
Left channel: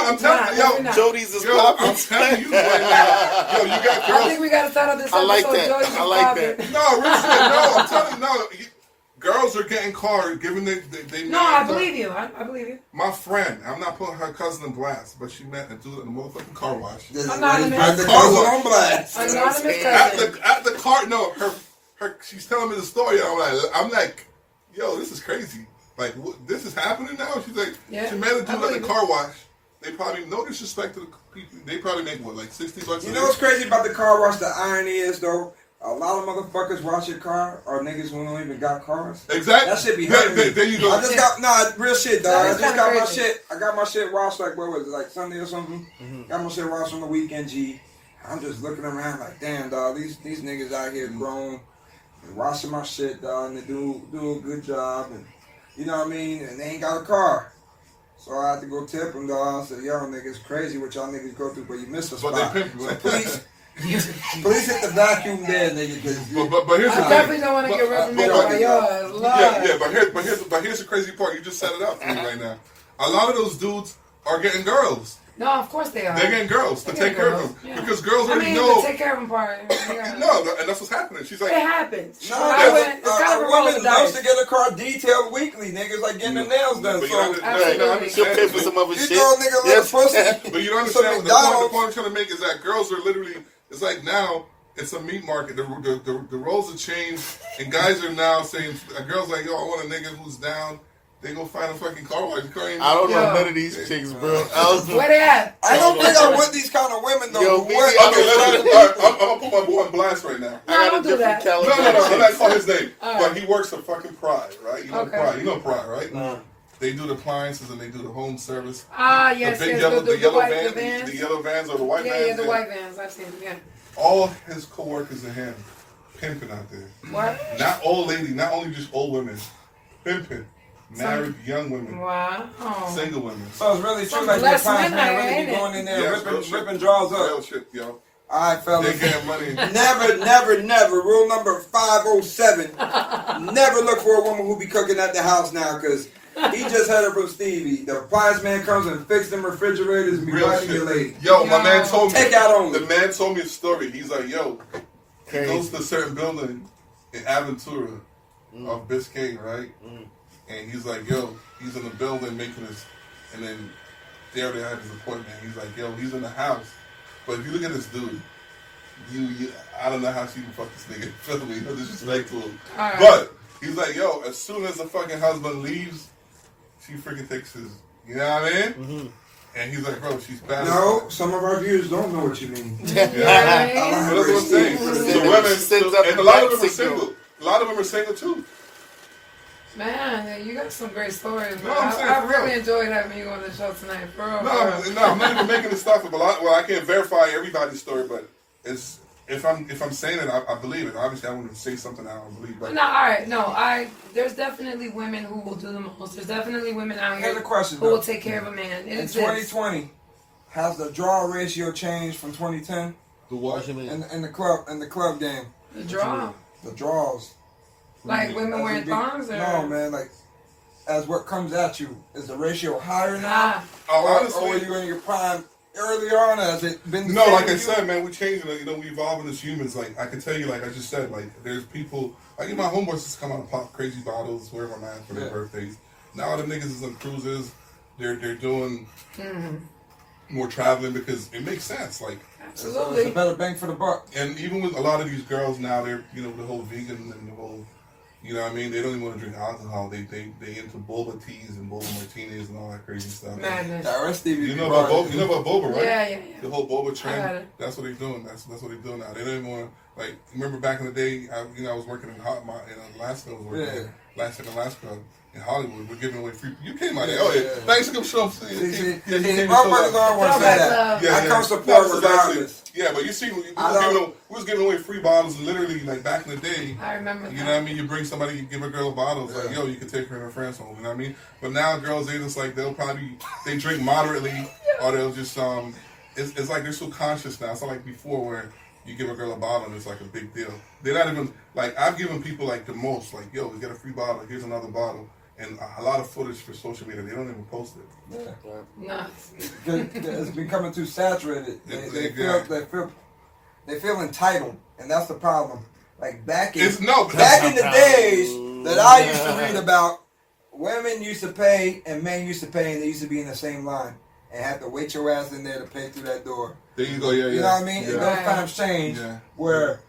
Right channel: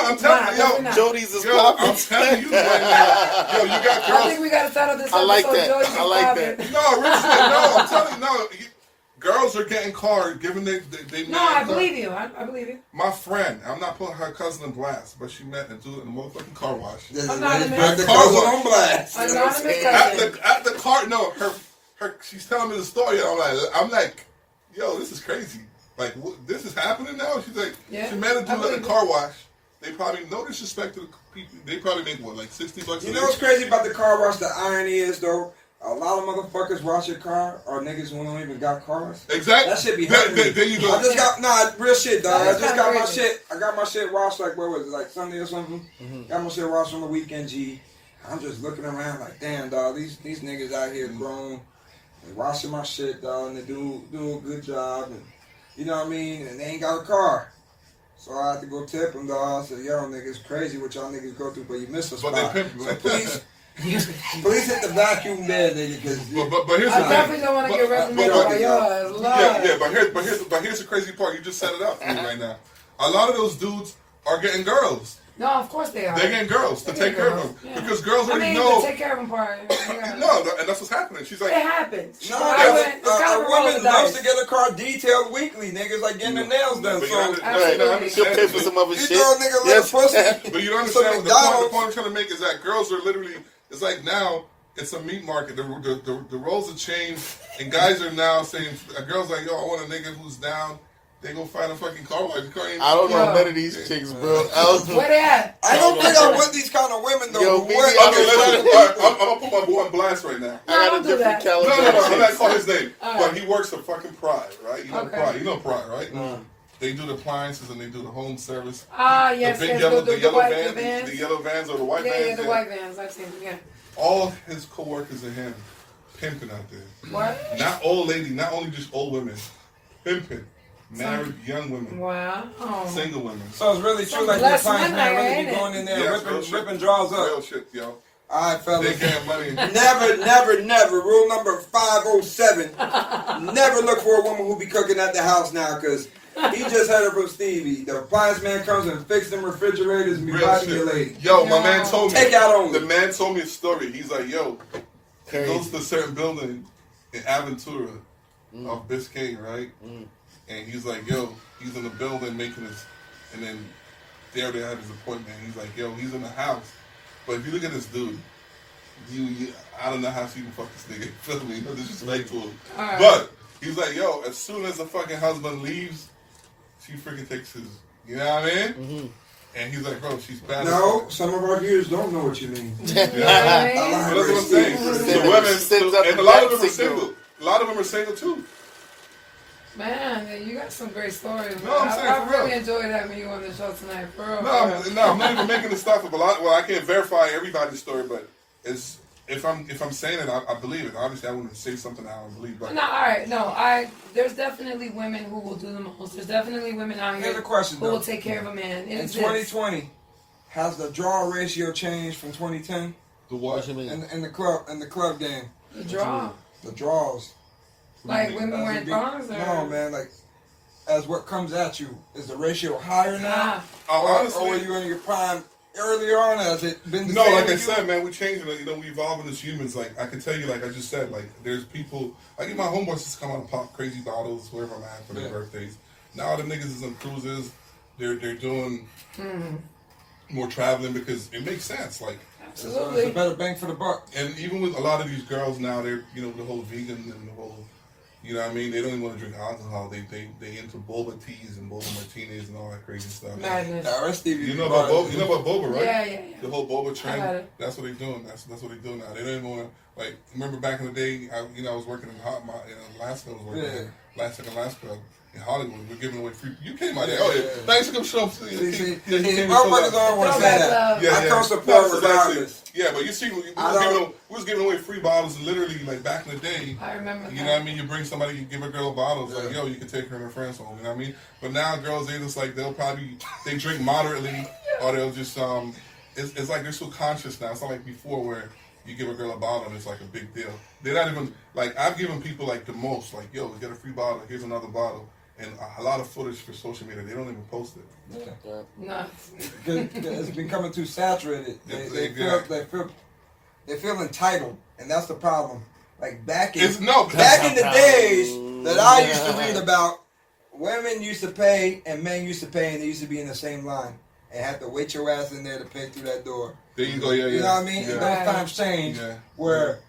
I'm telling you, Jody's is popping. I'm telling you right now. Yo, you got girls. I think we got to start off this episode. I like that. No, really, I'm telling you, no. Girls are getting cars, given they No, I believe you. I believe you. My friend, I'm not putting her cousin in blast, but she met a dude in the motherfucking car wash. Anonymous. On blast. At the car, no, her. She's telling me the story. And I'm like, yo, this is crazy. Like, this is happening now? She's like, Yeah, she met a dude at the car wash. They probably, no disrespect to the people, they probably make, what, like $60 You know what's crazy about the car wash? The irony is, though, a lot of motherfuckers wash your car are niggas who don't even got cars. Exactly. That shit be hurting me. There you go. I just got, real shit, dog. I just got my crazy. shit. I got my shit washed, like, what was it, like Sunday or something? Got my shit washed on the weekend, G. I'm just looking around like, damn, dog, these niggas out here grown and washing my shit, dog, and they do a good job, and you know what I mean? And they ain't got a car. So I had to go tip them, dog. I said, yo, niggas, crazy what y'all niggas go through, but you missed a spot. But they pimp, so please hit the vacuum there, nigga. But here's the thing. I definitely don't want to get represented by yours. But here's the crazy part. You just set it up for me right now. A lot of those dudes are getting girls. No, of course they are. They're getting girls to take care of them. Yeah. Because girls already I mean, know. the take care of them part. No, and that's what's happening. She's like, it happens. No, It's kind of a roll of the woman loves dice. to get a car detailed weekly. Niggas like getting their nails done. But So Absolutely. She'll pay for some other you shit. know a nigga like pussy. but you don't understand. The point I'm trying to make is that girls are literally. It's like now. It's a meat market. The roles have changed, and guys are now saying, a girl's like, yo, I want a nigga who's down. They go find a fucking car wash. I don't know none of these chicks, bro. Where they at? I don't think I'm with these kind of women though. Yo, Who maybe work- I'm I'm gonna put my boy on blast right now. I got a don't do different that. No, caliber. I'm not calling his name. All But right. he works for fucking Pride, right? You know Okay. Pride. You know Pride, right? They do the appliances and they do the home service. Ah, yes, the big yes, yellow, the yellow white van, vans. the yellow vans or the white vans. Yeah, the white vans. I've seen them, yeah. All his coworkers and him pimping out there. What? Not old lady, not only just old women, pimping. Married young women, Wow. Oh. single women. So it's really true, Some like your blessed clients men, man really ain't be it? going in there Yes, real ripping shit. draws Real up. shit, yo. All right, fellas. They getting money. Never. Rule number 507. Never look for a woman who be cooking at the house now, because he just heard it from Stevie. The appliance man comes and fix them refrigerators and be Real riding shit. your lady. Yo, my man told me. Take out only. The man told me a story. He's like, yo, he goes to a certain building in Aventura off Biscayne, right? And he's like, yo, he's in the building making his, and then there they had his appointment. He's like, yo, he's in the house. But if you look at this dude, you I don't know how she even fuck this nigga. Feel me? No disrespect to him. Right. But he's like, yo, as soon as the fucking husband leaves, she freaking takes his, you know what I mean? And he's like, bro, she's bad. No, some of our viewers don't know what you mean. Yeah. But that's what I'm saying. So women, and a lot of them are single. A lot of them are single too. Man, you got some great stories. No, I'm saying I for really real. enjoyed having you on the show tonight, bro. No, I'm not even making this stuff up. Well, I can't verify everybody's story, but it's if I'm saying it, I believe it. Obviously, I wouldn't say something I don't believe. But No, all right, no, there's definitely women who will do the most. There's definitely women out here Here's the question, who though. will take care of a man. It In exists. 2020, has the draw ratio changed from 2010 the what? in the club game? The draw, The draws. like women As wearing it be- thongs, or No, man, like as what comes at you, is the ratio higher now? Oh, Or honestly, are you in your prime earlier on? Has it been the no, same like I with you? said, man, we're changing. You know, we evolving as humans. Like I can tell you, like I just said, like there's people. Like my homeboys just come out and pop crazy bottles wherever I'm at for their birthdays. Now the niggas is on cruises. They're doing more traveling because it makes sense. Like It's absolutely. a better bang for the buck. and even with a lot of these girls now, they're the whole vegan and the whole. You know what I mean? They don't even want to drink alcohol. They into boba teas and boba martinis and all that crazy stuff. Madness. Now, Stevie, You know about boba? You know about boba, right? Yeah. The whole boba I got trend. it. That's what they're doing. That's what they're doing now. They don't even want to like. Remember back in the day? I was working in Alaska. I was working in Alaska in Hollywood. We're giving away free. You came out there. Oh yeah. Thanks for coming show. See, Yeah, you came and my showed brothers that. don't want to say that. Yeah, I come support No, regardless. yeah, but you see, we I was giving away free bottles literally like back in the day. I remember You that. know what I mean? You bring somebody, you give a girl a bottle, it's like, yo, you can take her and her friends home. You know what I mean? But now girls, they just like, they drink moderately, or they'll just, it's like they're so conscious now. It's not like before where you give a girl a bottle and it's like a big deal. They're not even, like, I've given people like the most, like, yo, we get a free bottle, here's another bottle. And a lot of footage for social media, they don't even post it. Yeah. No. It's becoming too saturated. They Yeah. feel entitled, and that's the problem. Like back in It's no, back in the days that I used to read about, women used to pay and men used to pay, and they used to be in the same line and have to wait your ass in there to pay through that door. there you go, yeah. You know what I mean? Yeah. And those times changed. Yeah. Where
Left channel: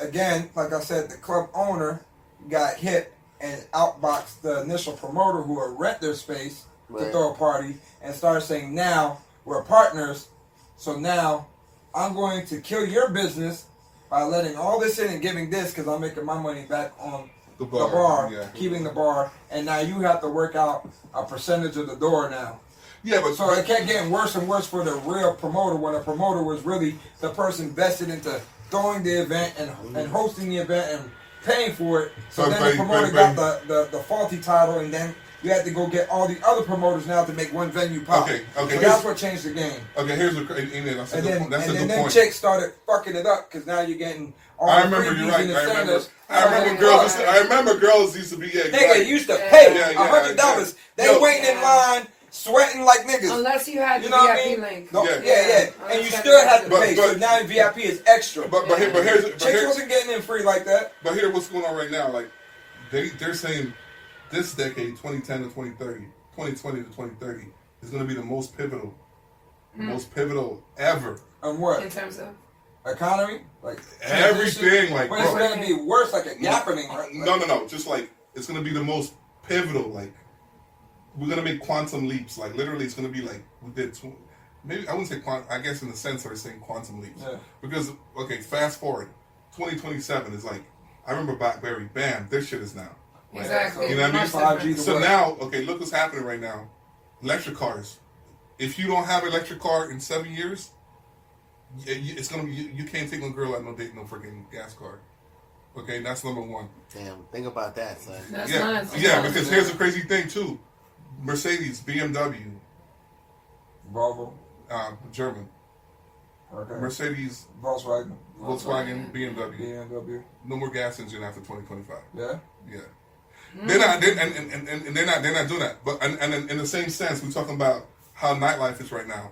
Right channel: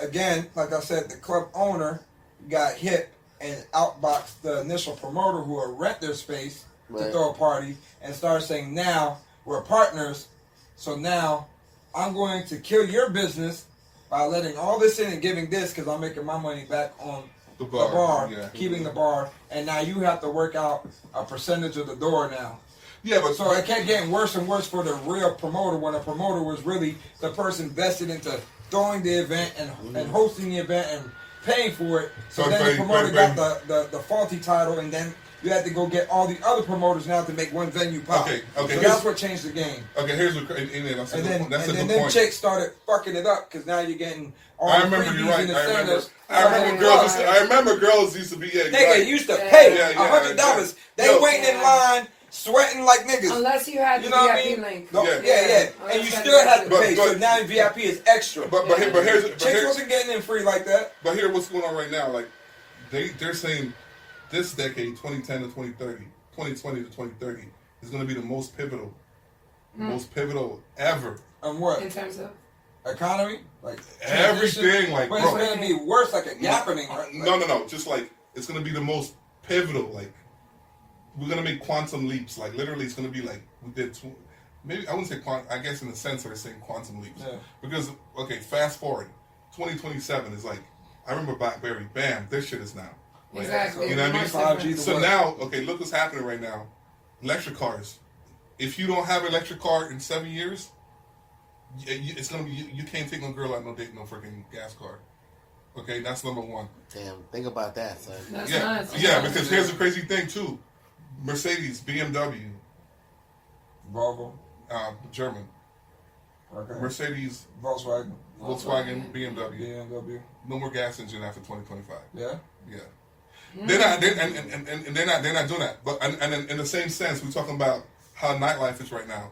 again, like I said, the club owner got hit and outbox the initial promoter who will rent their space to throw a party, and start saying, now we're partners, so now I'm going to kill your business by letting all this in and giving this because I'm making my money back on the bar, keeping the bar, and now you have to work out a percentage of the door now. Yeah, but so it kept getting worse and worse for the real promoter when the promoter was really the person vested into throwing the event and hosting the event and paying for it. So then the promoter got the faulty title, and then you had to go get all the other promoters now to make one venue pop. Okay. So that's what changed the game. Okay, here's what, and then chicks started fucking it up because now you're getting all I the remember, freebies you're right. and incentives. I remember girls used to be, Nigga used to pay $100. They waiting in line, sweating like niggas. Unless you had the VIP link. And you still had to pay. So now VIP is extra. But here's chicks wasn't getting in free like that. But here's what's going on right now. Like they're saying this decade, 2010 to 2030, 2020 to 2030, is going to be the most pivotal ever. On what? In terms of economy, like everything, like but it's going to be worse, like a happening. Right? No. Just like it's going to be the most pivotal. Like we're going to make quantum leaps. Like literally, it's going to be like we did. Maybe I wouldn't say quantum. I guess in the sense they're saying quantum leaps. Yeah. Because fast forward, 2027 is like I remember BlackBerry. Bam, this shit is now. Exactly. You know what I mean? So now, look what's happening right now. Electric cars. If you don't have an electric car in 7 years, it's gonna be you can't take no girl out no date no freaking gas car. Okay, that's number one. Damn, think about that, son. That's nice. Because here's the crazy thing too. Mercedes, BMW, Volvo, German. Okay. Mercedes, Volkswagen, BMW. No more gas engine after 2025. Yeah. They're not, they're not doing that. But and in the same sense, we're talking about how nightlife is right now.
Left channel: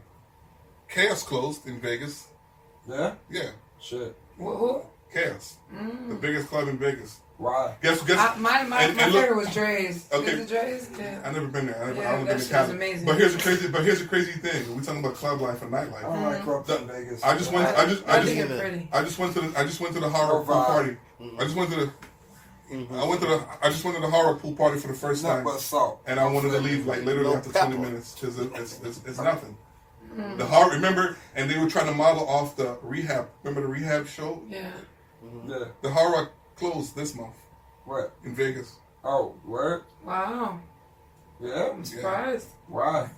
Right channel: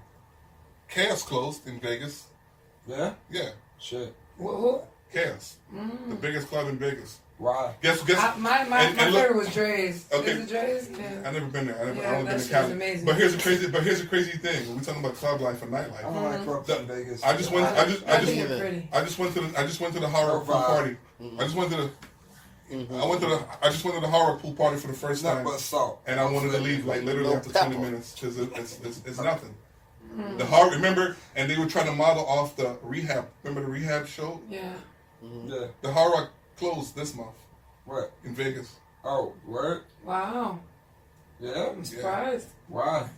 Chaos closed in Vegas. Yeah. Yeah. Shit. Who? Chaos. The biggest club in Vegas. Why? Guess. My favorite was Dre's. Okay. Is it Dre's? Yeah. I never been there. I don't that been shit to was amazing. But here's the crazy thing. We're talking about club life and nightlife. I don't like clubs in Vegas. I just went. I just went to the horror pool party. I just went to the. I just went to the horror pool party for the first time, and I wanted to leave like literally after 20 minutes because it's nothing. The horror, remember, and they were trying to model off the rehab. Remember the rehab show? Yeah. Yeah. The horror closed this month. What? In Vegas. Oh, word? Wow. Yeah. I'm surprised. Why?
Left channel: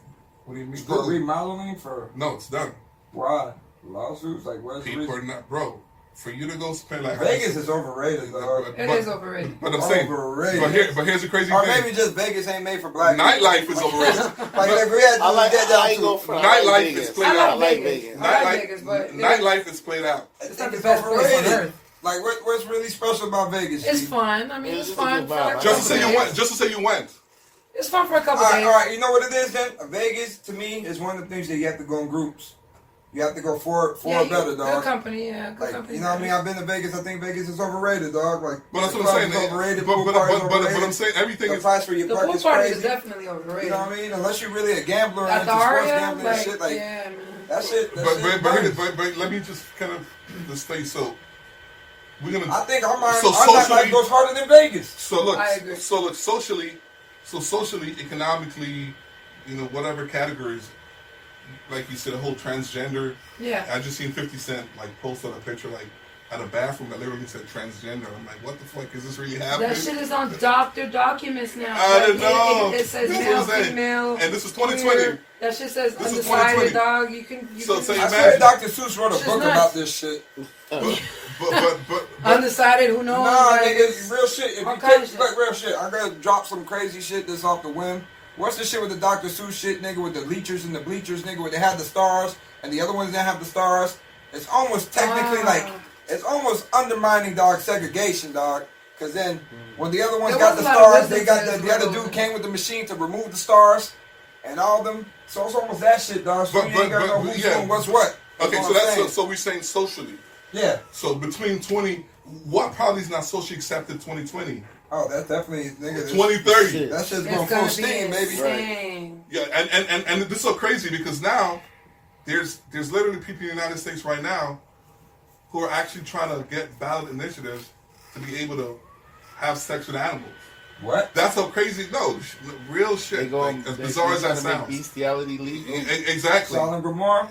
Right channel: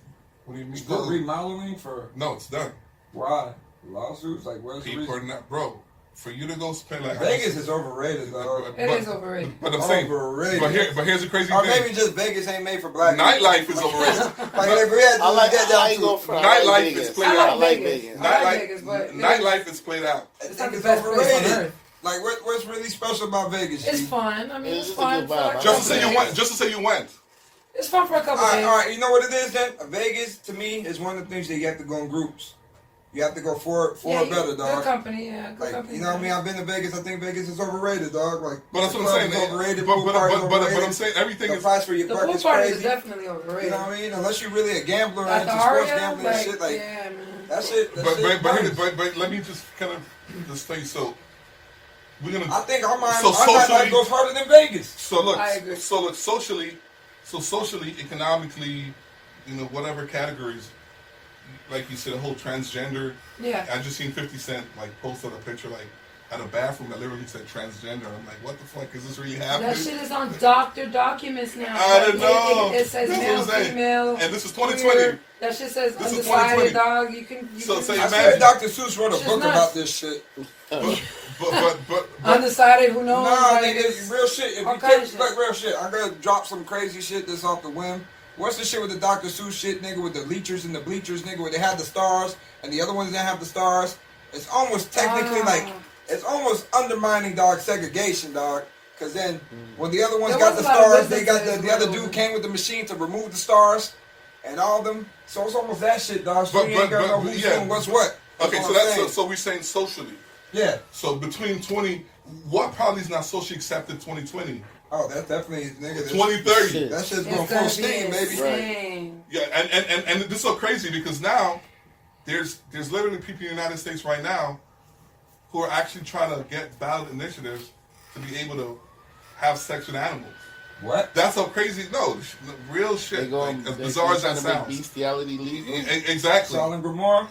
What do you mean? For remodeling? No, it's done. Why? Lawsuits? Like what's the reason? People are not, bro. For you to go spend like Vegas is overrated, though. It is overrated. But I'm saying, overrated. But here's the crazy or thing. Or maybe just Vegas ain't made for black nightlife is overrated. Nightlife is played out. I like Vegas, but nightlife is played out. It's not the best place on earth. Like what's really special about Vegas? It's fun. I mean, it's fun. Just to say you went. It's fun for a couple days. All right, you know what it is then? Vegas to me is one of the things that you have to go in groups. You have to go for better, dog. Good company, yeah. Good company. You know what I mean? I've been to Vegas. I think Vegas is overrated, dog. Like, but that's what I'm saying. Overrated. But I'm saying everything the is. price for your the pool party is definitely overrated. You know what I mean? Unless you're really a gambler and into sports gambling and shit, like that shit. But let me just kind of just say so. We're gonna. I think our night goes harder than Vegas. So look, I agree. So look, socially, economically, whatever categories. Like you said, the whole transgender. Yeah. I just seen 50 Cent post on a picture at a bathroom that literally said transgender. I'm like, what the fuck is this really happening? That shit is on doctor documents now. I don't know. It says male, female. And this is 2020. Queer. That shit says undecided, dog. You can. So I swear Dr. Seuss wrote a book about this shit. But undecided, who knows? Nah, it's real shit. If you take real shit, I'm gonna drop some crazy shit that's off the whim. What's the shit with the Dr. Seuss shit, nigga, with the leechers and the bleachers, nigga, where they had the stars and the other ones didn't have the stars? It's almost technically it's almost undermining, dog, segregation, dog. Because then when the other ones got the stars, they got the other dude came with the machine to remove the stars and all of them. So it's almost that shit, dog. So you ain't got no who's doing what's what. Okay, so we're saying socially. Yeah. So between what probably is not socially accepted 2020? Oh, that's definitely 2030. That shit's going full steam, baby. Right. Yeah, and this is so crazy because now there's literally people in the United States right now who are actually trying to get ballot initiatives to be able to have sex with animals. What? That's so crazy. No, real shit. They go like, as bizarre as that sounds. Bestiality legal. Exactly. Solid Gomorrah.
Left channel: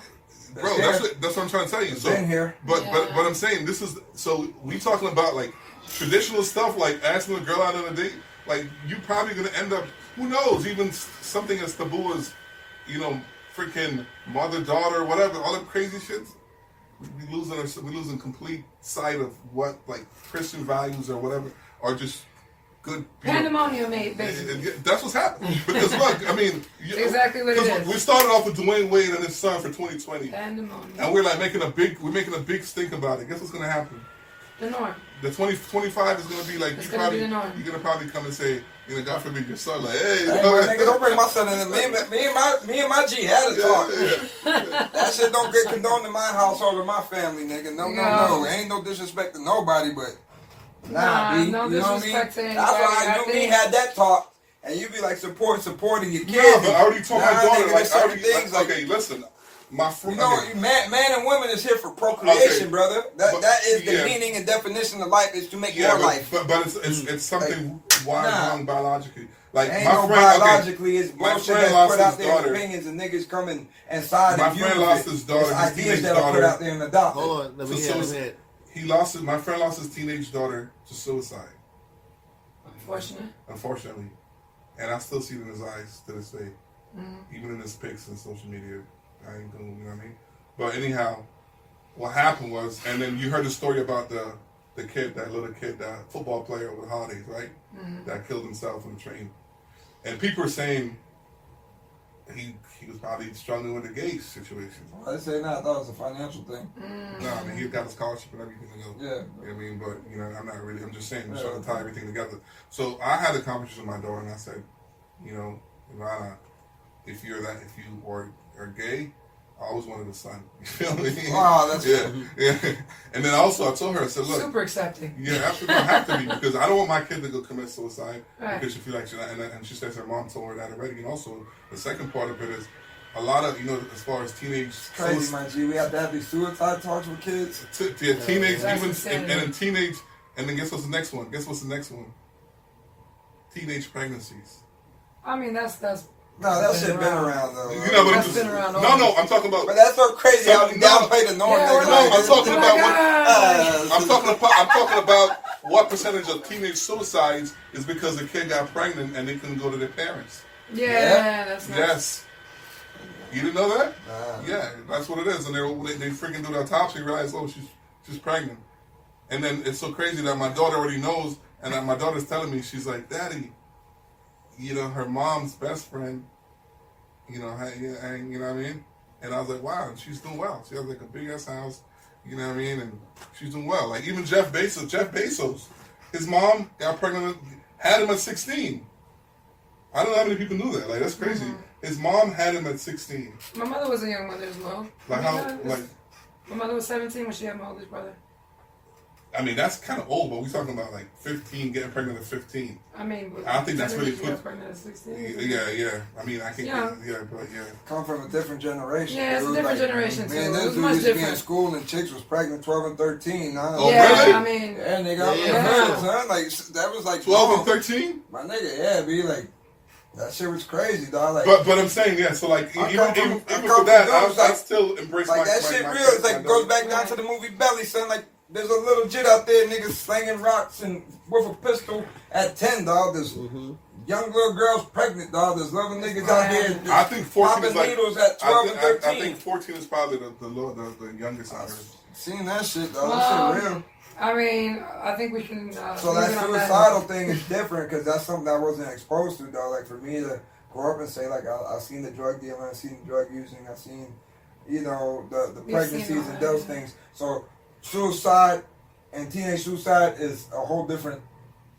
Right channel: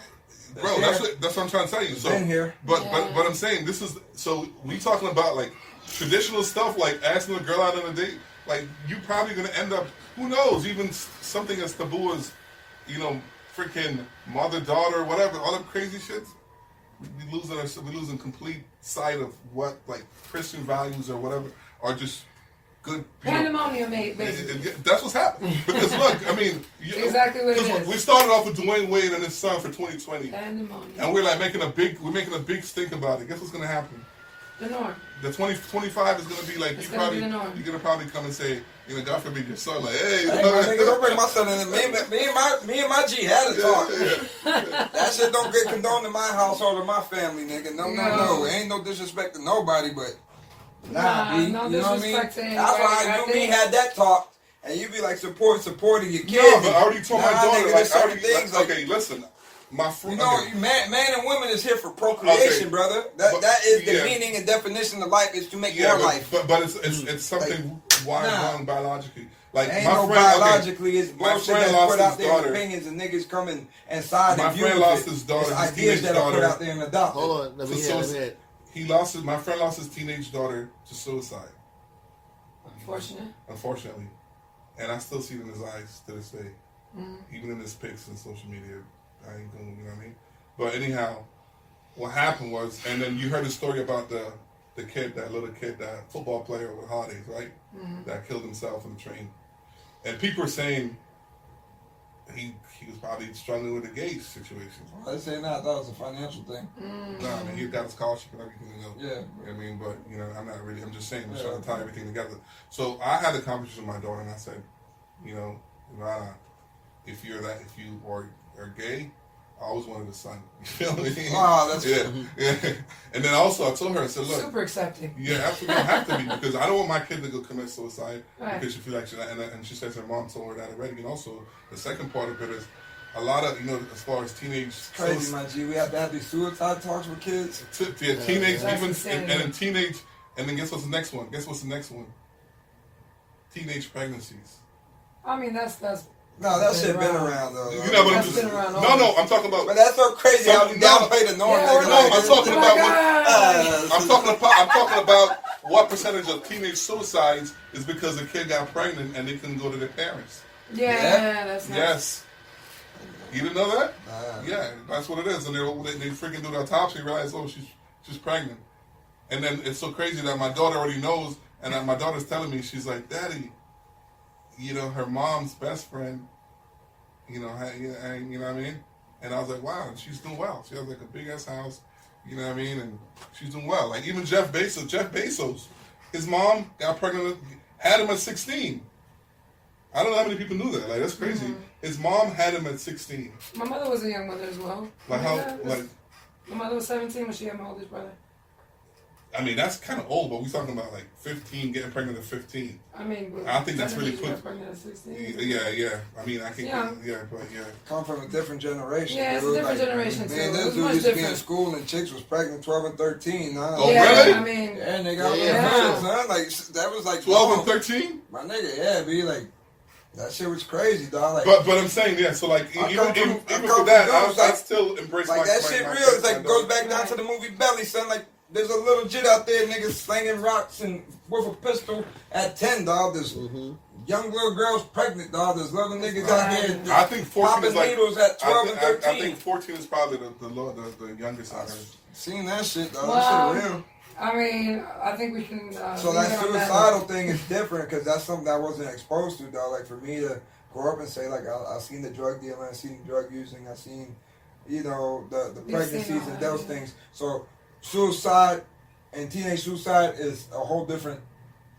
Bro, that's what I'm trying to tell you. So, been here. But I'm saying this is so we talking about like traditional stuff like asking a girl out on a date. Like you probably gonna end up, who knows, even something as taboo as, freaking mother-daughter, whatever, all them crazy shits. We losing complete sight of what like Christian values or whatever are just good. Pandemonium, mate, basically. That's what's happening. Because look, I mean, exactly what it is. We started off with Dwayne Wade and his son for 2020, Pandemonium, and we're like making a big stink about it. Guess what's gonna happen? The norm. The 2025 is gonna be like It's gonna be the norm. You're gonna probably come and say, God forbid your son, like, hey, my nigga, don't bring my son in. Me and my G had a talk. That shit don't get condoned in my household or my family, nigga. No. Ain't no disrespect to nobody, but no disrespect to anybody. That's why you and me had that talk, and you be like supporting your kids. No, but I already told my daughter, nigga, okay, listen. My friend, man and women is here for procreation, brother. That is the meaning and definition of life, is to make more life. But it's something wrong biologically. Like ain't my no friend, biologically, it's bullshit that's put out there. Opinions and niggas coming inside. My friend lost his daughter. His ideas that are put out there and adopted. Hold on, let me hear. My friend lost his teenage daughter to suicide. Unfortunately, and I still see it in his eyes to this day, even in his pics and social media. I ain't gonna, you know what I mean? But anyhow, what happened was, and then you heard the story about the little kid, that football player over the holidays, right? That killed himself on the train. And people are saying he was probably struggling with a gay situation. I say not. That was a financial thing. No, I mean, he got a scholarship and everything to go. Yeah. You know what I mean? But, I'm just saying, I'm trying to tie everything together. So I had a conversation with my daughter and I said, if you are gay, I always wanted a son. You feel me? Oh, that's yeah. And then also I told her, I said, look, super accepting. Yeah, absolutely, I have to be, because I don't want my kid to go commit suicide, right. Because she feels like and she says her mom told her that already. And also the second part of it is a lot of as far as teenage, it's crazy, my G. We have to have these suicide talks with kids. Teenage, and teenage, and then guess what's the next one? Teenage pregnancies. I mean, that's. No, that shit been around though. But I'm talking about. But that's so crazy how we downplay the norm. I'm talking about what percentage of teenage suicides is because the kid got pregnant and they couldn't go to their parents. Yeah, that's nice. Yes. You didn't know that? Yeah, that's what it is. And they freaking do the autopsy, realize, she's pregnant. And then it's so crazy that my daughter already knows, and my daughter's telling me, she's like, Daddy, her mom's best friend, you know what I mean? And I was like, wow, she's doing well. She has like a big ass house, you know what I mean? And she's doing well. Like even Jeff Bezos, his mom got pregnant, had him at 16. I don't know how many people knew that. Like that's crazy. Mm-hmm. His mom had him at 16. My mother was a young mother as well. My mother was 17 when she had my oldest brother. I mean, that's kind of old, but we're talking about like 15, getting pregnant at 15. I mean, I don't think that's really quick. Pregnant at 16. Yeah. I mean, I can, come from a different generation. Yeah, it's a different generation too. Man, this dude used to be in school and chicks was pregnant 12 and 13. Oh, really? I mean, yeah, nigga, son. Like that was like 12 and 13. My nigga, be like. That shit was crazy, dog. Like, but I'm saying, yeah. So like, even for that, I still embrace like that shit. Real, it's like goes back down to the movie Belly, son. Like, there's a little jit out there, niggas slinging rocks and with a pistol at 10, dog. There's young little girls pregnant, dog. There's little niggas out here. I think 14 is like needles at 12 and 13. I think 14 is probably the youngest I heard. Seen that shit, dog. That shit real. I mean, I think we can. So that suicidal thing is different because that's something I wasn't exposed to, though. Like for me to grow up and say, like, I seen the drug dealing, I seen drug using, I seen, the pregnancies and those things. So suicide and teenage suicide is a whole different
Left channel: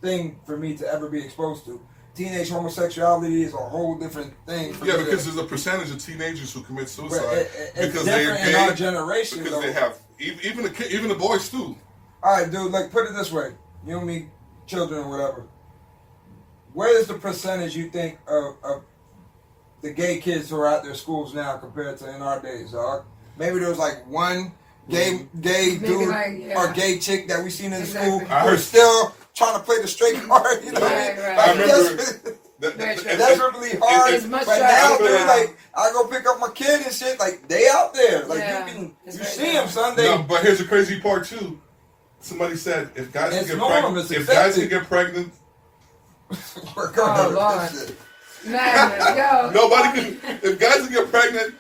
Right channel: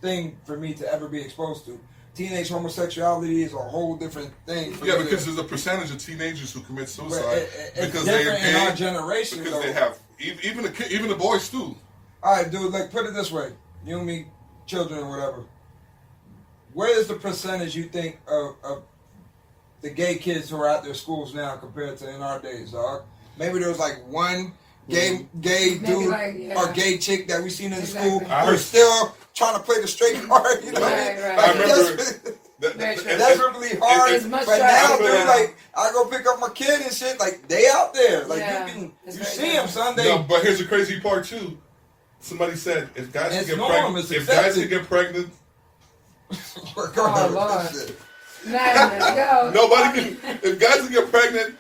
thing for me to ever be exposed to. Teenage homosexuality is a whole different thing. Because there's a percentage of teenagers who commit suicide because different in our generation. Because they have even the boys too. All right, dude, like, put it this way. You and me, children or whatever. Where is the percentage, you think, of the gay kids who are out their schools now compared to in our days, dog? Maybe there was, like, one gay dude or gay chick that we seen in the school who's still trying to play the straight card. You know what I mean? Right. I remember Desperately hard. It's much But now, traffic. dude, like, I go pick up my kid and shit. Like, they out there. Like, you see them Sunday. No, but here's the crazy part too. Somebody said if guys can get pregnant, Oh Lord. Madness, yo. nobody can. If guys can get pregnant,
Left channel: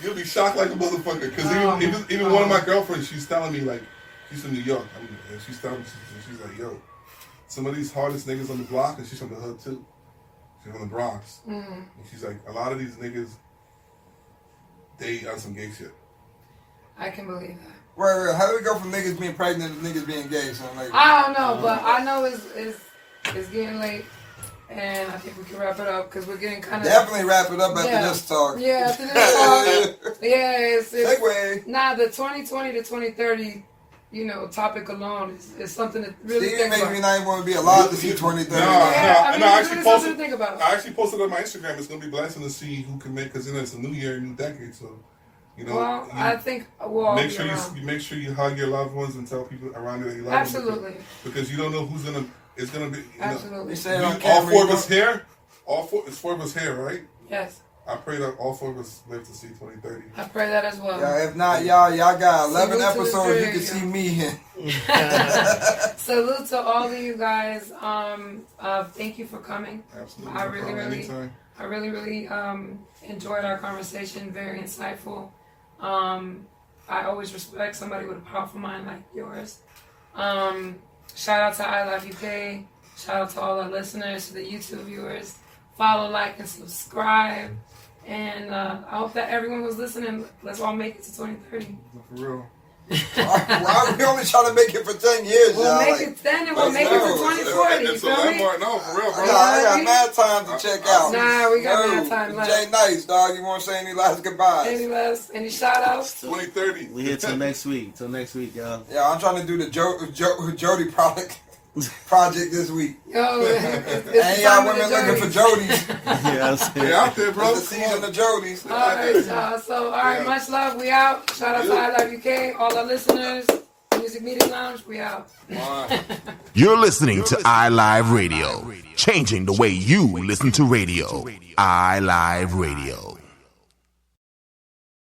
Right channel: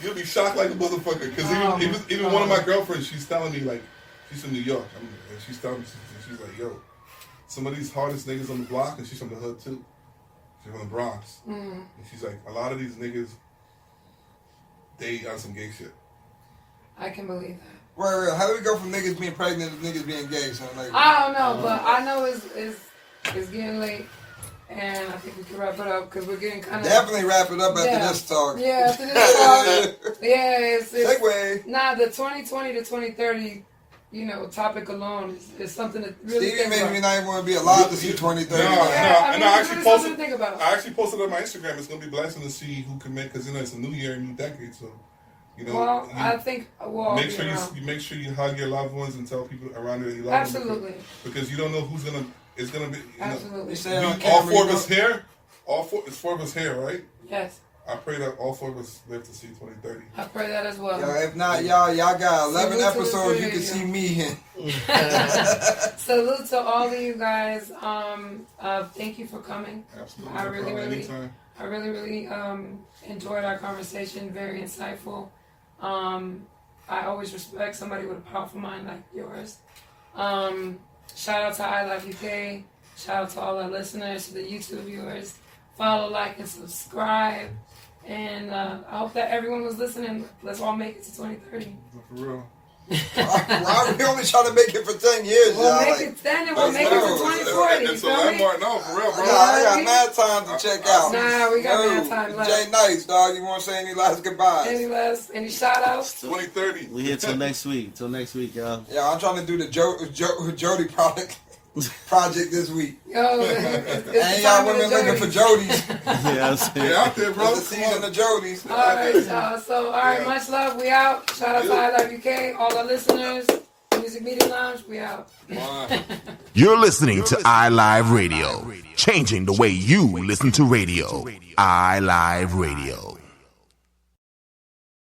you'll be shocked like a motherfucker. Because even one of my girlfriends, she's telling me like, she's from New York. And she's telling me, she's like, yo, some of these hardest niggas on the block, and she's from the hood too. She's from the Bronx. And she's like, a lot of these niggas, they on some gay shit. I can believe that. Right. How do we go from niggas being pregnant to niggas being gay? So like, I don't know, but I know it's getting late, and I think we can wrap it up because we're getting kind of definitely wrap it up after this talk. Yeah, after this talk. Yeah, it's segue. Nah, the 2020 to 2030, topic alone is something that really. Stevie made me not even want to be alive to see 2030. I actually posted. Think about it. I actually posted on my Instagram. It's gonna be blessing to see who can make, because it's a new year, new decade. So, I think make sure you hug your loved ones and tell people around you that you love them. Absolutely. Because you don't know who's gonna. It's gonna be. Absolutely. All four of us here. It's four of us here, right? Yes. I pray that all four of us live to see 2030. I pray that as well. Yeah, if not, y'all got 11 episodes. You can see me in. Salute to all of you guys. Thank you for coming. Absolutely. I really enjoyed our conversation. Very insightful. I always respect somebody with a powerful mind like yours. Shout out to iLive UK. Shout out to all our listeners, to the YouTube viewers. Follow, like, and subscribe. And I hope that everyone was listening. Let's all make it to 2030. For real. We only trying to make it for 10 years. We'll make it 10 and we'll make it for 2040. It's a landmark. No, for real, bro. I got mad time to check out. Nah, we got mad time left. Jay Nice, dog. You want to say any last goodbyes? Any shout outs? 2030. We here till next week. Y'all. Yeah, I'm trying to do the Jody project this week. Yo, and y'all women looking for Jodies. They out there, bro. It's the season of Jodies. All right, y'all. All right, much love. We out. Shout out to iLive UK, all our listeners. Music Media Lounge, we out. You're listening to iLive Radio, changing the way you listen to radio. iLive Radio.